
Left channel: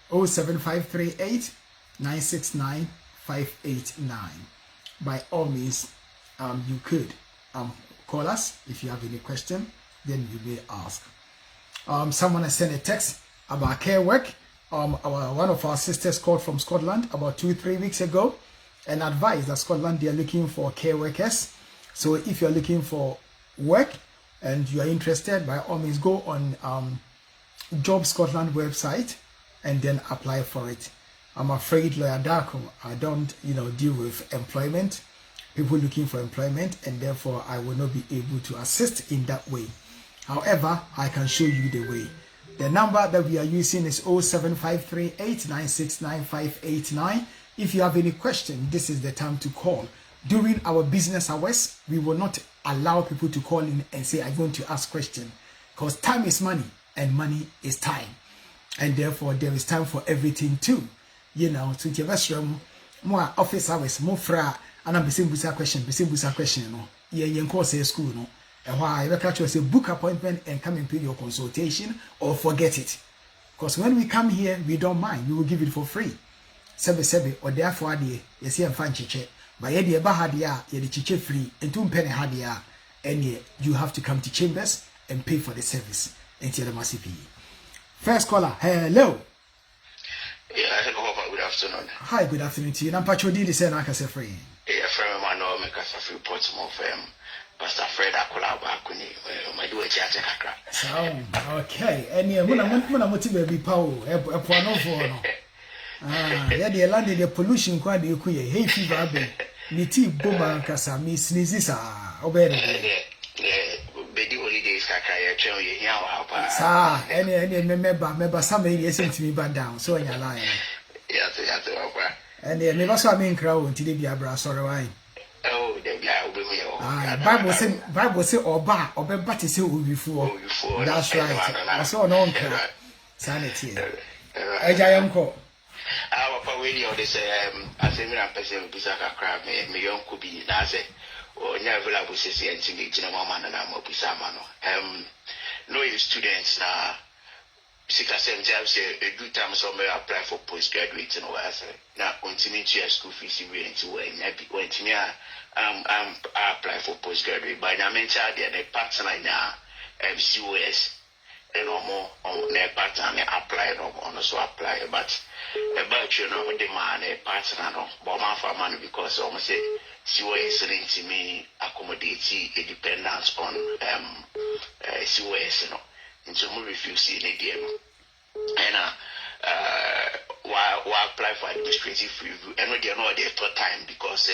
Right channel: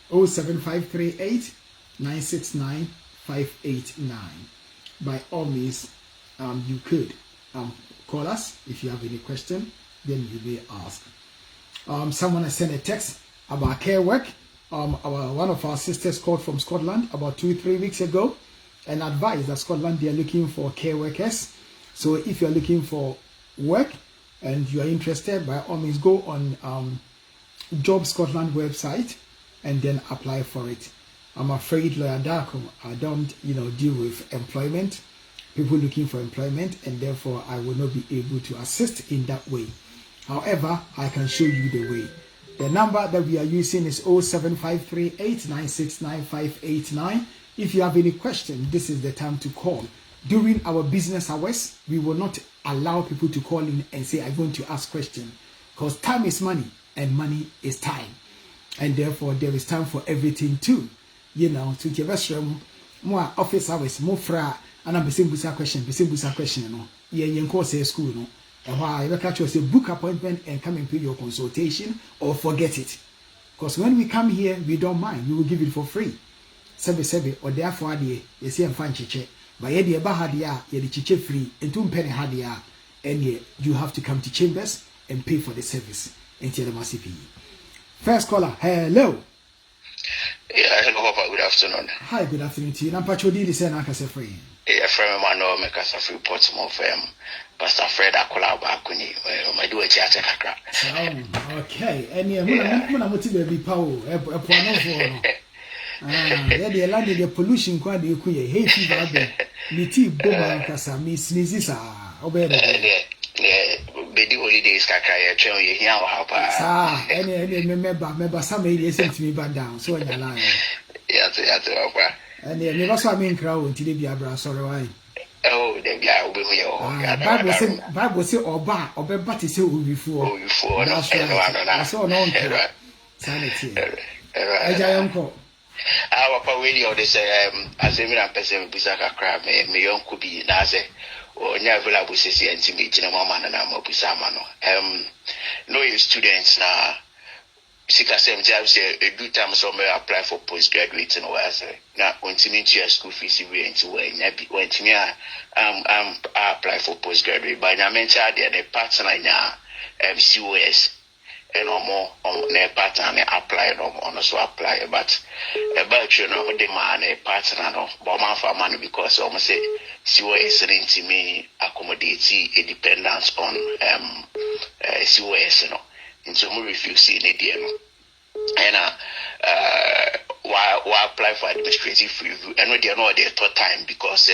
07538 969 589. By all means, you could call us if you have any question, then you may ask. Someone has sent a text about care work. One of our sisters called from Scotland about 2-3 weeks ago and advised that Scotland, they are looking for care workers. So if you are looking for work and you are interested, by all means go on Job Scotland website and then apply for it. I'm afraid, Lawyer Darko, I don't, deal with employment, people looking for employment, and therefore I will not be able to assist in that way. However, I can show you the way. The number that we are using is 07538 969 589. If you have any question, this is the time to call. During our business hours, we will not allow people to call in and say, I'm going to ask questions, because time is money and money is time. And therefore, there is time for everything too. To the best room, more office hours, more fra, and I'm saying busa question, no. You course school, no. And why I catch you say book appointment and come and pay your consultation or forget it. Because when we come here, we don't mind. We will give it for free. Sebe, or therefore, you see, I'm fine chiche. But yet, the bahadia, the chiche free, and 2 penny hadia, and you have to come to Chambers and pay for the service until the massive. First caller, hello. Yeah, hello, good afternoon. Hi, good afternoon to you. I'm Patrodi, the same as a friend. Yeah, friend, I know, make us a few pots more for him. Pastor Fred, I call out back when I do a theater. Okay, and yeah, Muna Motivated Power, a Puano for. Yeah, the land in the pollution quite the Kuya, hey, fever, Miti Boba Casa, Miss Nizisa, obey. The holidays, Kaka, train you here, ah, any member, somebody listen to me back down, so in your line. Yes, and then never saw me in crowd until they be a brass or wine. Oh, they be out with me. Bible say, or bar, or but to say, before. That's right. I saw no one. Sanity. A giant call. Our radio, they say, as a million person, Pisaka crab, me young could be Naze. Or never I will say and to me, Mama and I'm up with Samano. No, you students now. 6 or 7 jobs say a good time somewhere apply for postgraduate and what I say. Now, when to meet your school fees, you went to when to me, apply for postgraduate. But I mentioned the partner now, COS, more on their pattern apply on so apply, but about you know the man a partner no but man for money because almost say she was to me accommodate a dependence on COS no into more refuse in the and why apply for administrative review and we are not there third time because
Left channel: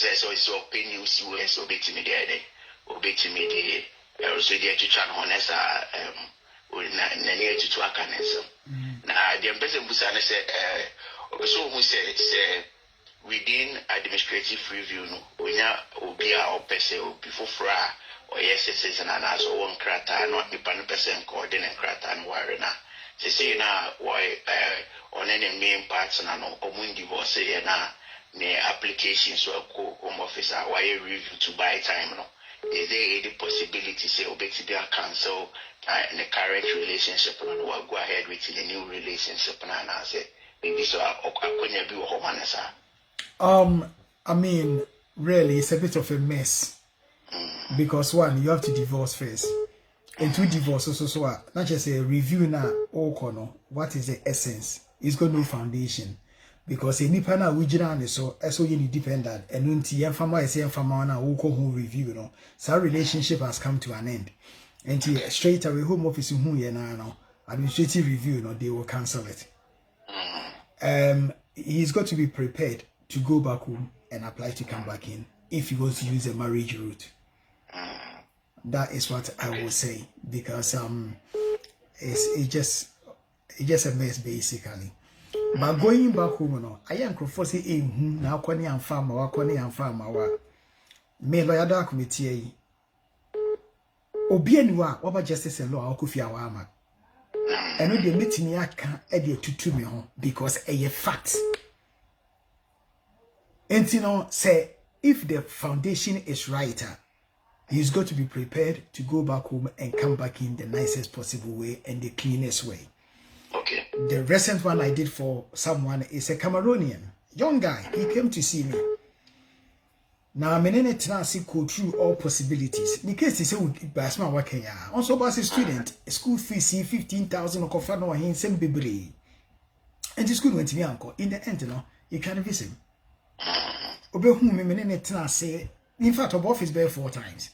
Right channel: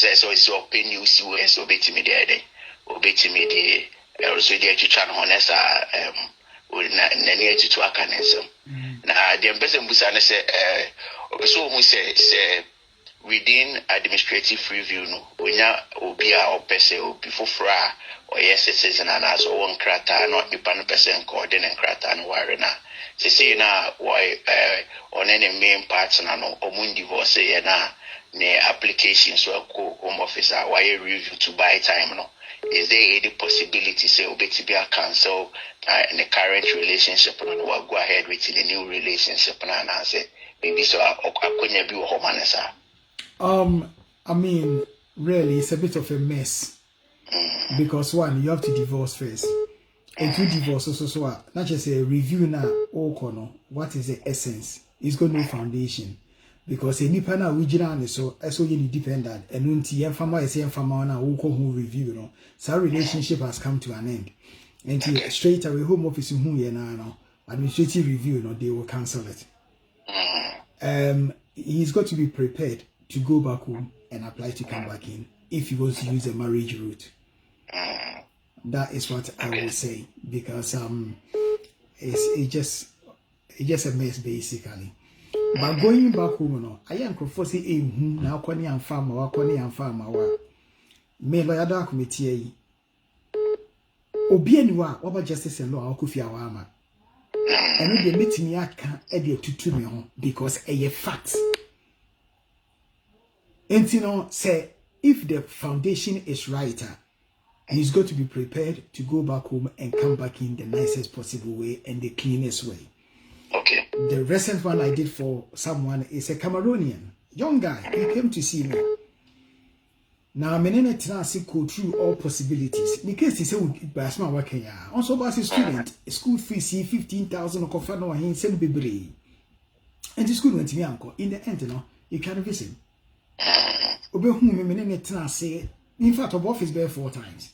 there's also open new COS obey me there obey me there also there to try honest near to akanesem na the person busana say so who say within administrative review no onya obi a opese obi fofora or yes citizen and as one krata not the pan person coordinate krata and worry na say na why on any main partner no omun divorce na ne application so ko home office why review to buy time no. Is there any possibility say obey to be a cancel in the current relationship and we'll go ahead with the new relationship and I say maybe so I be I mean really it's a bit of a mess because one you have to divorce first and to divorce also so not just a review now or what is the essence it's got no foundation. Because any panel we generally so you dependent and when the farmer is saying farmer na who review no so our relationship has come to an end and straight away home office who ye now administrative review no they will cancel it. He's got to be prepared to go back home and apply to come back in if he wants to use a marriage route. That is what I will say because it's just a mess basically. But going back home, no, I am conforcing now. Kwani and farmer, me lawyer da committee. Obianwa, what justice and law, Kufia Wama. And when they meet me, I can't edit to me because a fact. And you know, say if the foundation is right, he's got to be prepared to go back home and come back in the nicest possible way and the cleanest way. Okay. The recent one I did for someone is a Cameroonian young guy. He came to see me. Now I'm in it now. See, go through all possibilities. In case he said, "Basma working ya." Also, as a student, school fees 15,000 or cover no he send baby. And the school went to me uncle. In the end, you know, you can't visit. Obe whom me in it now say. In fact, our office bear 4 times.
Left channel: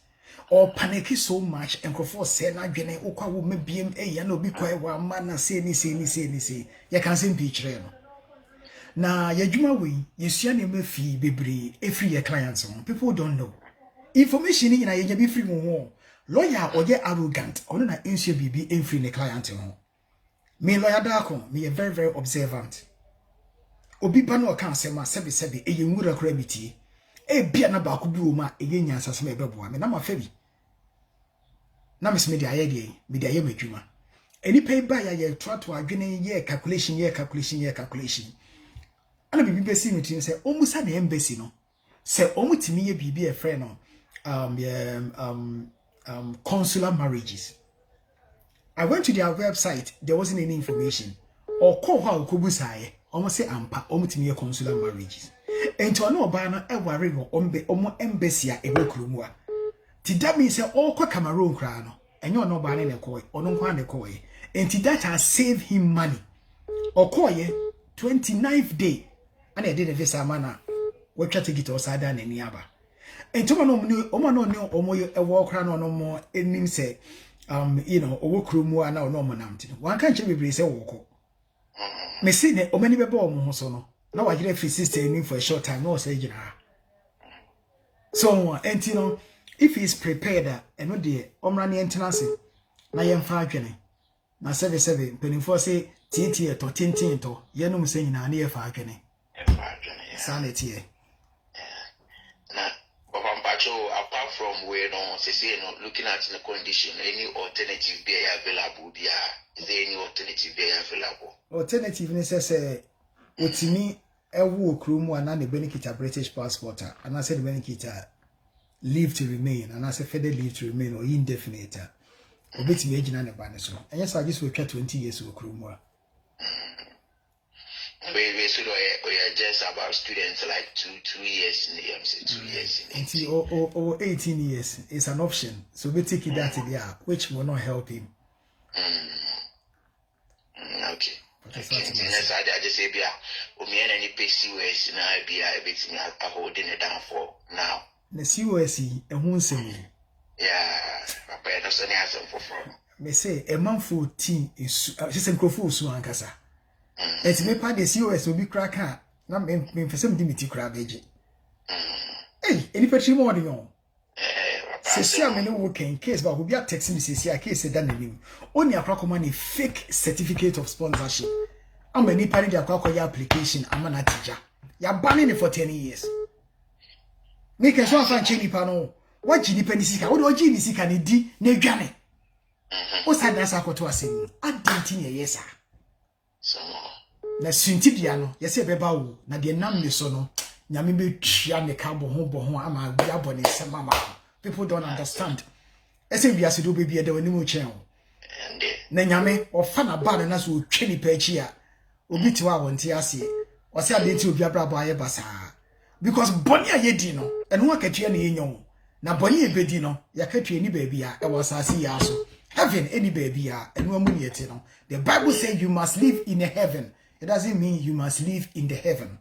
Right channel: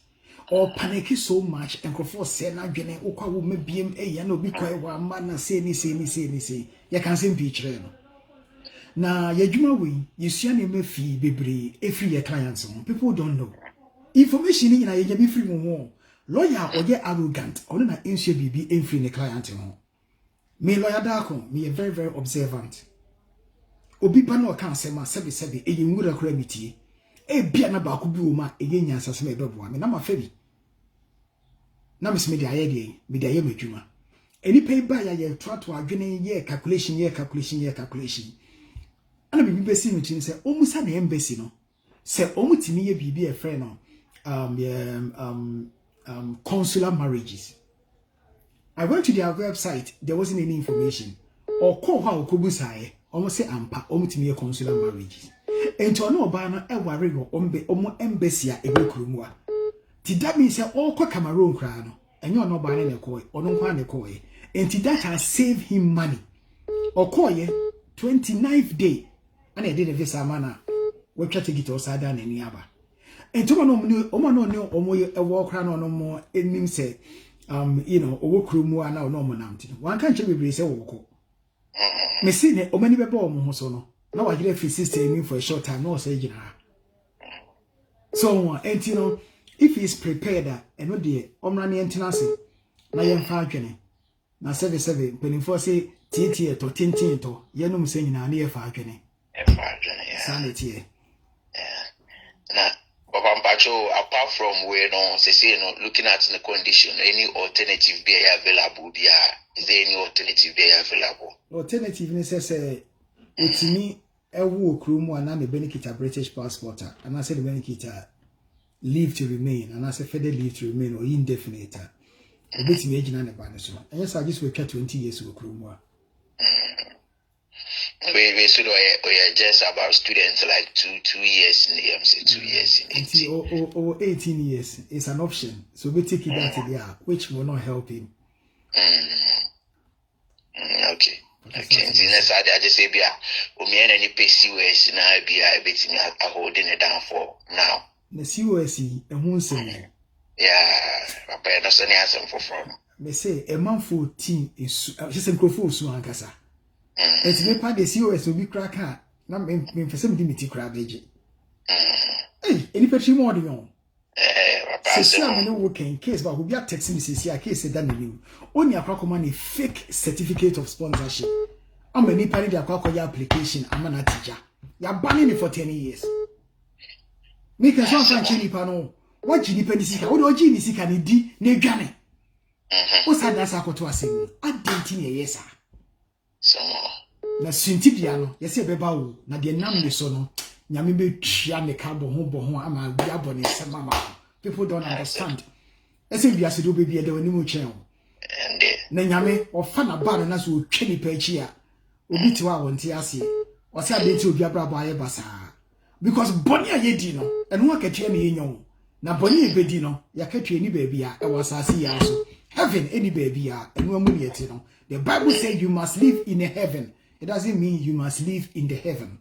Or panicky so much and for say na gene okwa wo me biem e ya no bi kwai wa ma na say ni ya kan say picture no na ya dwuma we yesua ne mafi bebre every your clients people don't know information ni na ya bi free mo lawyer oje arrogant ono na ensure bibi every ne client ho me lawyer da ko me very very observant obi ba na o kan say ma sebe e ye nwura kra mitie e bia na ba ko bi o ma e ye nyansa so me beboa me na ma fa bi na me media ye media ye medwuma eni pay ba ya ye to adwene ye calculation ana bibi besi me tin say omusa na embassy no say omutimi ye bibi e friend no consular marriages. I went to their website, there wasn't any information or call how kobusaye almost say ampa omutimi ye consular marriages. Ento no ba na e ware go omo embassy a ebe kurumu a ti that means all kwa Cameroon kra no enyo no ba na ne koy ono nkwa ne koy enti that has saved him money okoye 29th day and I did a visa mana we try to get osada na ni aba enti omo no ni omo e wo kra no mo enim say you know owo kurumu a na ono mo namti wan kan che bebre say wo ko me see ne omani beba omo so no na wa gire free sister in for a short time no say gina so and you know if he is prepared and no dey omra ne entenase na yemfa adwene na 77 penifo say tie to tintin to ye no musa nyina na yefa adwene sanity na baba mpacho apart from we no say no looking at the condition any alternative be available there is there any alternative be available alternative ne say otimi ewu okrumu ana ne benefit a British passport and I said the benefit leave to remain and I said further leave to remain or indefinite obetimi agina ne ba ne so and yes I just will try 20 years okrumu we should just about students like 2 years in the MC 2 years in 18 years is an option so we take it that there which will not help him Okay. Okay. I just say, "Bia, any PCOS now be holding it down for now." The COS, a Hunsen. Yeah, I don't say anything for. Me say a month 14 is just a crowfoot so ankasa. It's me part the COS will be cracker. Not me for some dimity crab age. Hey, any petty more than you. Say, I'm no working case, but who be texting me, say, case done him. Only a crack money fake certificate of sponsorship. I'm a nippany the aqua application. I'm an teacher. You're banning it for 10 years. Make a song from Chili Pano. What Chili Penisika? What do Chili Sika need? Ne Johnny. What's that? That's what I say. I didn't yes, sir. Na Sintidiano, yes, a beba, na de nam de sono. Nyamibe chia me cabo home, ama biabone sama. People don't understand. Ese we as do baby de wani mu chen. Na nyame o fa na ba na so twani pa chi a obi ti wa wonte ase. O se adenti obi abrabo aye basa. Because boni ayedi no, eno akatua na yenyon. Na boni ebedi no, yakatua ni ba bia e wasase ya so. Heaven any baby ya eno amu ne yeti no. The Bible says you must live in a heaven. It doesn't mean you must live in the heaven.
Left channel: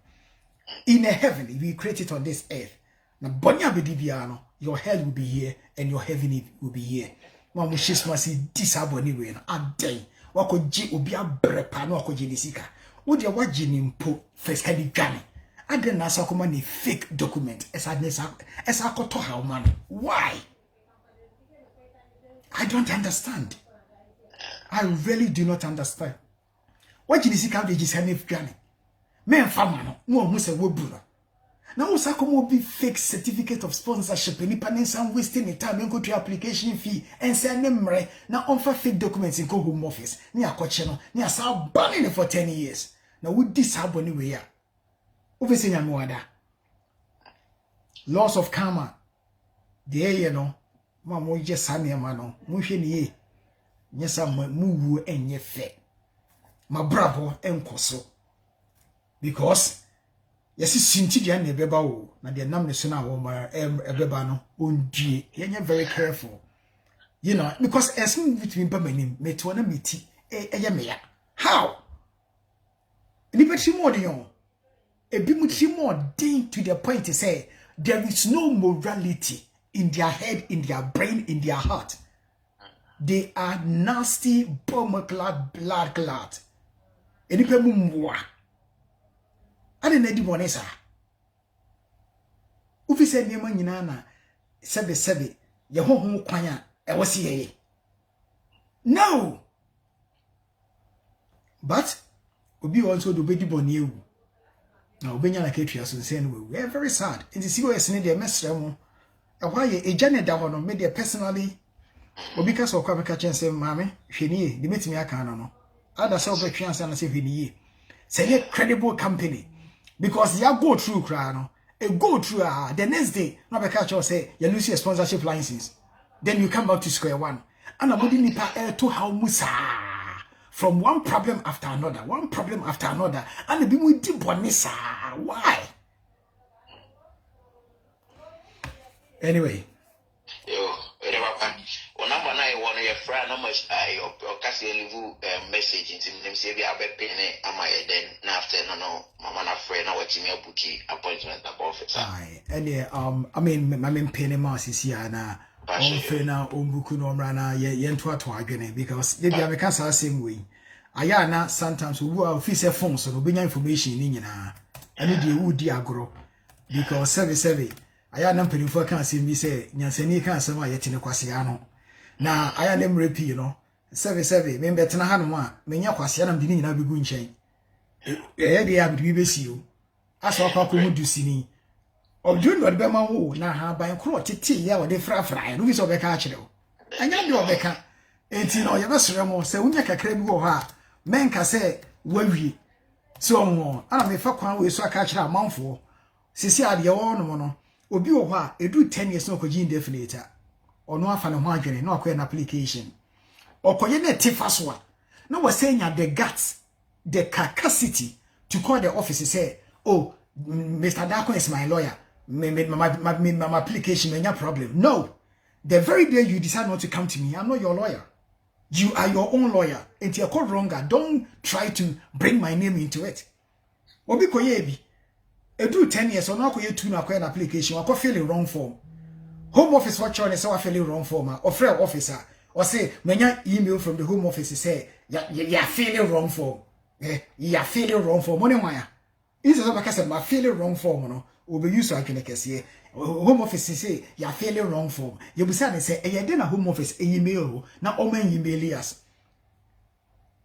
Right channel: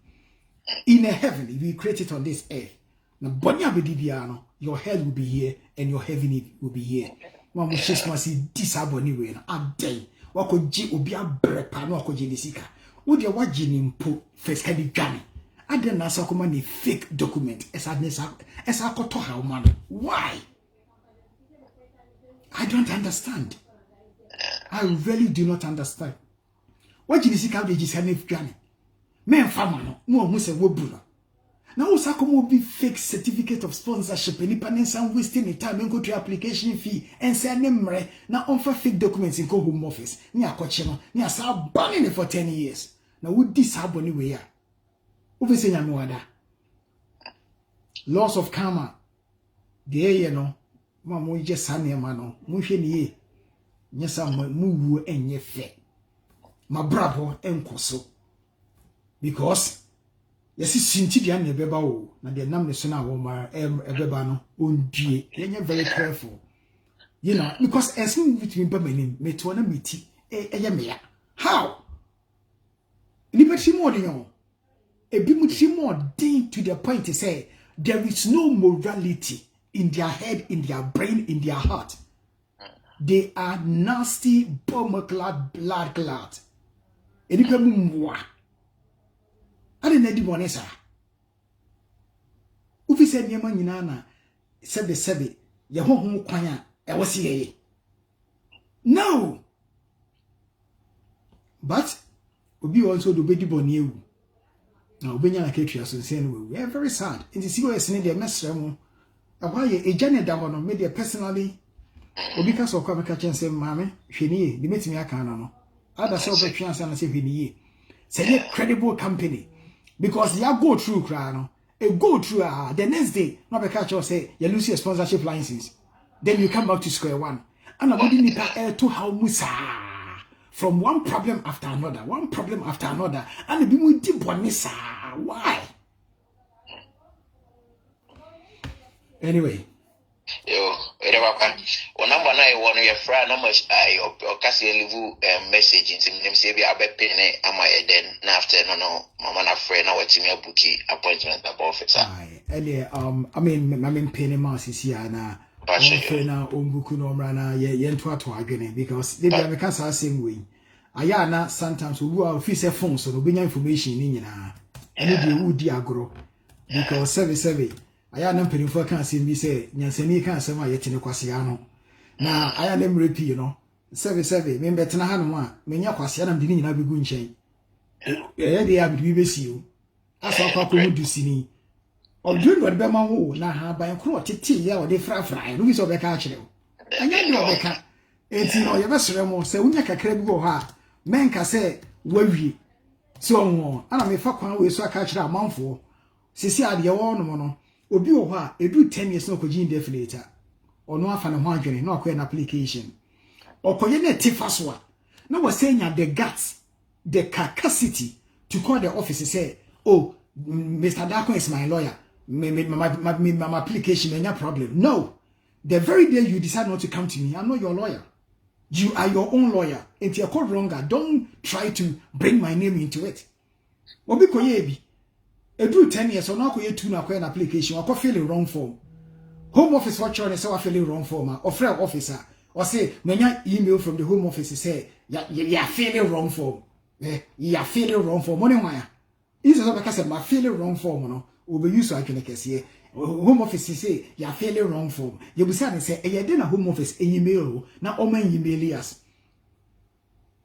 In a heaven, if you create it on this earth. Na boni abedi bia no, your hell will be here and your heaven will be here. One will just must see this aboni way a day. Wako ji obi abrepa no wako jenisika. Odi wa jinimpo first head Johnny. Aden na sakoma ni fake document. Esa akoto how man. Why? I don't understand. I really do not understand. What jenisika de jisane Johnny? Men fama no mo se wobura. Now also come be fake certificate of sponsorship any panels and wasting the time and go to application fee and say nemre now offer fake documents in home office. Ni akoche no ni asa banning for 10 years. Now would this happen anyway ya? Obviously nyamwada. Laws of karma. The no ma mo je sane ma no mo hwe ni ye. Nyesa mu wu enye fe. Ma brabo enkoso. Because yes, Sintidia ne beba o na de nam ne so na wo ma ebeba no ondue yenye very careful, you know, because as me between bamanim me to na meti eye me ya how ni peti mo de yon e bi muti mo din to the point to say there is no morality in their head, in their brain, in their heart. They are nasty bomb clad blood clad eni pe mumwa ade na di bonesa ufi se niema nyina na sebe ye hoho kwan a e wo se ye no, but obi also do be di boni ewu na obenya na ketua so nse no we are very sad in the COS ne de mesra mu e hwa ye ejane da ho no me de personally obi ka so kwa me ka chense mame hweniye de metimi aka na no ada so be twa ansa na se hweniye say a credible company. Because you go through crano, go through the next day, no be catch or say you lose your sponsorship license. Then you come back to square one. And nobody nipa to how musa from one problem after another, and be with deep bonisa. Why? Anyway. Yo, o number 9 one your friend numbers your Cassie message into them say be abe pene ama then after no mama na friend na watching your bookie appointment about officer. Aye, I mean my pene mouse is here na on friend na on buku no mrana ye nto ato adwene because they be ameka sa same way. Aya na sometimes we will office phone so no be information ni nyina. Eno de wudi agro because service aya na mpelifo kan asem bi se nyansani kan asem a yete ne kwase ya no na aya na mrepi no service me betena ha no a menya kwase ya na mde ni nyina begu nchen ye de ya bi besi o aso kwa ko mudu sini odun do be ma wo na ha ban kro tete ya wo de frafra no bi so be ka akire o anya de obeka enti no ye besere mo se unya kakra bi wo ha menka se wawie so mo ana me fa kwan we so aka akire amanfo sisi ade wo no mo no obi wo ho a edu 10 years no koji indefinite ono afa ne ho adwene na akoye na application okoye na tifaso a na wasenya the guts the capacity to call the office say oh Mr. Dako is my lawyer my application menya problem. No, the very day you decide not to come to me, I'm not your lawyer. You are your own lawyer. If you're called wronger, don't try to bring my name into it. Obi koyebi. Edu 10 years, or now koye 2 na an application, or fill the wrong form. Home office watch on is fill the wrong form, or frail officer, or say, when you email from the home office, say, you're filling wrong form. You're filling wrong form. Money wire. Is also because I'm feeling wrong form, no, will be used to actually home office say, you're feeling wrong form. You be say, you didn't home office email, now all men email us.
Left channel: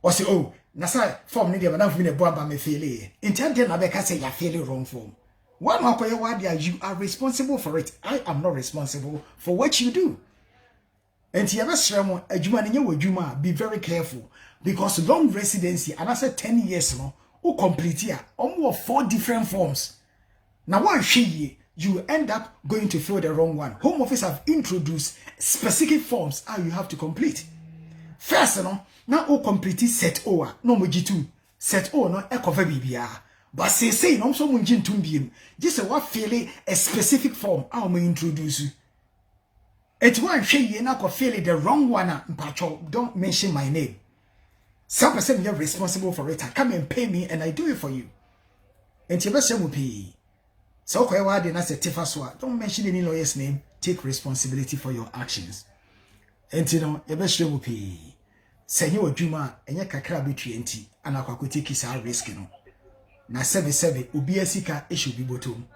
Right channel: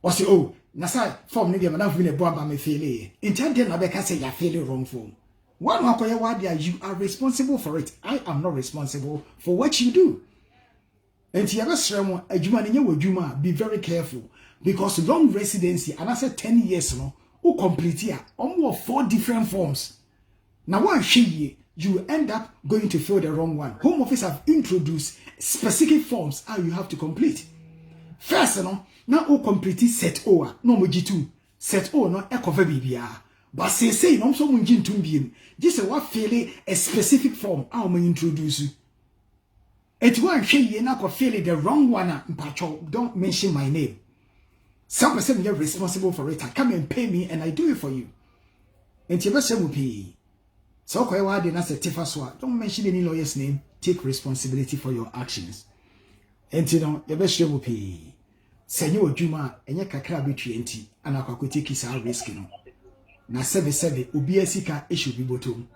Or say, oh, Nasa form need a been a bomb me fail. Intended Nabeka say you're feeling wrong form. One more you are responsible for it. I am not responsible for what you do. And you ever a Juma, be very careful. Because long residency, and I said 10 years no, who complete here, almost 4 different forms. Now one you end up going to fill the wrong one. Home Office have introduced specific forms how you have to complete. First, no, now who complete set O, no G2. Set O no cover BBR. But say no so munjin tumbiem. Just what fill a specific form how me introduce you. It one you na fill the wrong one, don't mention my name. Some person you're responsible for it. Come and pay me and I do it for you. And you best will pay. So don't mention any lawyer's name. Take responsibility for your actions. And you know, your best will pay. Say you Juma and your kakra between and I could take his risk. Na 7 ubi sika issue be bottom.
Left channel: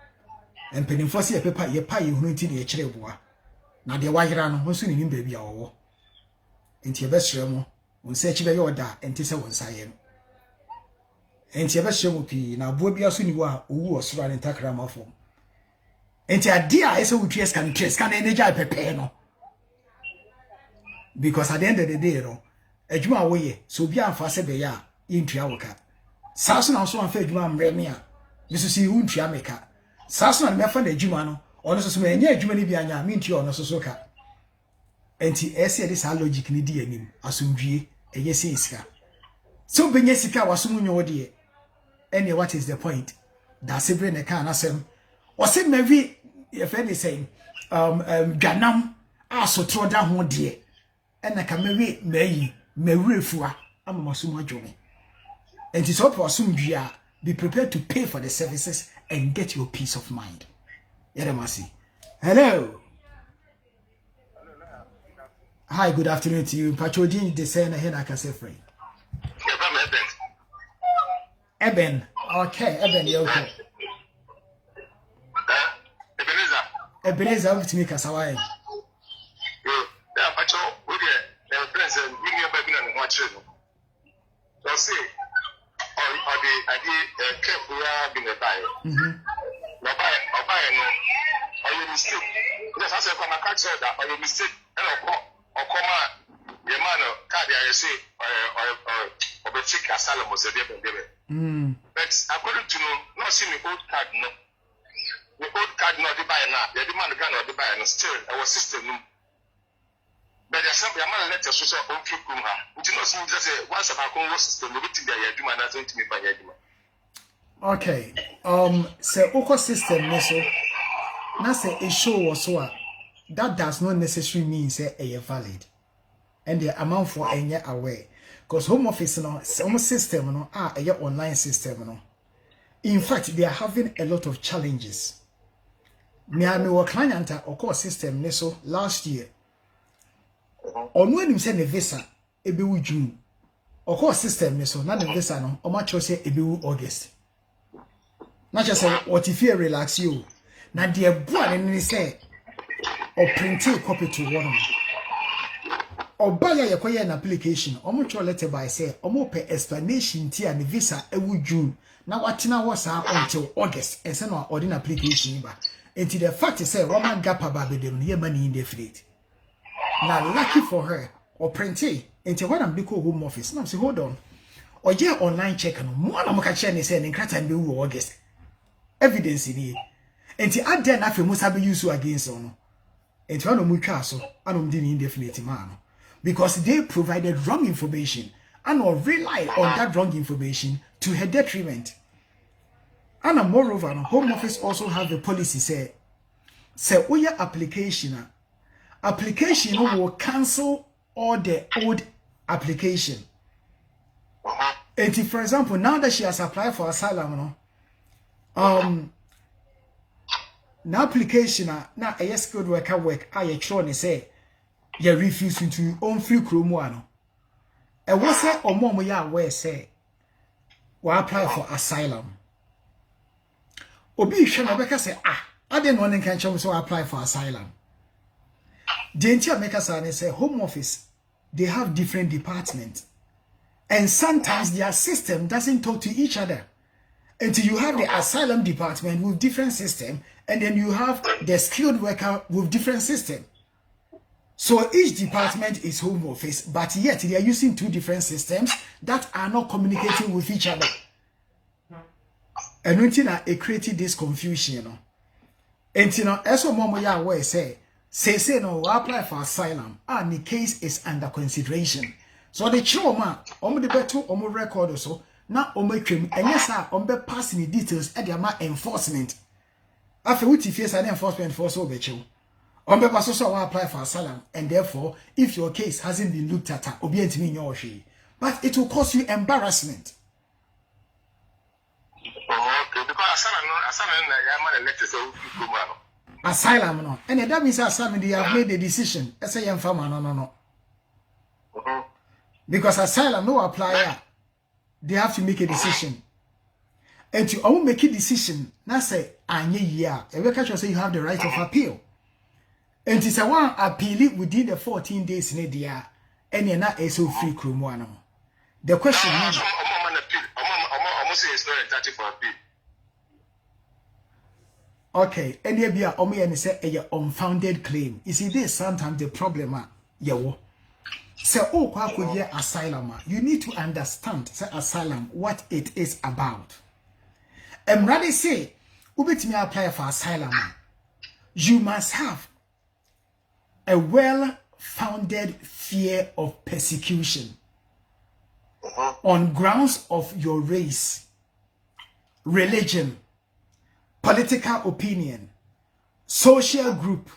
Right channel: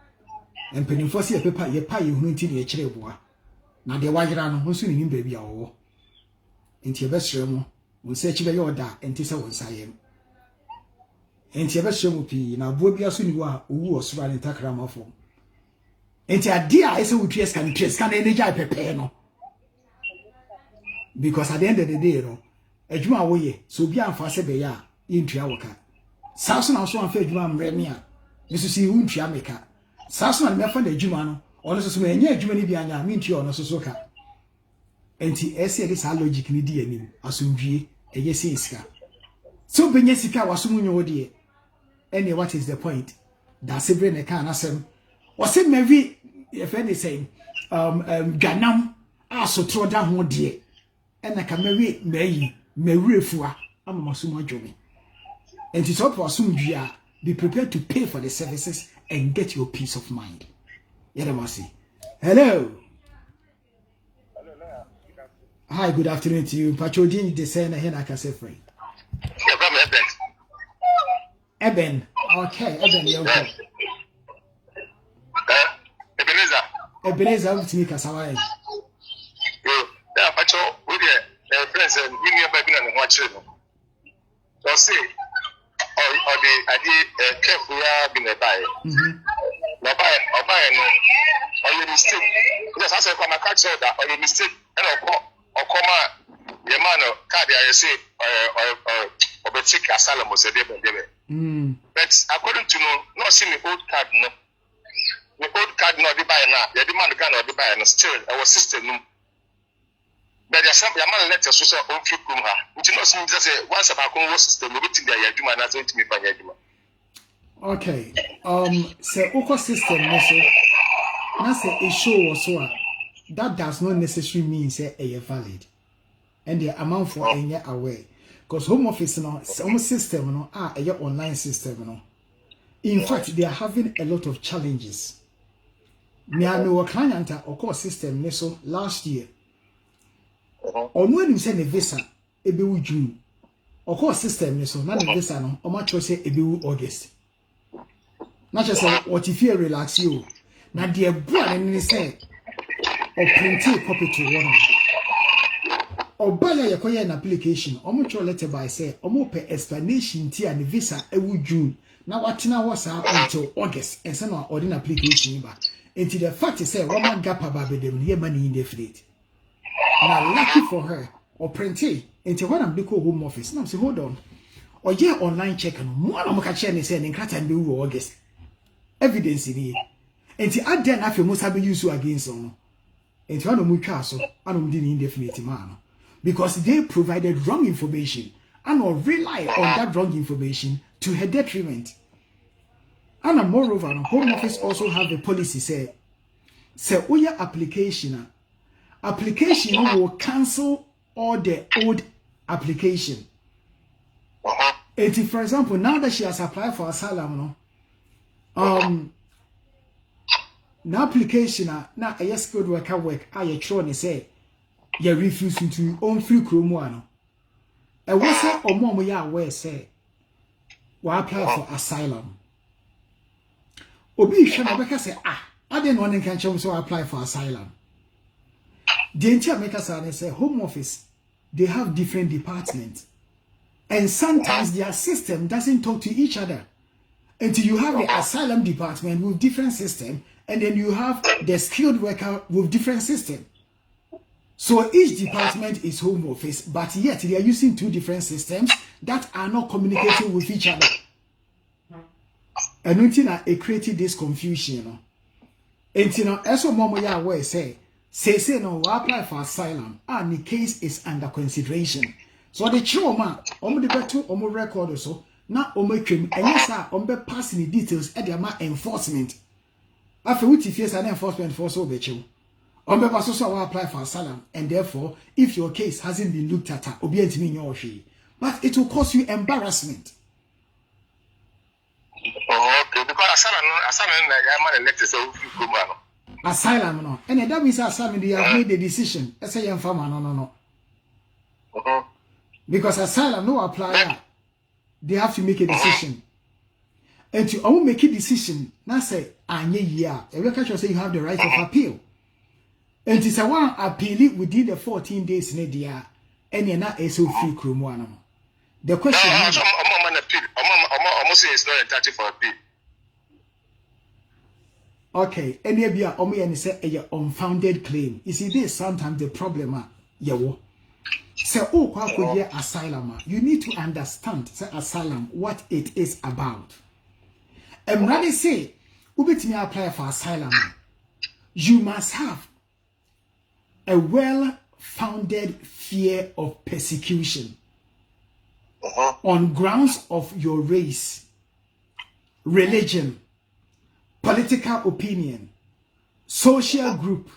And penny for see a paper ye pay you hunting your chereboa. Na de wajran who soon in baby or. And your best remo. We search your da and tisa one sayem. And your best will be now Bobia Suniwa, who was running Takrama form. And your dear I saw tears can energy prepare no. Because at the end of the day, no, a Juma way, so be on Fasebeya in Triawaka. Sasson also on Fed Juma Remia. This is you, Triamica. Sasson and Mefan de Jumano, or also may near Jumanibiana, mean to your Nosoka. And he said this logic ni DNA, assume a yes iska. So Benyesika was soon your dear. And what is the point? That's a brain a can asem. Was it maybe if anything, Ganam, also throw down one dear. And I can marry me refua. I'm a Masuma Jomi. And it's up to assume you be prepared to pay for the services and get your peace of mind. Yadamasi. Hello. Hi, good afternoon to you. Pachodin de Sena Hena Casefrey. Eben. Okay, Eben, you're okay. Ebenezer, to me, Casaway. Yeah, Pacho, with your friends and bring your baby and watch you. So say, or the idea careful being a buyer. No buy, or buy no, or your mistake. Because I said, when I catch that, or your mistake, and or come the man of card, I say, or the tick asylum was a devil. But according to not seeing the old card, no. The old card not the buy now, the demand can not the buy and still our system. But there's something I'm let us so on trip room. Which you know, just say once about our system, we think that you are not going to me by Yaduma. Okay. So Oko system also now say a show or so that does not necessarily mean say a valid. And the amount for a year away. Because home office no some system no a online system no. In fact, they are having a lot of challenges. Me and my client Oko system so last year. On when you send a visa, ebewu June. Oko system so na the visa no, o ma cho say ebewu August. Na just say what if you relax you. Na the boy ni say or print a copy to one. Or buy an application, or much letter by say, or more per explanation tea and the visa ewu June. Now what now was until August and send our ordinary application. Until the fact is say Roman gap about them here money in the fleet. Now lucky for her, or print it until when I'm call home office. Now say hold on. Or yeah online check on one of my chain is saying and be August. Evidence in here. Until I then have must have used against on. Until I know muchaso, I don't need indefinite man. Because they provided wrong information and or rely on that wrong information to her detriment. And moreover, the Home Office also have a policy say application will cancel all the old application. And for example, now that she has applied for asylum, now application now a skilled worker work I try to say you refuse to own free chromo. And what say or more ya where say we apply for asylum. Obi Shanabeka say I didn't want to catch so apply for asylum. The entire makers say home office, they have different departments. And sometimes their system doesn't talk to each other. Until you have the asylum department with different system, and then you have the skilled worker with different system. So each department is home office, but yet they are using two different systems that are not communicating with each other. And until it created this confusion, until now, as a mom ya aware say no, we apply for asylum, and the case is under consideration. So the children, the better record also. Now, and yes, sir, passing the details at the enforcement. After which, if yes, an enforcement force over you, also apply for asylum, and therefore, if your case hasn't been looked at, obedient me your she, but it will cause you embarrassment. Okay, because asylum, no, and that means asylum they have made the decision. I say, no. Because asylum no apply. They have to make a decision. And to all make a decision, now say, you say you have the right of appeal. And it's a one appeal within the 14 days in a year, and you're not so free Krumwano. The question is, almost is not entitled for appeal. Okay, and you be and say a unfounded claim. You see, this sometimes the problem, so, asylum, you need to understand asylum, what it is about. And rather say, me apply for asylum, you must have a well-founded fear of persecution on grounds of your race, religion, political opinion, social group,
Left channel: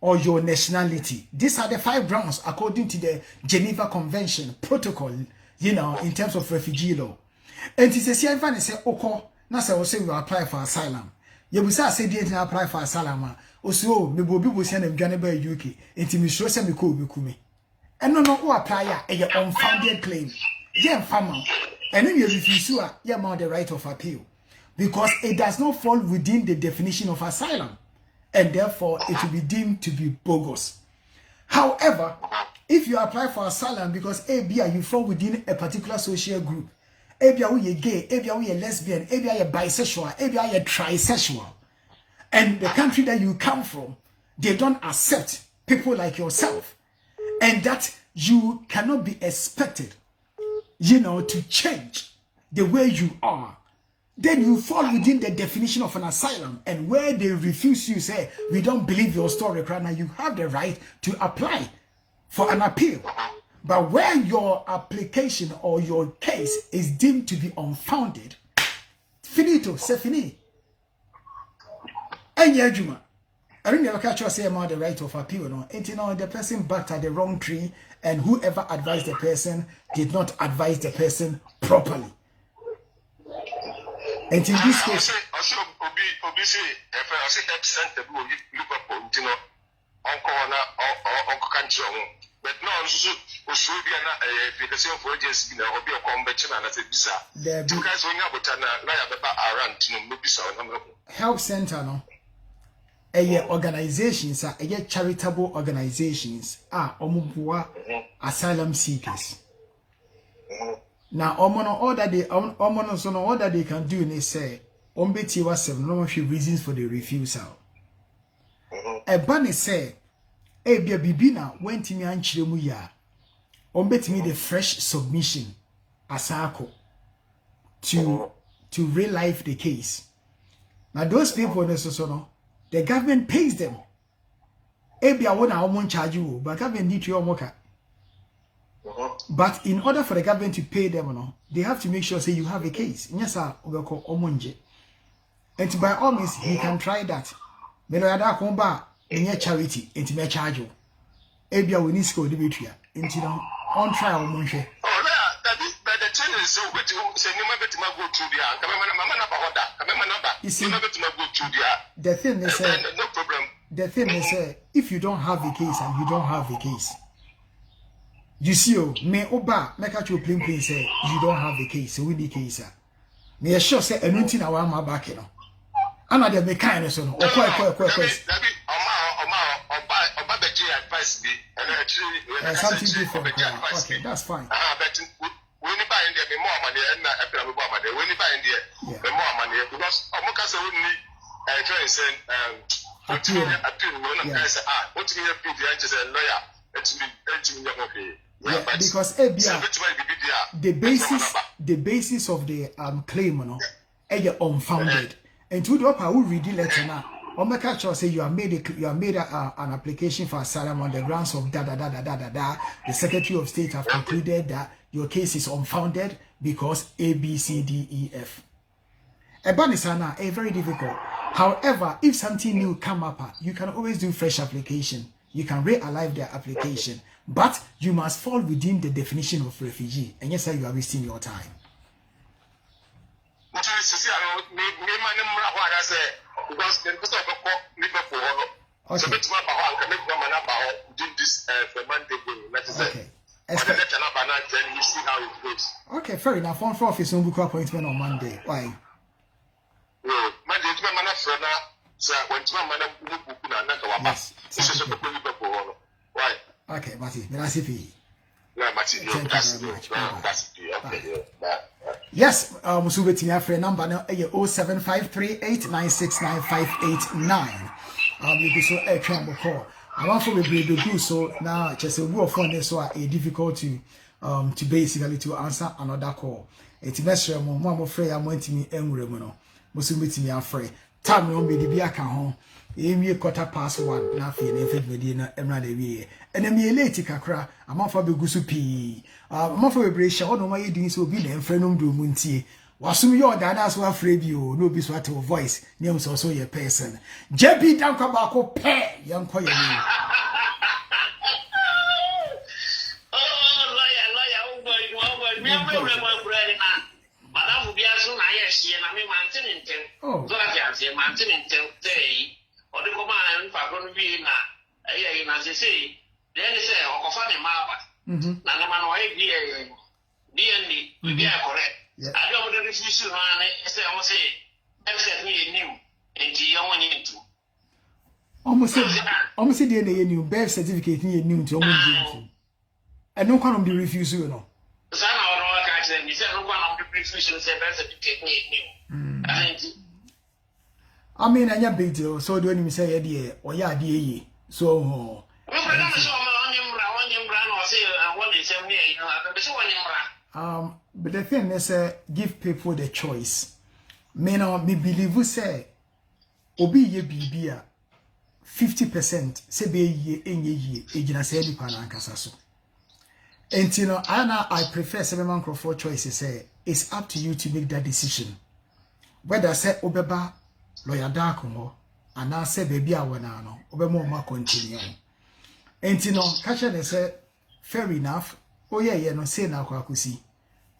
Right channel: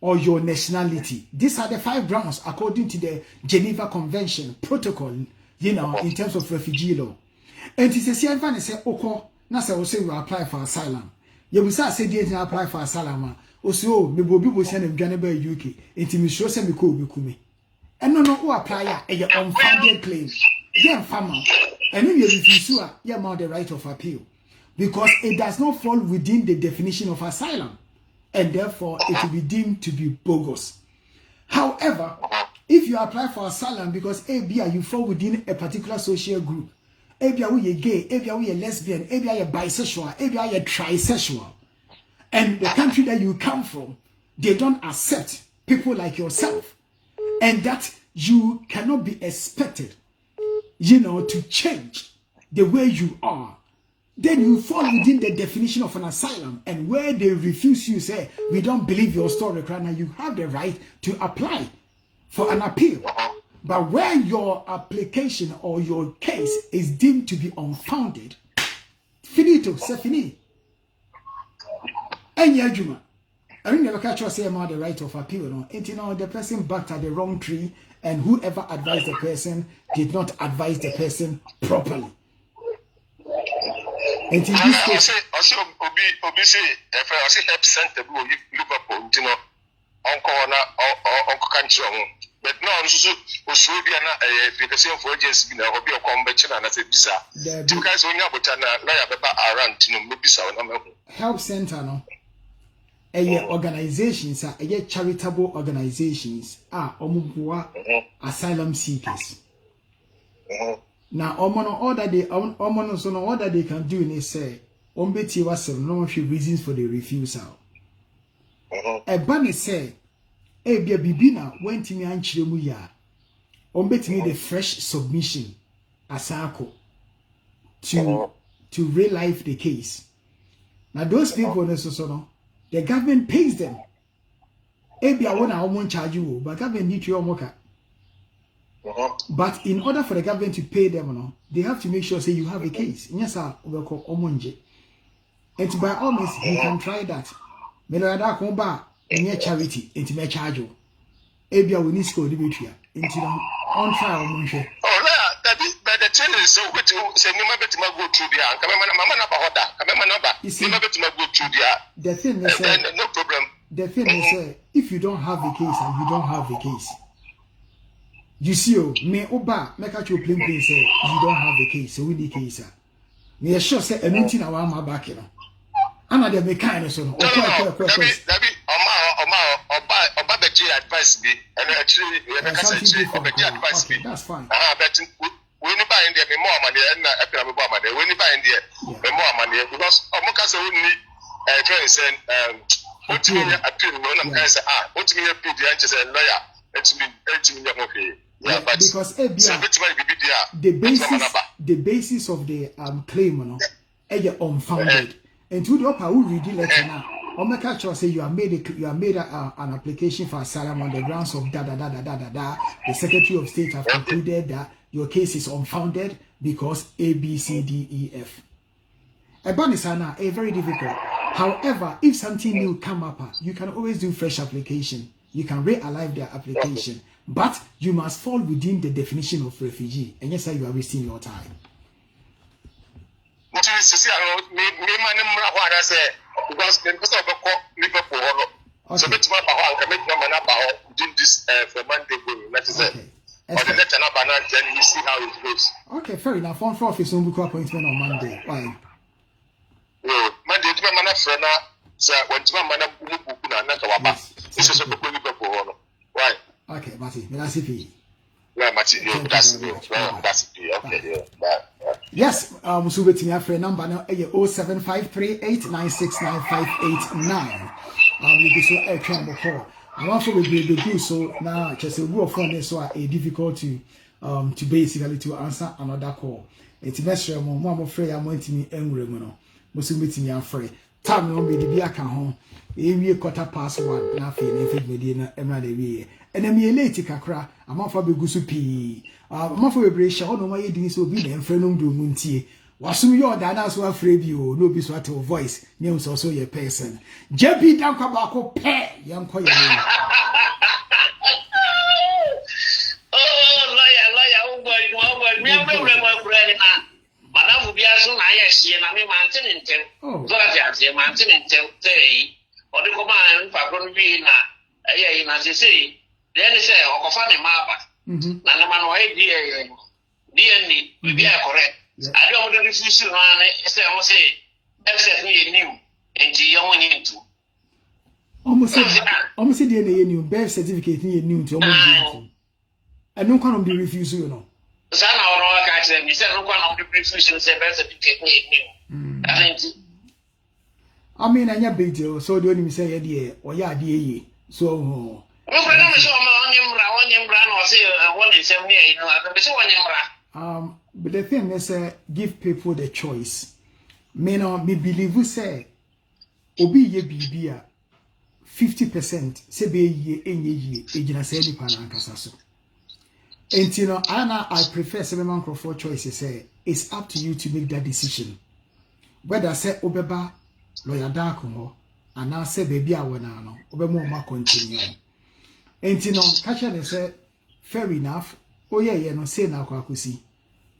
or your nationality. These are the 5 grounds according to the Geneva Convention protocol, in terms of refugee law. And it's a same fan say, na say we apply for asylum. You will say they apply for asylum. Also, me bobi bo say na dwane ba UK. Enti me sure say me ko obi kume. And no who apply a unfounded claim. Yeah, farmer. And then you refuse to mount the right of appeal because it does not fall within the definition of asylum. And therefore, it will be deemed to be bogus. However, if you apply for asylum because you fall within a particular social group, you're gay, you're lesbian, you're bisexual, you're trisexual, and the country that you come from, they don't accept people like yourself, and that you cannot be expected, to change the way you are, then you fall within the definition of an asylum. And where they refuse you, say, we don't believe your story, now you have the right to apply for an appeal. But where your application or your case is deemed to be unfounded, finito, c'est fini. And Juma, I don't never catch you say about the right of appeal. No, and the person backed at the wrong tree, and whoever advised the person did not advise the person properly. And in this case, also Obi say if I say help center will look up uncle country. But no, also be an application for agency or be a convention and as a visa. Two guys only about around no help center no. Organizations are charitable organizations are asylum seekers. Now, all that they can do is say, Ombeti was no reasons for the refusal. A bunny say, Ebia Bibina went in and Chiremuya. Ombeti made a fresh submission asako to relive the case. Now, those people, the government pays them. Ebia won't charge you, but government need to work. But in order for the government to pay them, they have to make sure say you have a case. Yes, sir. And by all means, he can try that. Meloyada komba enye charity into me charge you. Ebia we need school Dimitria into on trial, Monche. Oh, that is, but the thing is, so which say you might get go through the come on, you see, go through the thing is, no problem. The thing is, if you don't have a case and you don't have a case, you see, me oba make at you plain say you don't have a case, so we need case. Me sure say anything I want my back, you know. I'm not the kind of son. Advice me and actually something different. Okay, that's fine. But when you buy in there, more money and money. When you buy in there, more money because Omoka only appeal. What me appeal the answers and lawyer. It's me okay. Yeah, because the basis of the claim, you know, is unfounded. And to the upper who read the letter now. Omeka say you have made an application for asylum on the grounds of The Secretary of State have concluded that your case is unfounded because A, B, C, D, E, F. Ebanisana is very difficult. However, if something new come up, you can always do fresh application. You can re-alive their application, but you must fall within the definition of refugee. And yes, sir, you are wasting your time. Because the person of Liverpool, so it's my can make your man do this for Monday. Okay. Then you see how it goes. Okay, fair enough. On for office on book appointment on Monday. Why? Monday, my man, friend, sir, when my man, why? Okay, Matty, that's it. Yes, Musubeti Afre number now 075389695889. You so a camera call. I want to be do so now. Just a word for this so a difficult to basically to answer another call. It's message mo afraid I'm going to me angry no. Musubeti Afre. Time no be the aka ho. Emi 1:15 na fe na fe na emra de wie. Enemi late kakra amafa begusu pi. Amafa bebrehia ono ma yedin so bi na enfrenum do muntie. Wasum yo da na so afre bi o no bi so at voice name so ye person. JB danka ba ko pe yanko ye ni. Madam will be as soon as I am mountain in 10. Oh, mountain in 10 day. Or the command for Brunvina, as you say, then they say, or Kofani Maba. Nanaman way DNA, we be correct. I don't want to refuse to run it, say, that's me new, and you don't want to. Almost said DNA new birth certificate new to almost and no one will be refused, you know. Some of our guys and you said no one of the refusals and birth certificate new. I mean, I big deal, so don't even say idea or yeah, dear. So, but the thing is, give people the choice. Me believe we say, Obi ye bibia 50% say be ye any ye, ejina say di panankasaso. And you know, I prefer 7 man for choices. Say it's up to you to make that decision. Whether say Obeba. Lawyer Darko, and I say, baby, I want to know, Obama continue. And you know, catcher they said, fair enough. Oh, yeah, no, say now, Kwakusi.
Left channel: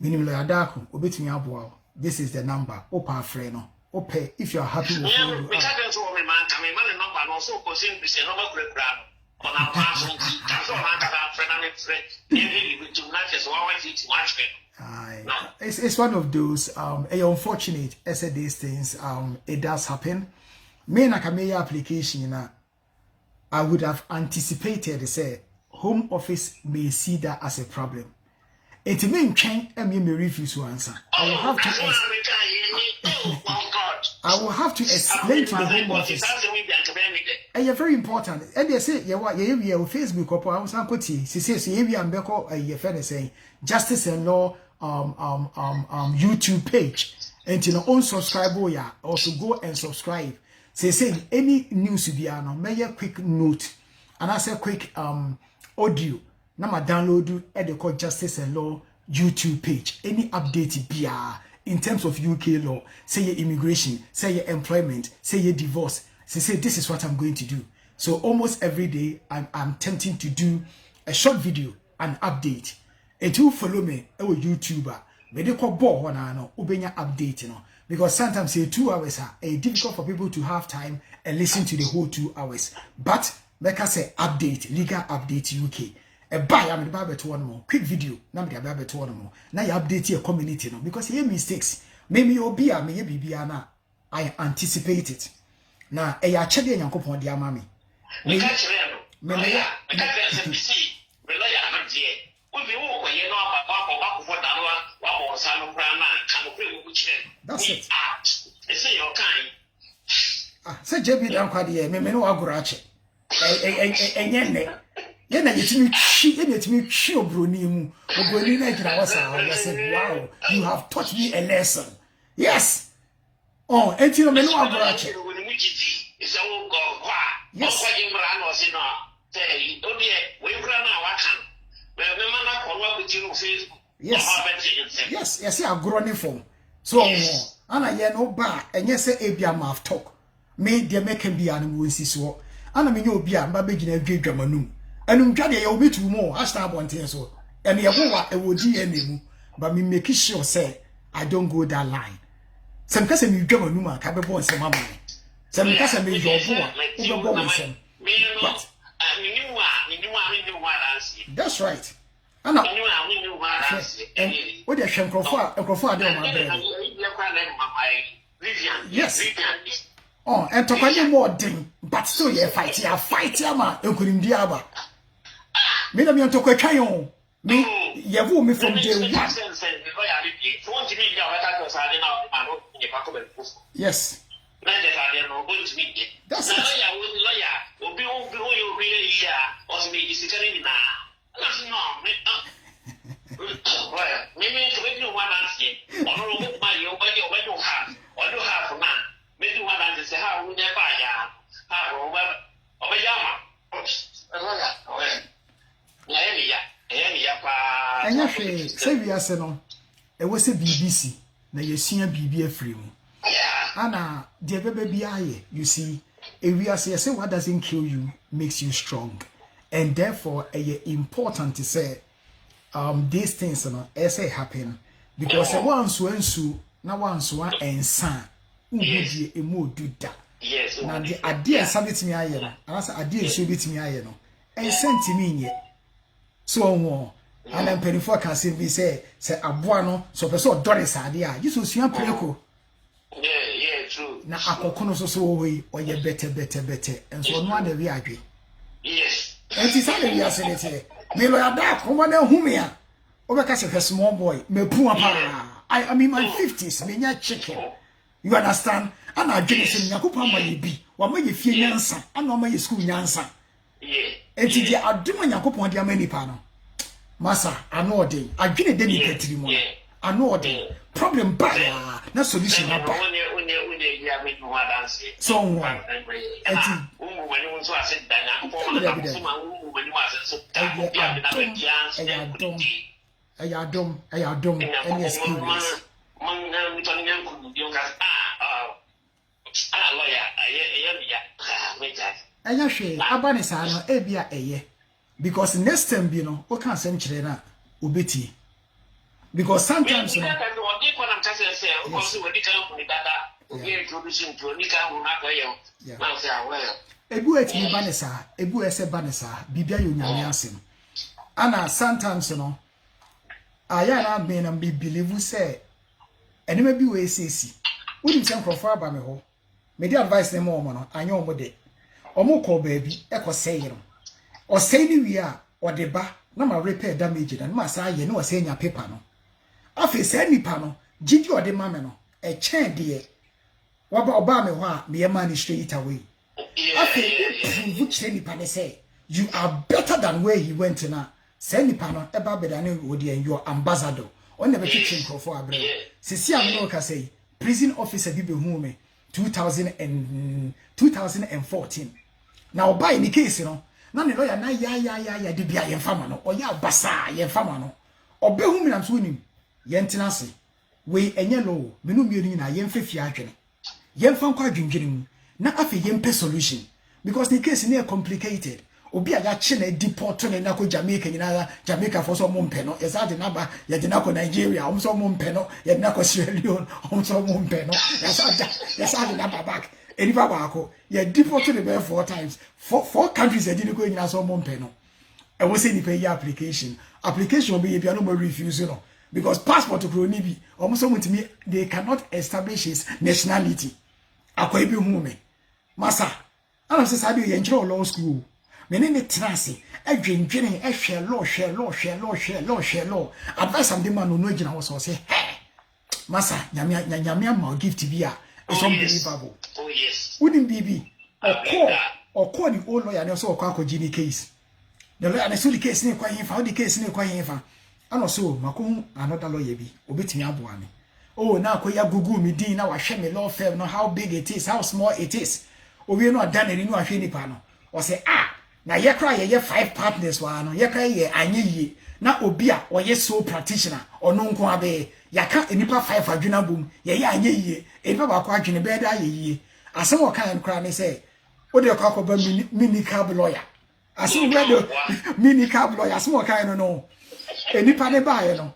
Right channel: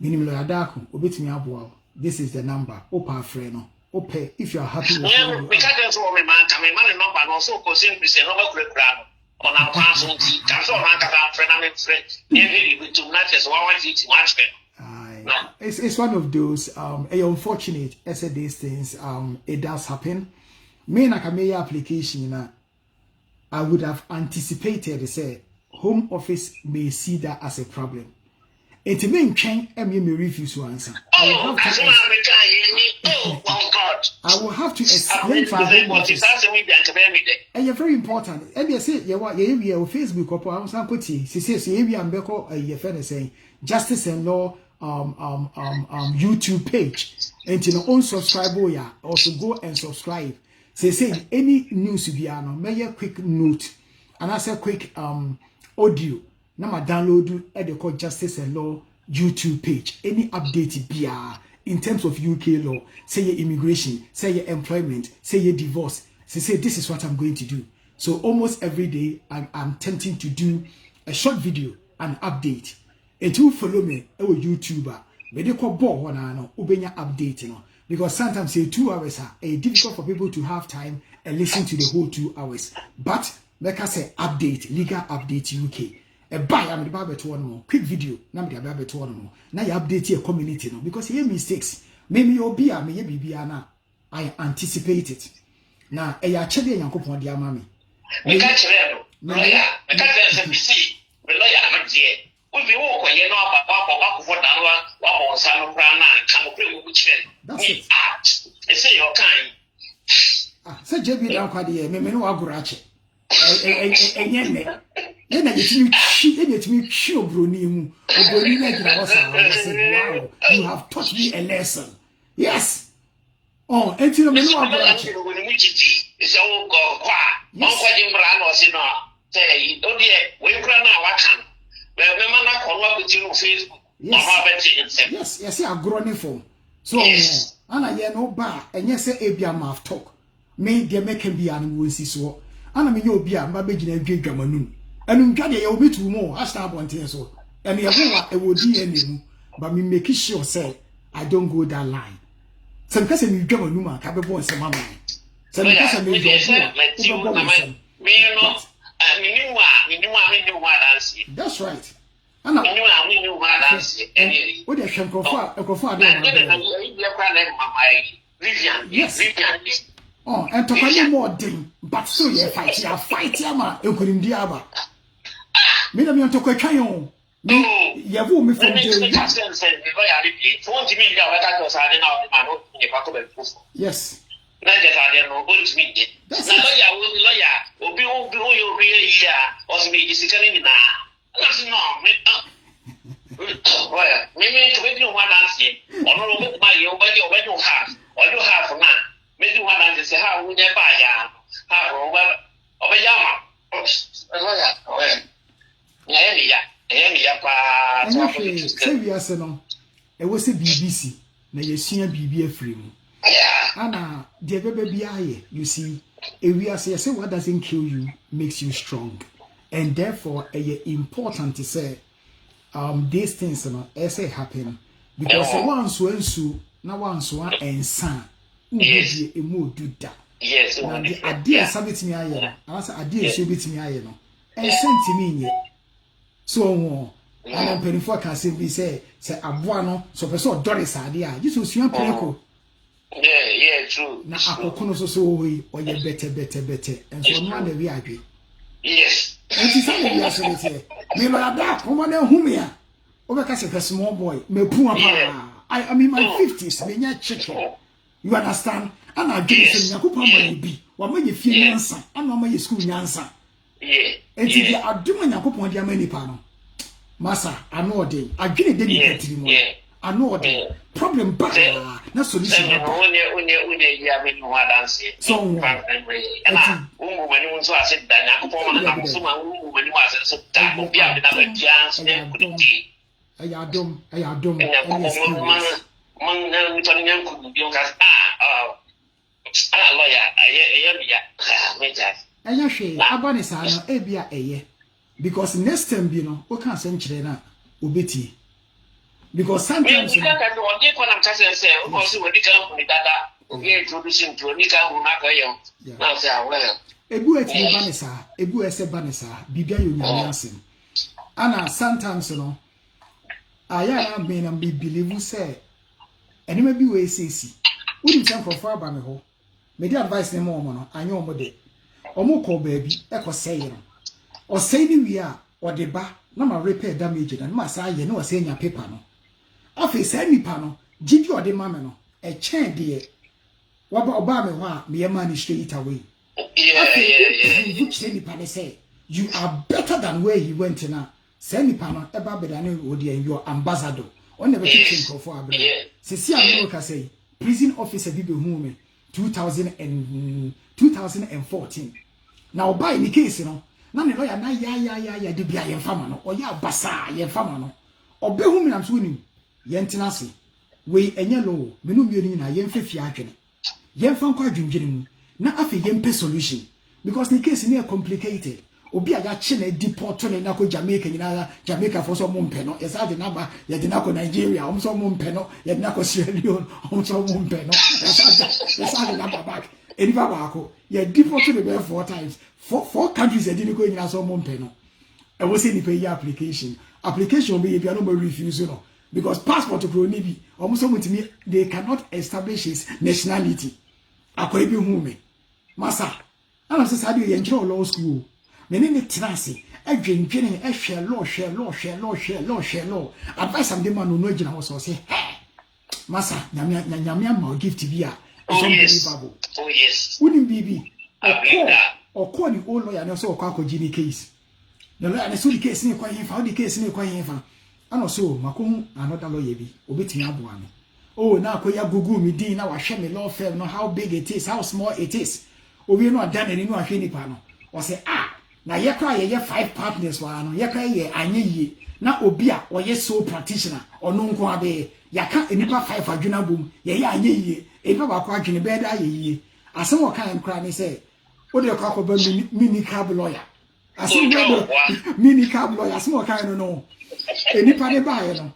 Meaning Lawyer Darko, obey me up well. This is the number, Opa Freno. Ope, if you are happy with you. Because there's one man, I mean, number, and also consume this and all the ground on our council. Comes on, my friend, I'm afraid. Every to matches, one each much better. It's one of those unfortunate as these things it does happen. Me na kameye application I would have anticipated say Home Office may see that as a problem. It may change and me refuse to answer. I will have to explain to the Home Office. And you're very important. And they say, yeah, what you Facebook or I was uncle T. She says, you and Beko, your friend is saying, Justice and Law YouTube page. And you know, unsubscribe, yeah, also go and subscribe. Say, any news to be on, make a quick note, and I say quick audio. Now, I download at the called Justice and Law YouTube page. Any update BR in terms of UK law, say your immigration, say your employment, say your divorce. Say this is what I'm going to do. So almost every day, I'm tempting to do a short video, an update. If you follow me, I will YouTuber. But they call ball one no ubenya update, you know. Because sometimes say 2 hours are difficult for people to have time and listen to the whole 2 hours. But like I say, update, legal update UK. A buy I'm the barber to one more quick video. Now the barber to one more. Now you update your community, no, because here mistakes. Maybe you'll be a maybe na. I anticipate it. Now a ya chedi and yankopon dia mami. Me catch it. Me catch it. Me lawyer, I'm here. That's it. Say JB down quite here, me no agurache. Yena yetimi chi obroni mu. Obroni na gina wasa. I say, wow, you have taught me a lesson. Yes. Oh, enti no me no agurache. Yes. Yes, I grown for. So, Anna, ye no bar, and yes, Abia mouth talk. May there make him be an wincy so. Anna, me no be a baby in a great Germanu. And Jadi, you'll be two more. I start one thing so. And me, I would be any, but me make sure say, I don't go that line. Some person you Germanuma, capable of some money. Some person may go that's right. Anna, what the Shankofa, yes. Oh, and to call more thing, but still you fight, man, you couldn't diaba. Madam, you took a cayon. Me, you me from day one. Yes. That's it. Say we are saying, it was a BBC. Now you see a BB frame. Anna, dear baby, you see, if we are saying what doesn't kill you makes you strong, and therefore it's important to say these things say happen because once when so now once one and son do that. Yes, now the idea sabit me aye no asa idea so bit me aye no and sent me yet so and then penny for can say aboa no so person doris idea just so suan preko. Yeah, true. Na akokono so we oye better and so no one we agree. Yes. And it's only we are saying it. Me lo ada ko na hu me a obeka say small boy me pu apa. I'm in my 50s, me nya chicken. You understand? And I get say nyakopa ma bi. Wa ma ye fie nyansa, and wa ma ye school nyansa. Yeah. And ti dia aduma nyakopa dia ma nipa no. Masa, I know dey. Adwene dey ni petri mo. I know the problem back na solution back. So because next time you know we can't send children ubeti. Because sometimes ebu eti banesa, ebu ese banesa, bibia yo nyame asem. Ana sometimes no aya na me na be believe say enema bi we sesi. Wodi nsem crofo aba me ho. Me di advice na mo no, anya omo de. Omo ko baabi ekosey no. Osey ni wi a ode ba na ma repair damage na ma sa ye na osey nya paper no. Afi say nipa no gigi ode ma me no e chen de waba oba me ho a me man straight away. Afi you say nipa ne say you are better than where he went na. Say nipa no eba better than odi and your ambassador. On never kitchen for abra. Sisi America say prison officer bi be hu me 2014. Now by any case no na ne lawyer na ya de bia ye fama no oya basa ye fama no obe hu me na so nim ye ntena se we enye lo me no mienu na ye mfefia adwene ye mfa kwa adwendwene mu na afi ye mpe solution because the case na complicated obi a ya chi na deport to na ko Jamaica nyina Jamaica for so mumpe no yesa de na ba ye de na ko Nigeria so mumpe no ye de na ko Sierra Leone so mumpe no yesa de na ba back enipa ba ko ye deport to the 4 times four countries ye de ko nyina so mumpe no e wo say ni pay application be ye bia no refuse no because passport to ni bi so mutimi they cannot establish his nationality akwai bi hu me masa ana se sadio ye nchiro law school me ne trance adwendwene hwe law advice am de man no agina ho so say masa nyame ma gift bi a it's unbelievable. Oh yes. Wouldn't be or the old lawyer no so kwa Gini case. The lawyer na so the case ne kwa himfa, the case ne kwa himfa. Ano so makon another lawyer bi obetimi aboa me. Oh na akoya Google me din na wa hwe me law firm no how big it is, how small it is. Obi no ada na ni no ahwe nipa no. O say na ye kra ye 5 partners wa no ye kra ye anyeye na obi a oye sole practitioner ono nko abe yaka enipa 5 adwuna bom ye ye anyeye enipa ba kwa adwene be da ye asem wo kan kra ne say wo de kwa ba mini cab lawyer asem we do mini cab lawyer asem wo kan no enipa ne ba ye no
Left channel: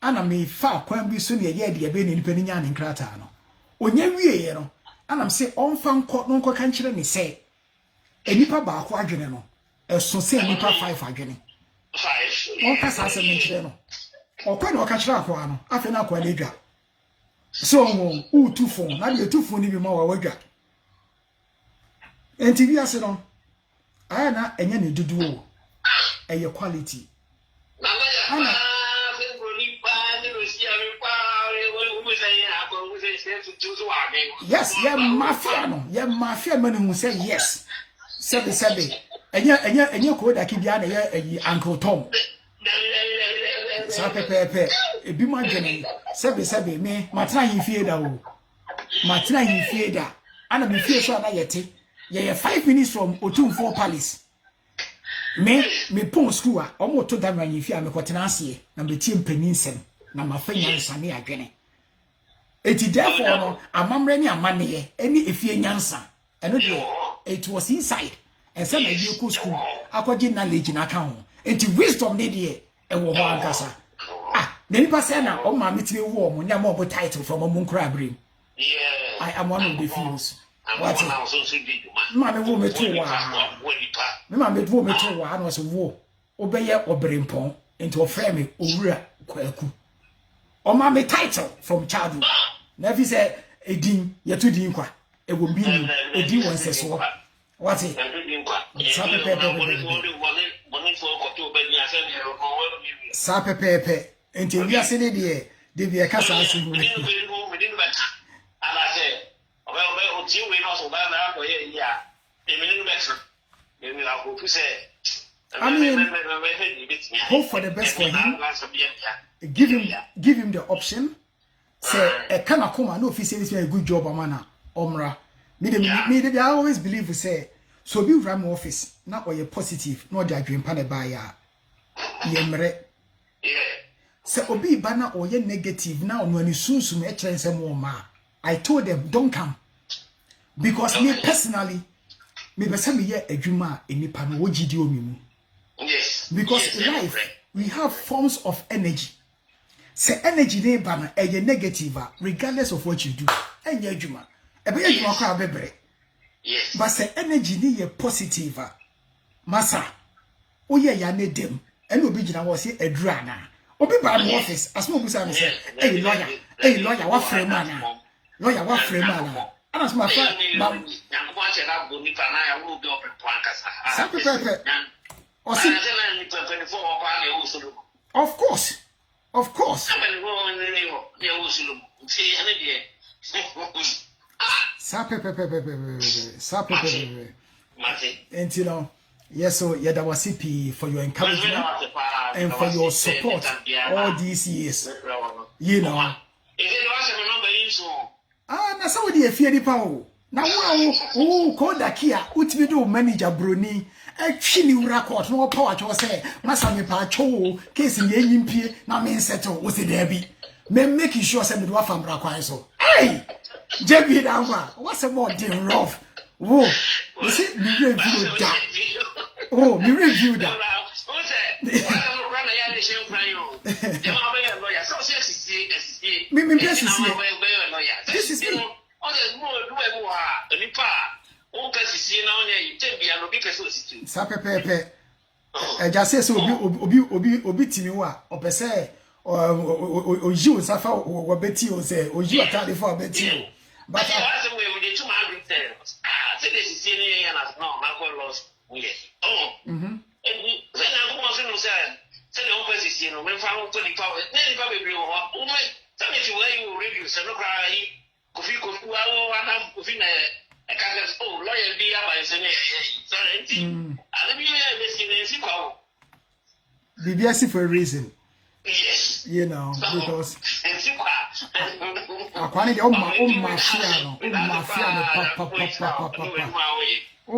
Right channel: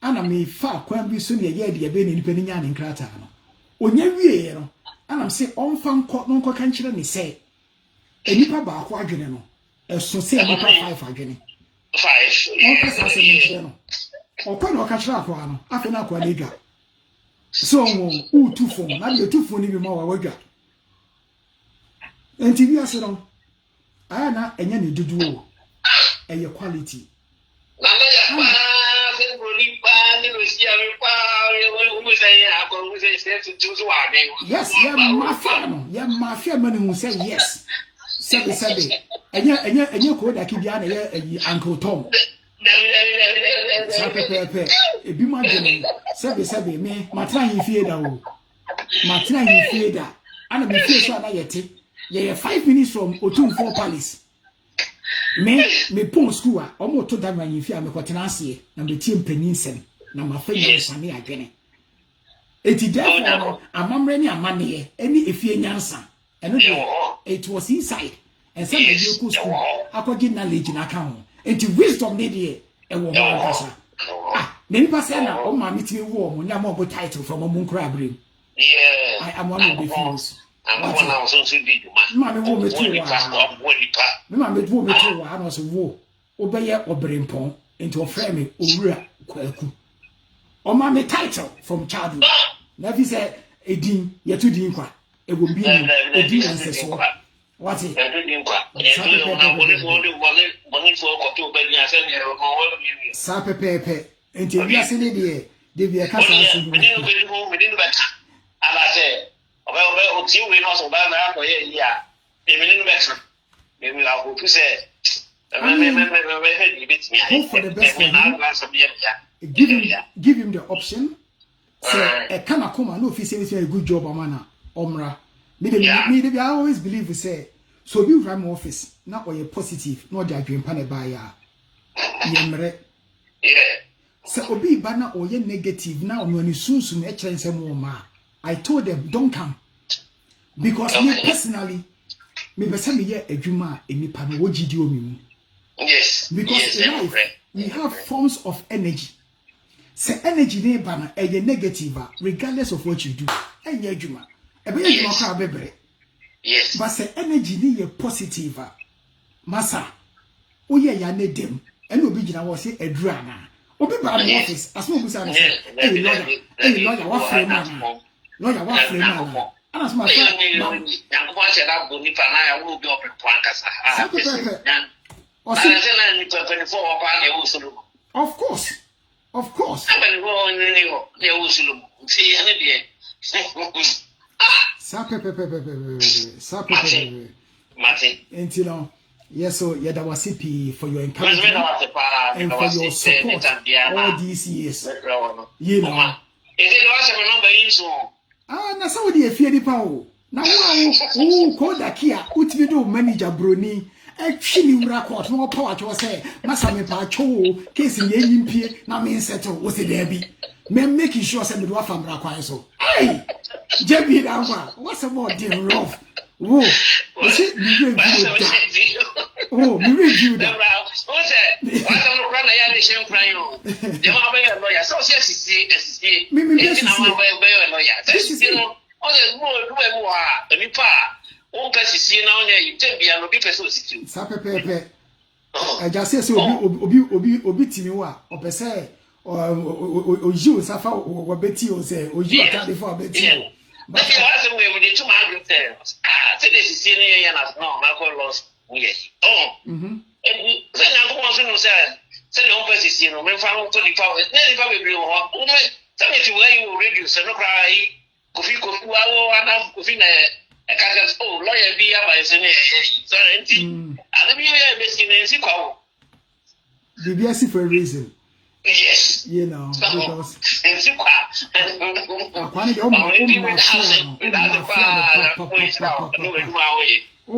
ana me fa kwan bi so ne ye de be ne enipa ni nya ne nkrata no onya wie ye no ana me say onfa nko kan kire ne say enipa ba kwa adwene no eso say enipa 5 adwene 5 on pasa se menchire no okwa na okachira akwa no afi na akwa na edwa so wo tu phone na de tu phone ni bi ma wa wadwa enti bi ase no aya na enya ne dudu o eye quality na me ya se goli pa ni lo si ari pa wo say akwa wo say tu so wa be yes ya mafia mani hu say yes Sabi enya ko da kibia na ye Uncle Tom sa pepe ebi ma dwene sabi me matra hifie da o matra hifie da ana me fie so ana yete ye 5 minutes from Otumfo Palace me pon school a omo to da man hifie a me kwotena ase na me tie mpanin sem na mafanya nsane adwene eti therefore no amamre ni amane eni efie nyansa eno de it was inside and some of you could school akwaji knowledge na ka ho enti wisdom ne de e wo ho ankasa me nipa say na o ma metimi wo mo nya mo bo title from mo nkra abrim yeah I am one of the few what ma me wo me to wa me ma me wo me to wa no so wo obeye obrempon enti o frame me owura kwaku o ma me title from childhood na fi say edin yetu din kwa ego bi ni edi won se so what it sa pepe enti wi ase ne de bi e kasa asu ni ala se o ti we no so ba na ko ye ya e mi ni bet me mi la ko tu se hope for the best for him. Give him the option. Say a kana kuma no fi say a good job amana omra. Me I always believe we say so be run office na or positive no dey adwempa na ba ya yemre say obi ba na or negative na ono ani sunsun e kire nsem o ma. I told them don't come because me personally me be say me ye adwuma enipa no wogidi omi mu. Yes, because in life we have forms of energy. Say energy dey ba na e negative regardless of what you do. Enye adwuma yes. But say energy ni positive. Masa, oye ya ne dem. Eni obi gina wo say edura na. Obi ba the office as mo busa me say, "Hey lawyer, what frame man? Lawyer, what frame man?" Anas ma fa ma yanko a chela boni pa na ya wo bi opi kwankasa. Sa pepe. O si na ni 24 o pa ne wo sulu. Of course. Abani wo ni wo ne wo sulu. Ti ya ne de. Sa pepe. Until now, yes, so yeah, that was CP for your encouragement and for your support all these years. You know. Na so dey fear the power. Na wo ko da kia utimi do manager broni atwini wura court no power cho say masa me pa cho case ni enyimpe na me settle wo se there bi. Me making sure say me do afamra kwan so. Hey! Jebi Dangwa, what's a more damn rough? Whoa, you see, you really da. Oh, me review that. Just say so obi timi wa opese o you safa o beti o say o you atade for beti o but that's the way we did to my say this is in here and no my call lost yes and then I'm going to say the office is you know when found to the power then if I will be o me say to where you reduce no cry kofi wa kofi na I can't oh lawyer be about so I be here BBS for a reason. Yes. You know, because Akwani de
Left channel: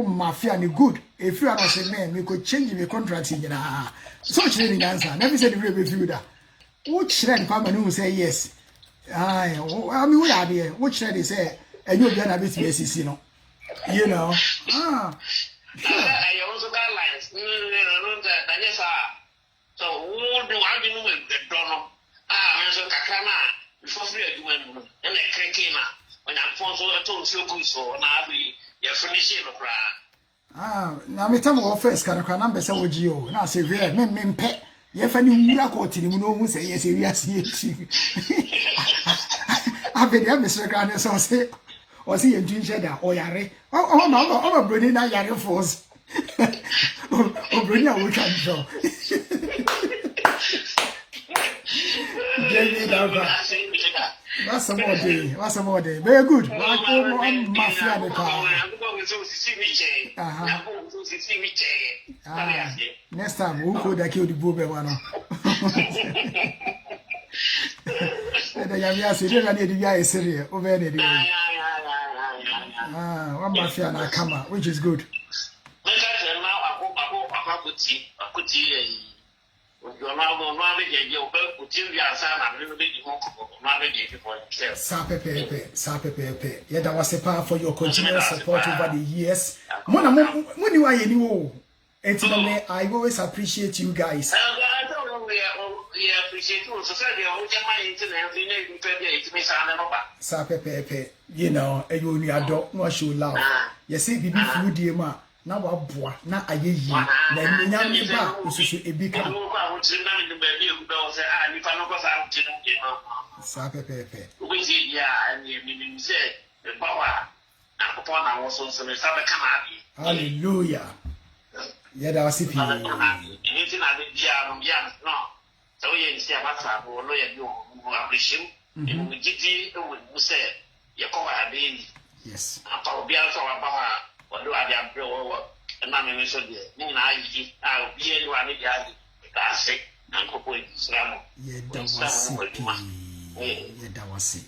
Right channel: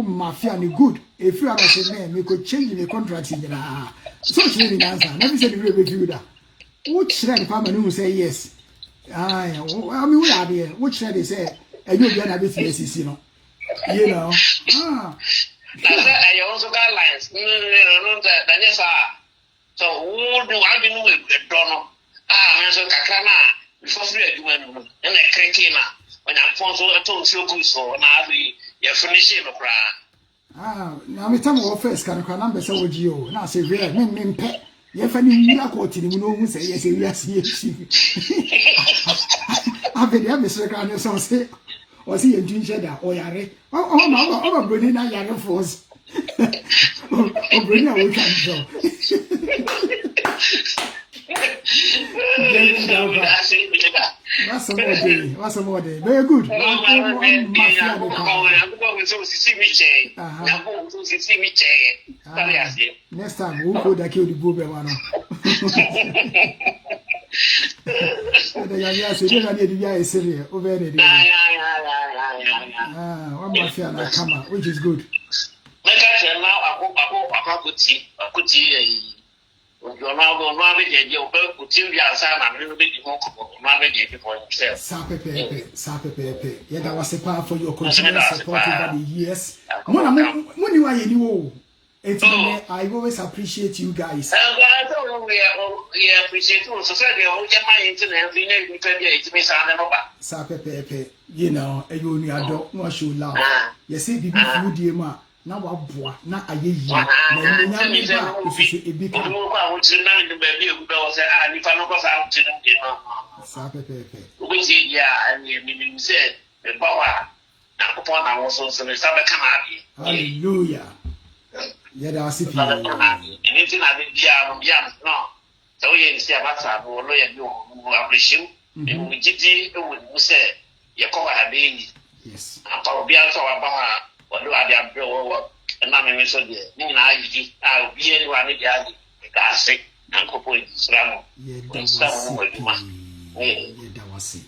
mafia ni good. If you are not saying man, we could change the contract in so changing answer. Never said the review that. Which the family who say yes. I mean we are there. Which they say and you'll be an bit yes, you know. You know. I also got lines. So who do I be with Donald? So Kakana, before free and a cretina. When I'm from told you so now you're finishing the crowd. Now me tell me first can I number so with you. Now say real men pet. You have any miracle to you know who say yes, yes. I bet you have Mr. Granny so say or see a ginger or yare. Oh, Bruni na yare force. Oh, Bruni, I will come so. That's some more day. What's some more day? Very good. One mafia the car. Next time we'll go to kill the booby one. One mafia na come out, which is good. Sapepe. Yeah, that was a part for your continuous support over the years. I always appreciate you guys. Sapepe, you know, you only adore, no show love. You see, the food, dear ma. Na wabua na ayeyi na nyame ba ususu ebika sa pepe uzi ya ni say the power na kupona na woso so sa be kama hallelujah ya da wasifi anything I did no so you see about sa bo lo ya do appreciation we gidi we say ya ko abi yes apa obi an so aba what do I have to and I'm in so dear. I'll be anyone with the sick and couple slam. That was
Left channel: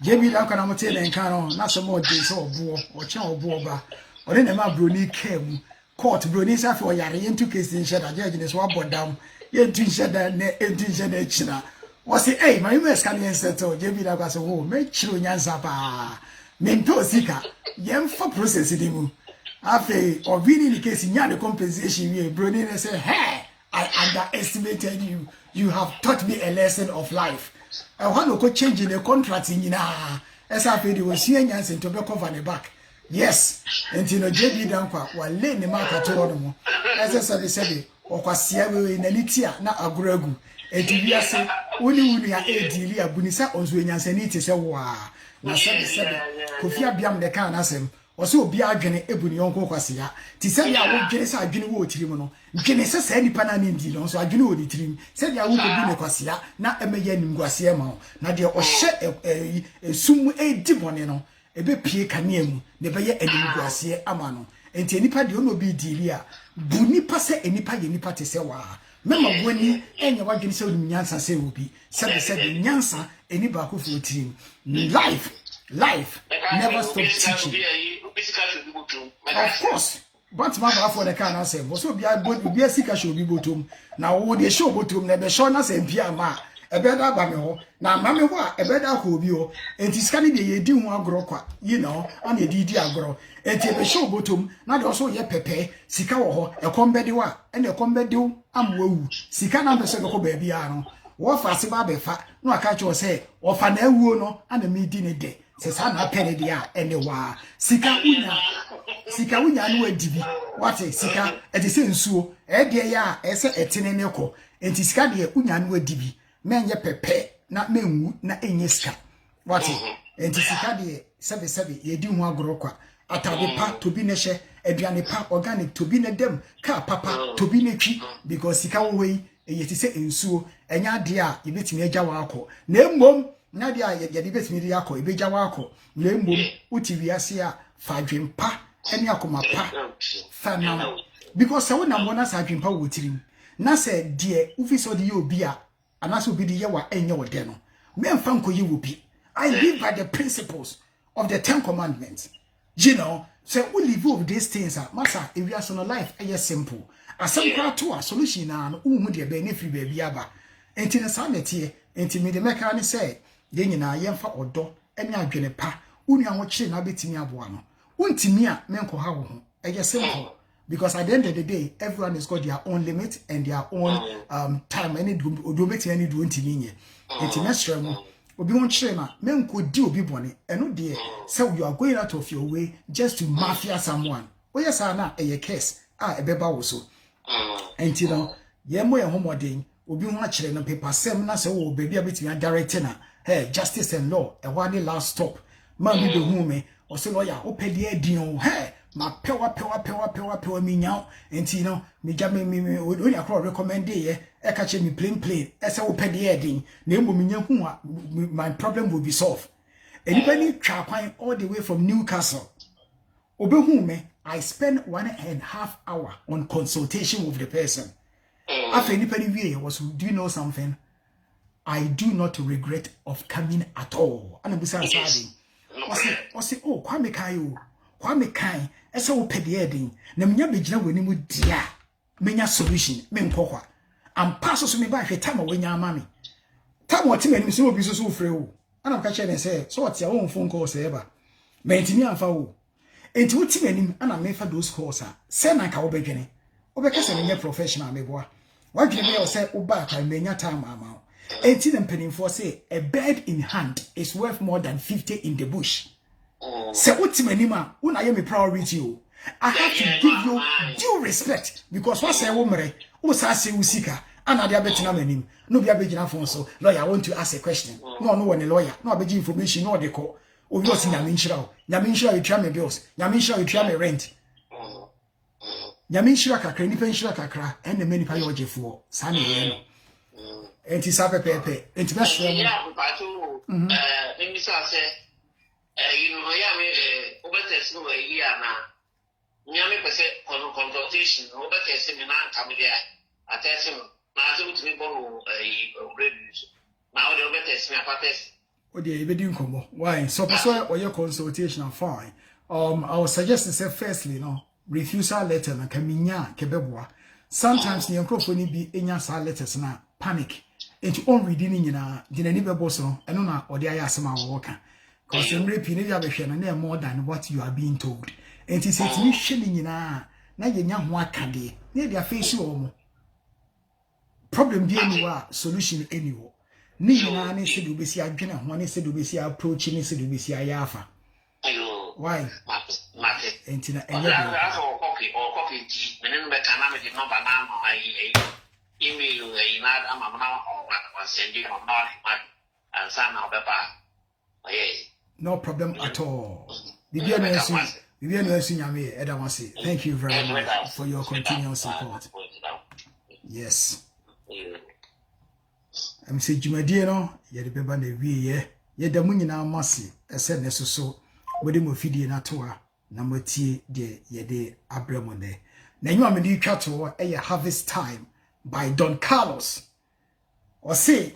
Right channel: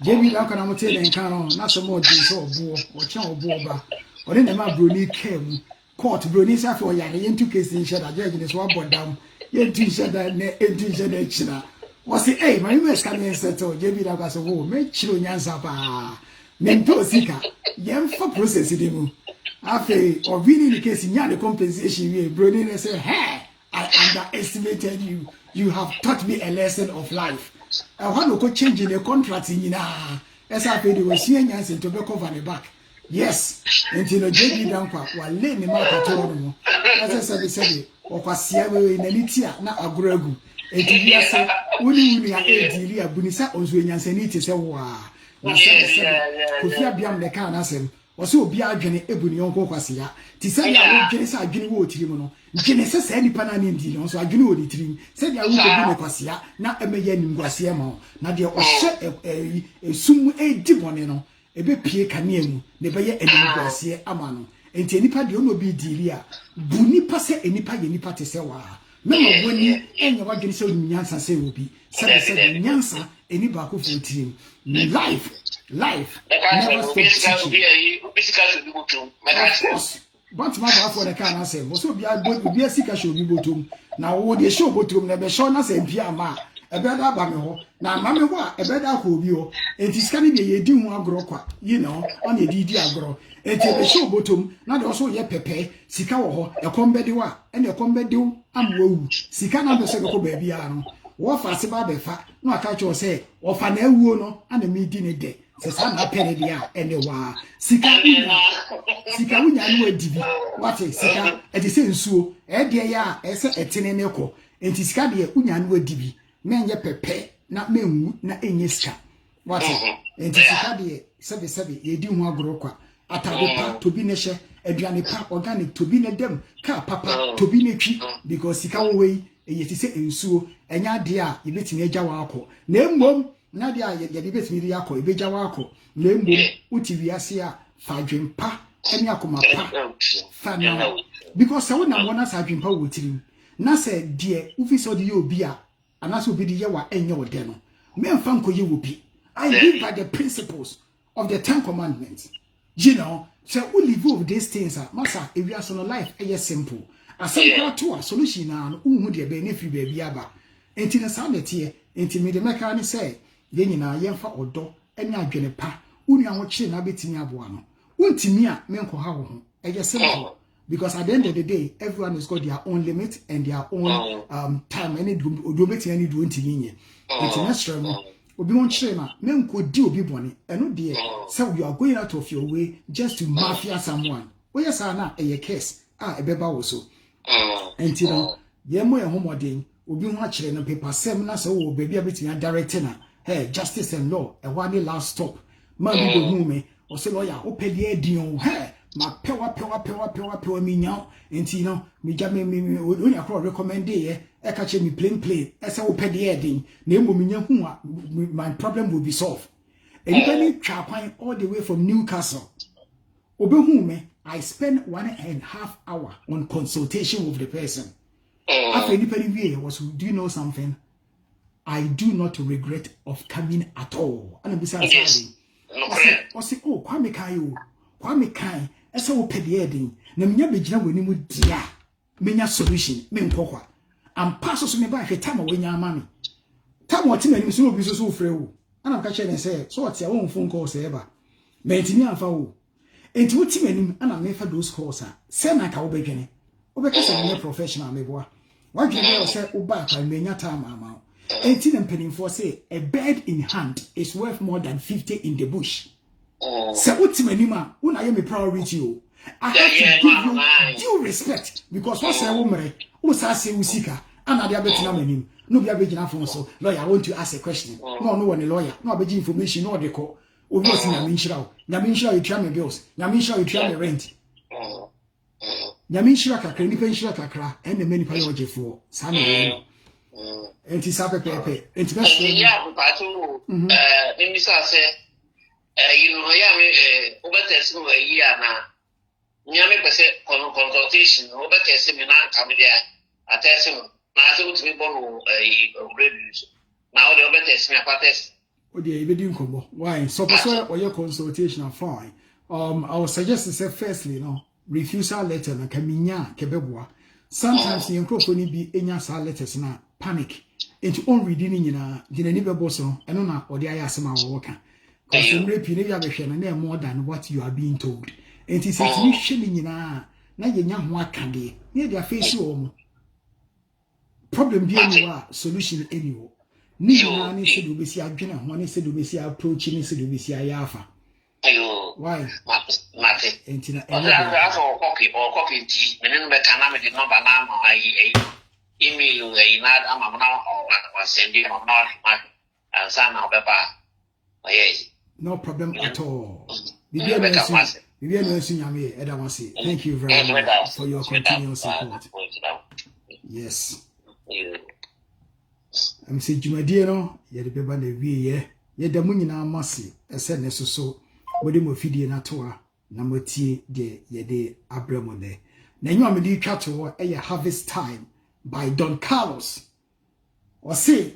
Jamie Lacan, and Canon, not so more days or boar or chow boba, or then a Bruni came, caught Bruni's after Yari into case in shed a judge in his wobble down, yet to shed that was the hey, my mess coming and said so. Jamie Lacan, oh, make sure Yansapa. Mento Sika, yam for processing. After or winning the case in the compensation, you Brody and say, hey, I underestimated you. You have taught me a lesson of life. I want to change in the contract in as I paid was seeing us into the cover the back. Yes, until JB Dampa, while laying the mark at all. As I said, or Quasia in the Litia, not a gregu. And you say, only we are a dealer, Bunisa, or Zwinians and it is a war. Now, 7 Kofia Biam the can as him. Also be agene ebuni onko kwasia ti se ya wo gene sa adwene wo tirim no gene se sa nipa na nim di no so adwene wo tirim se ya wo bi ne kwasia na emeye nimguase ma na de ohye esum edi bone no ebe pie kanea mu ne beye animguase ama no enti nipa de ono bi dili a bu nipa se enipa ye nipa te se wa mema woni enya wa gene se onu nyansa se obi se nyansa eni ba ko fo tirim life never stop teaching. Of course, but my for the can answer. Also, be a sika show be bottom. Now, when they show bottom, never show us and Piama. ebeda ba me ho na ma me ho a ebeda ko obi ho enti sika ne de ye di ho agro kwa you know on ye di agro enti e be show bottom na de also ye pepe sika wo ho ekombede wa ene ekombede amwawu sika na be so ko ba bia no wo fa se ba be fa no aka cho se wo fa na awuo no ana me di ne de se sa na pene dia ene wa sika unya no adibi wate sika e de se nsuo e de ya e se etene ne ko enti sika de unya no adibi menye pepe na menwu na enye sika wate enti sika de sebe ye di hu agoro kwa atade pa tobi ne hye aduane pa organic tobi ne dem ka papa tobi ne twi because sika wo wei ye ti se nsuo enya de a ye betimi agya wa akọ na emmom na de a ye de betimi de akọ e begya wa akọ na emmom uti wiase a fadwempa ene akoma pa fa na because se wona mo na sadwempa wo tirim na se de ufi so de ye obi a anase obi de ye wa enye wo de no memfa nkoye wo bi. I live by the principles of the 10 commandments. You know, so we live with these things. Masa, if you are so life, it's simple. As some crowd to a solution and who would you benefit baby aba. And in a sanity, and to me the mechanic say, then you know, yamfa or do, and ya gene pa, unya watching a bit in your one. Untimia, menko how, it's simple. Because at the end of the day, everyone has got their own limit and their own time. Any do make any do intimia. International. Obi won chere na men ko di obi bone eno de say you are going out of your way just to mafia someone. We yes na a case ebeba wo so. Enti no ye mo ye homoden obi ho chere no paper sem na say wo baby abeti na direct na hey justice and law e wa ni last stop man bi do hu me o say lawyer o pede adin o hey ma pewa mi nyaw enti no mi ja me oni akọ recommend ye e ka che mi plain e say wo pede adin na emo mi nya hu a my problem will be solved. Anybody try kwan all the way from Newcastle obehu me I spend 1.5 hours on consultation with the person. After anybody wie was, do you know something? I do not regret of coming at all. And I'm saying, I say, oh, Kwame Kai, as so pediading, Namia Bijna when you dear, menya solution, men poker, and passes me by a time when your money. Time what him and so be so frail. And I'm catching and say, so what's your own phone calls ever? Maintain and foul. And to what him and I made for those calls, send like our beginning. Obeka say professional me boy. Why do you say Oba I menya time amount? 18 and penny for say a bird in hand is worth more than 50 in the bush. Say what manima, when I am a priority you. I have to give you due respect because what's a woman who says usika and I betina menim. No be a big enough so lawyer I want to ask a question. No one a lawyer, no big information, no they call. Oh, you're in Yaminshira, you try me bills, Yaminshira, you try me rent. Yaminshira kakra, ni penshira kakra, and the many payoje for Sunny. And it's up a pepe. It's best. Yeah, but Mr. say, you know, over a year now. Yammy consultation, over the seminar coming there. I tell him, now to be born a reviews. Now the over snap at test. Oh, dear, why? So, or your consultation are fine. I would suggest to say, firstly, no, refusal letter na kaminya kebebwa. Sometimes the microphone be enya sa letters na panic. Into on reading nyina dina ni bebo so eno na odi aya asema wo ka. Cause emre pi ne bia behwe no na more than what you are being told. And it says ni hwe nyina na yenya ho akade. Na dia face wo mo. Problem bi anywhere, solution anywhere. Ni nyina ne se do besi adwene ho ne se do besi approach ne se do besi ayafa. Why? Mate. Entina copy tea. Meaning the canama did not banana. I email a night. I'm or sending or not. And some of the no problem at all. Thank you very much for your continuous support. Yes. I'm saying, Jumadie no, ye the beba na wie ye da mu nyina mase ese ne soso wode mo fidie na toa na motie de ye de abramo ne na nyu amedi twa to e Harvest Time by Don Carlos or say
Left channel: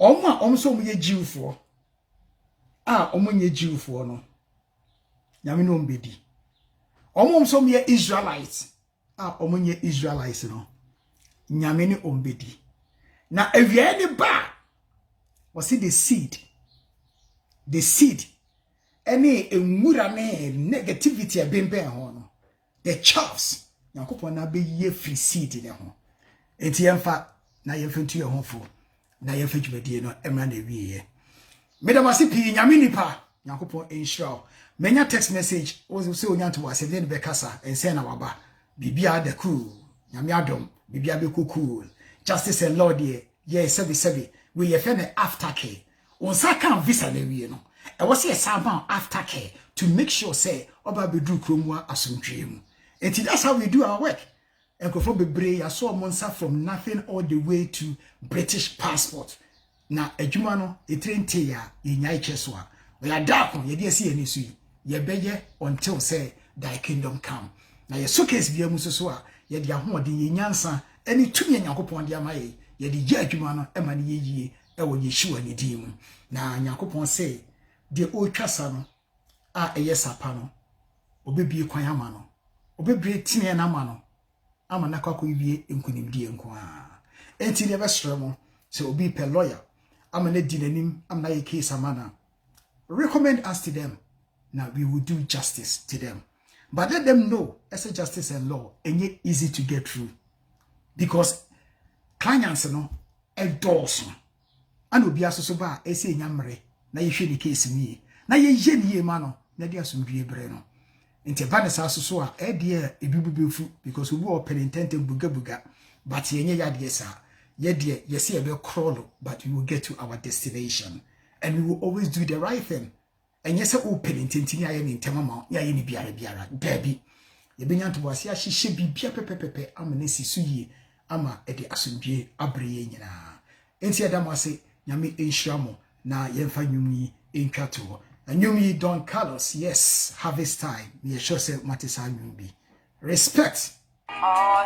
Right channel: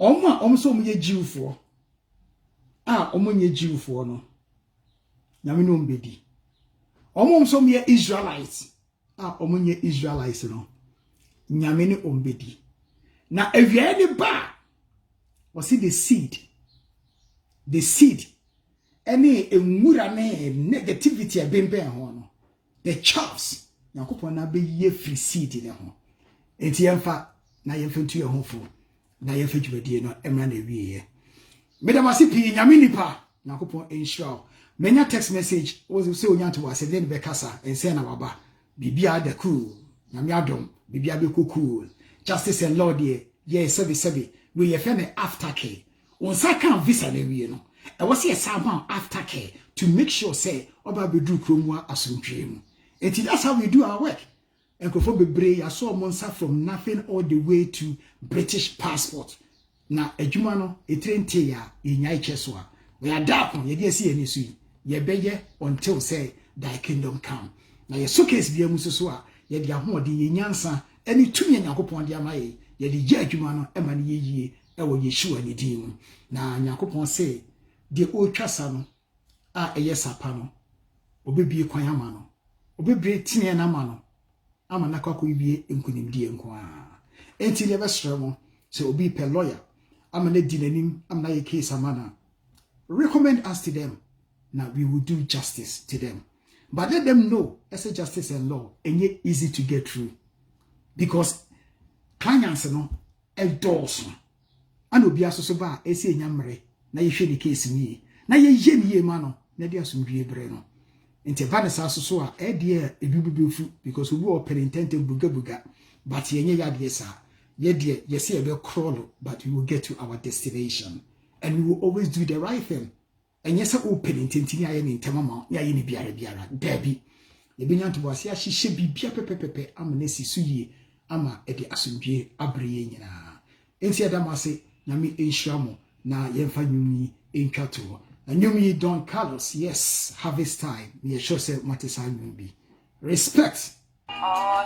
omso mu ye jiwfo omonye jiwfo no nyame no mbedi omso mu ye Israelites omonye Israelites no nyame ni ombedi Now, if you any bar, was it the seed? The seed. Any negativity a been hono. The chaffs. Now, coupon na be ye free seed in home. Enti yemfa na yemfa to your home for. Na yemfa dwumadie no emra na wie. Medamasi pi nyame nipa. Nyankopon ensure. Menya text message was say onyanto was then be kasa ense na baba. Bibia de cool. Nyame adom. Bibia be cool. Justice and Lord ye sebi. We ye fe aftercare. Onsa kan visa na wie no. E was say somehow aftercare to make sure say oba bedru kromwa asomtwem. And that's how we do our work. And bebre ya saw monster from nothing all the way to British passport. Na adwuma no etrente ya yenyai cheswa. We are dark on ye dey see any sui. Ye beye until say thy kingdom come. Na ye suitcase bia mu so a ye dey ahoɔden ye nyansa ani tumi Nyankopɔn de amaye ye dey gye adwuma no e ma ne yeye e wo Yeshua ne din mu. Na Nyankopɔn say de o twasa no a eye sapa no obebie kwan ama no. Obebre tine na ma no ama na kwakọ ibie enkunimdie nko a enti ne besrɛ mo se obi pe lawyer ama na di nanim ama na ye case amana recommend us to them. Now we will do justice to them, but let them know as a justice and law enye easy to get through because clients no endorse and obi asoso ba ese enyamre na ye hwe ni case ni na ye ye ni ye ma no na dia somdue bre no. Inte vanessa so a ebibubefu because we were penitente buga but yenye yade sa ye say be crawl but we will get to our destination and we will always do the right thing. And yes, o penitente ni aye ni ntemama ya ye ni biara dabi ye benya to boase a hihye bibia pepepepe ama na sisu yi ama e de asomdwe abreye nyina enti adamase nyame enhiramo na yemfa nwumi entwato. And you Don Carlos, yes, harvest time. We sure say Matisa be. Respect. Oh,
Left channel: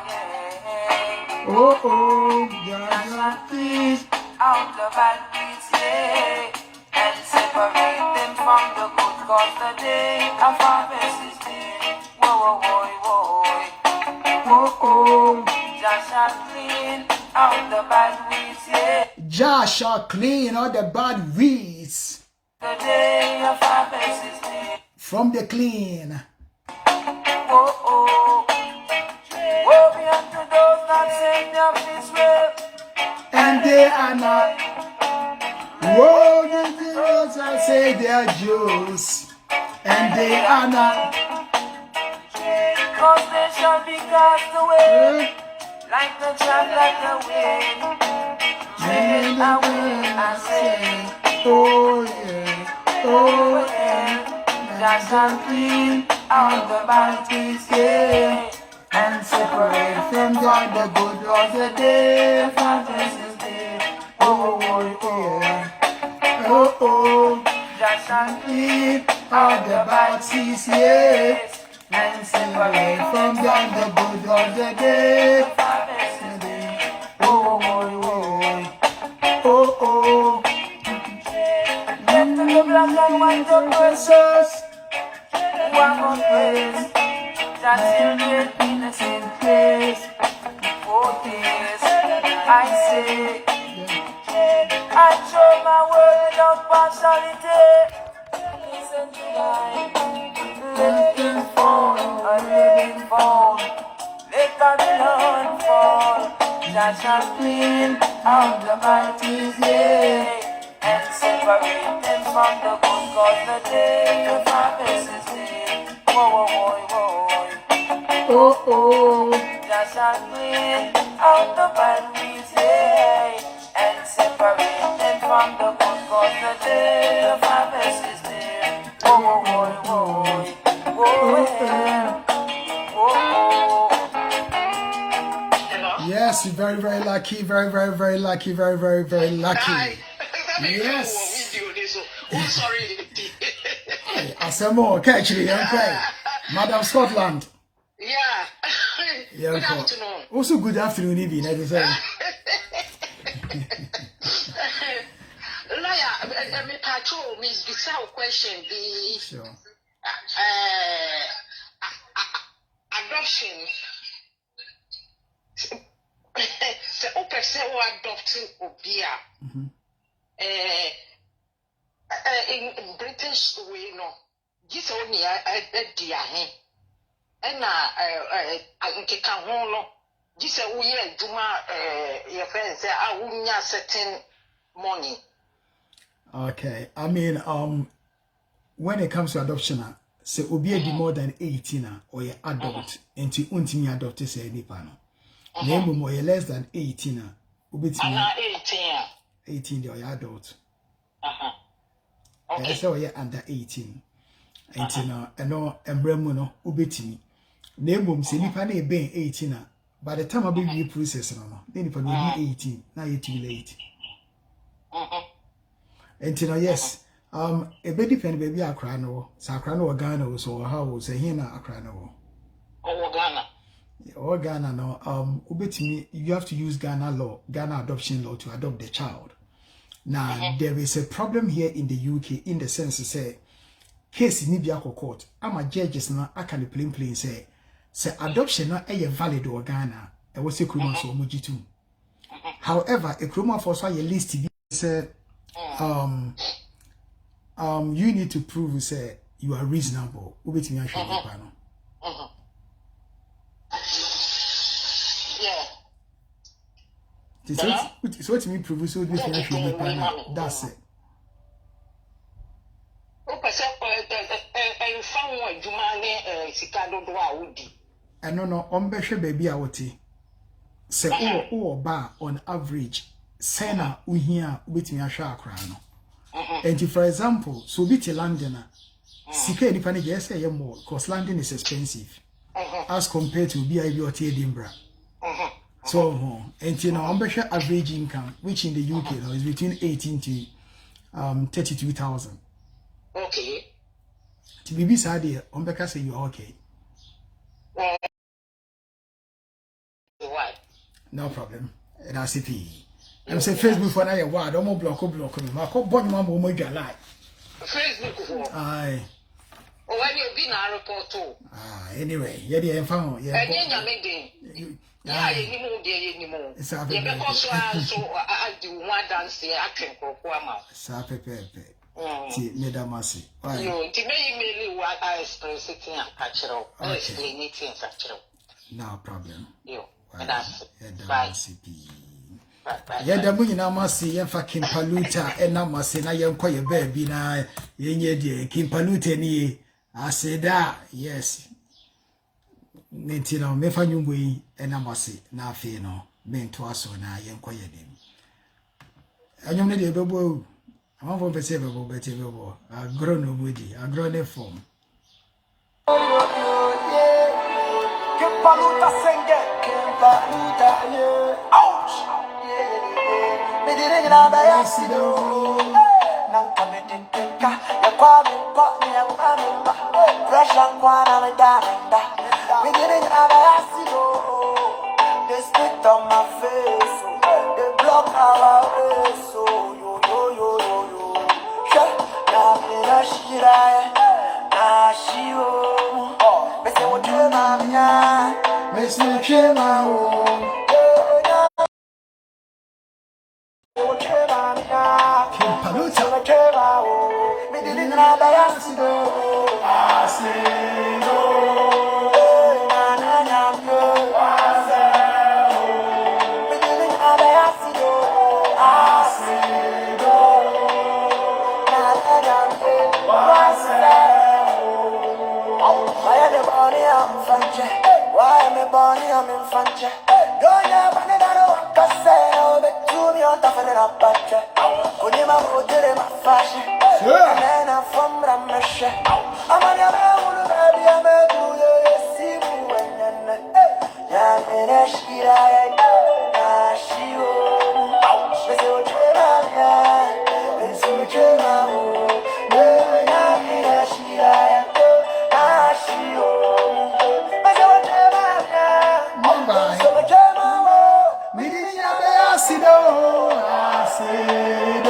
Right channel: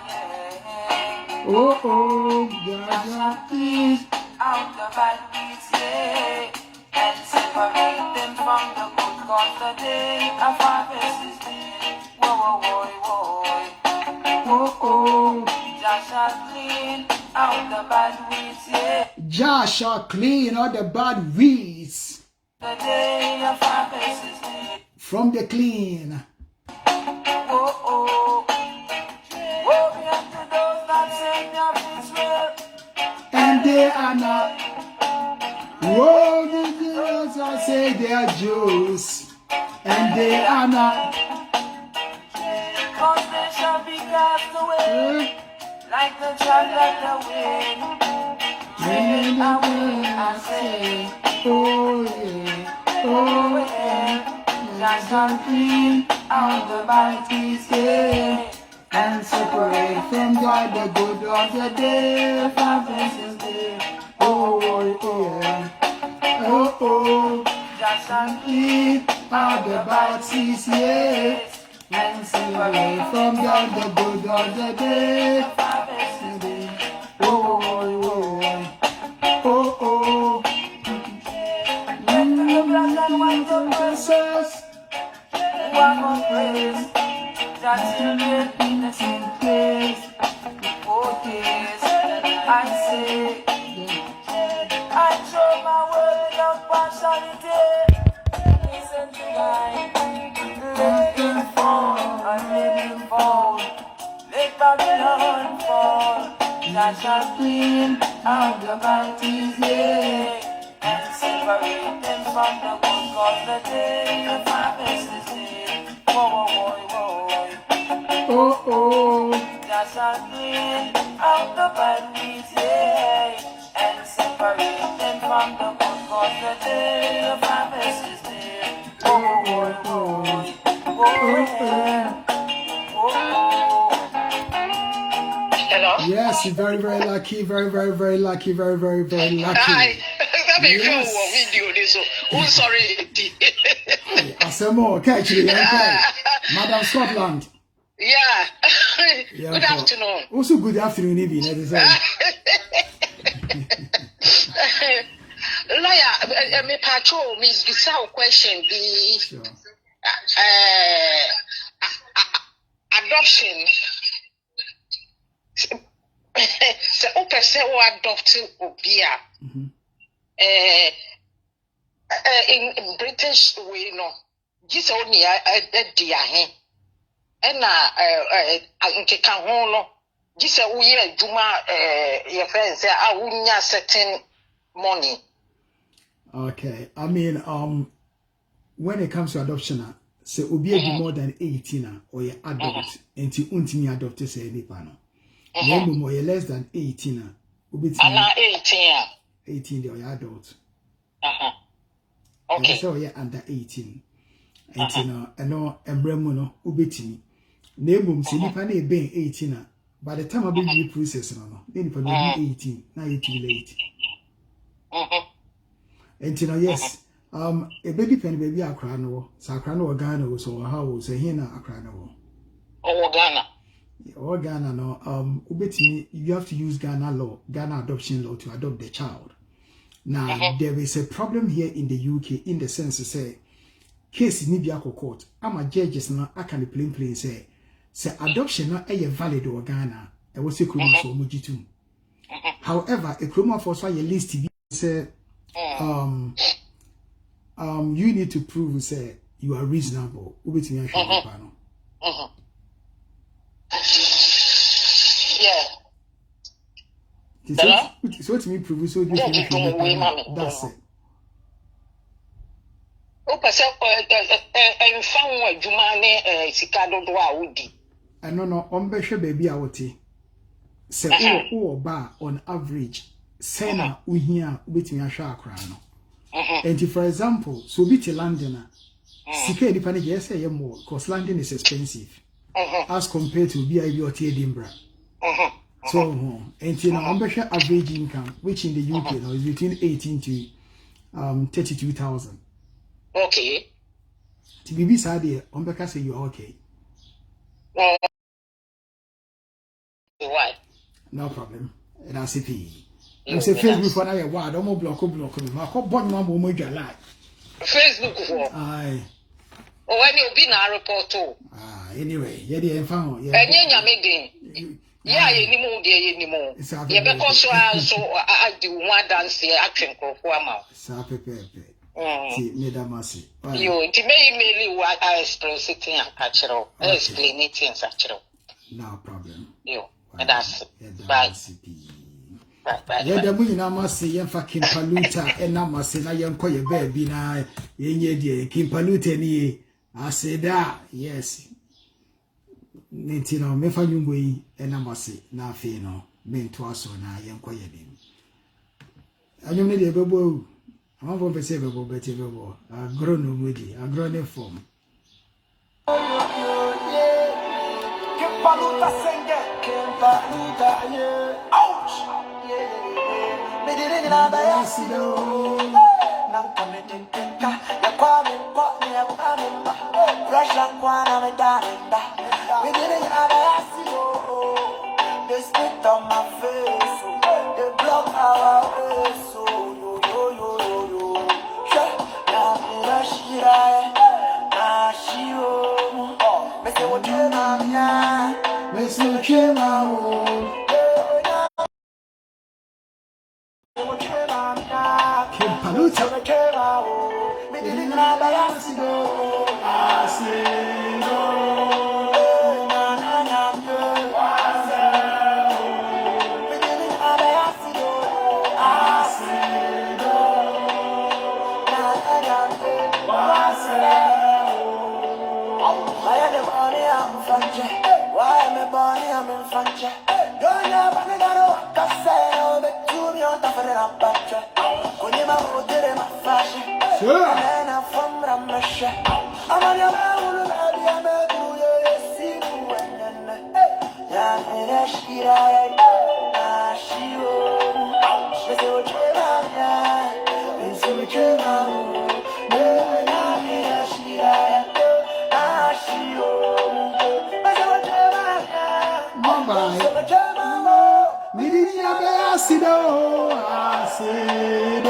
God, please. Out the bad beats, yeah. And separate them from the good cause the day of harvest is day. Whoa. Joshua clean out the bad weeds, yeah. Joshua clean out the bad weeds. The day of harvest is made from the clean. Woe be unto those that say of Israel, and they are not. Woe be unto those that say they are Jews, and they are not. Because they shall be cast away, like the chaff like the wind. Take away, I say. Oh yeah, just clean out the bad things, yeah, and separate from God the good of the day, from Christmas day. Oh yeah, just clean out the bad things, yeah, and separate from God the good of the day, from Christmas day. Oh. Black and white of verses, one more place, that children in the same place. Oh yes, I say, I show my word without partiality. Listen to living fall, let Babylon fall. That shall clean out the mighty day. And separate them from the good cause the day of harvest is near. Whoa. Just clean out the bad weeds, yeah. And separate them from the good cause the day of harvest is near. Hello? Yes, you're very, very lucky, very lucky, very lucky. Yes. Oh, sorry. I said more. Catch you, Madam Scotland. Yeah. Good afternoon. Also, good afternoon, Evie. Lawyer, me patrol, Miss Giselle question the sure. Adoption. So who adopted Obia. In British way, no. Just only a dear hen. And Uncle Holo. Just a year, Juma, your friends say, I wouldn't certain money. Okay, I mean, when it comes to adoption, say Obia be more than 18 or you adult, and to untimi adopt say any panel. Name more less than 18. I'm 18. 18 or you adult. Okay. So you're under 18. 18 and no embremuno ubetimi. Name say nipa na be 18. By the time I be the process no, then if I be 18, now you're too late. And yes, a baby depend baby akra no, so akra no Ghana so how say here na akra no. Oh Ghana. Or Ghana no, ubetimi you have to use Ghana law, Ghana adoption law to adopt the child. Now there is a problem here in the UK in the sense to say case ni bi court. I'm a judges na aka the plain say adoption na valid or Ghana. I was say kroma so mujitu. However, a kroma for so your list say you need to prove say you are reasonable. Ubetimi ahwe pano. Yeah. So what me prove so that's it. And no, baby I would say ba on average, sena uhia ubetimi ahwa akra no. And for example, so be to London, sika ni pani yes say more because London is expensive as compared to BIB or Edinburgh. So, and you know, average income, which in the UK now is between 18 to 32,000. Okay. To be beside here, say you're okay. Why? No problem. And I see I'm say Facebook for now, word, I'm block me. My call born mamma will make a lie. Facebook for? Aye. Oh, when you be in a report too. Anyway, yeah, the found. Yeah, yeah, anymore. Yeah, because so I do one dance here, action for See, Nedamasi. You, to me, what I express it in cultural, explain it in cultural. No problem. You, and that's bye. Yeah, the money na masi yemfa Kimpaluta ena masi na yemko ye baby na yenye die Kimpaluta ni aseda yes nti no mefa nyumbo yi ena masi na afi no mento aso na yemko ye dim anyum ne de bebo amafo pese bebo beti bebo agro no mudi agro ne form Kimpaluta senge Kimpaluta ouch me didn't know that I see you. Now come in, ya kwame, ya kwame, fresh and kwana me darenda. Me didn't know that I see you. They spit on my face, they block our face, so yo. Now me na shira, na shio. Me say what you na, me say what you na. Me didn't know that I see why am I born here? I'm in Fanja. Don't have any that I say, but to me on top of the budget. Kunima hotel my fashion. And then I'm from Ramesh. I'm on your own, baby. I'm a good see you and I'm in a shira. She will. Let's go to the let's go to the I'm in a shira. She will. Me didn't know I see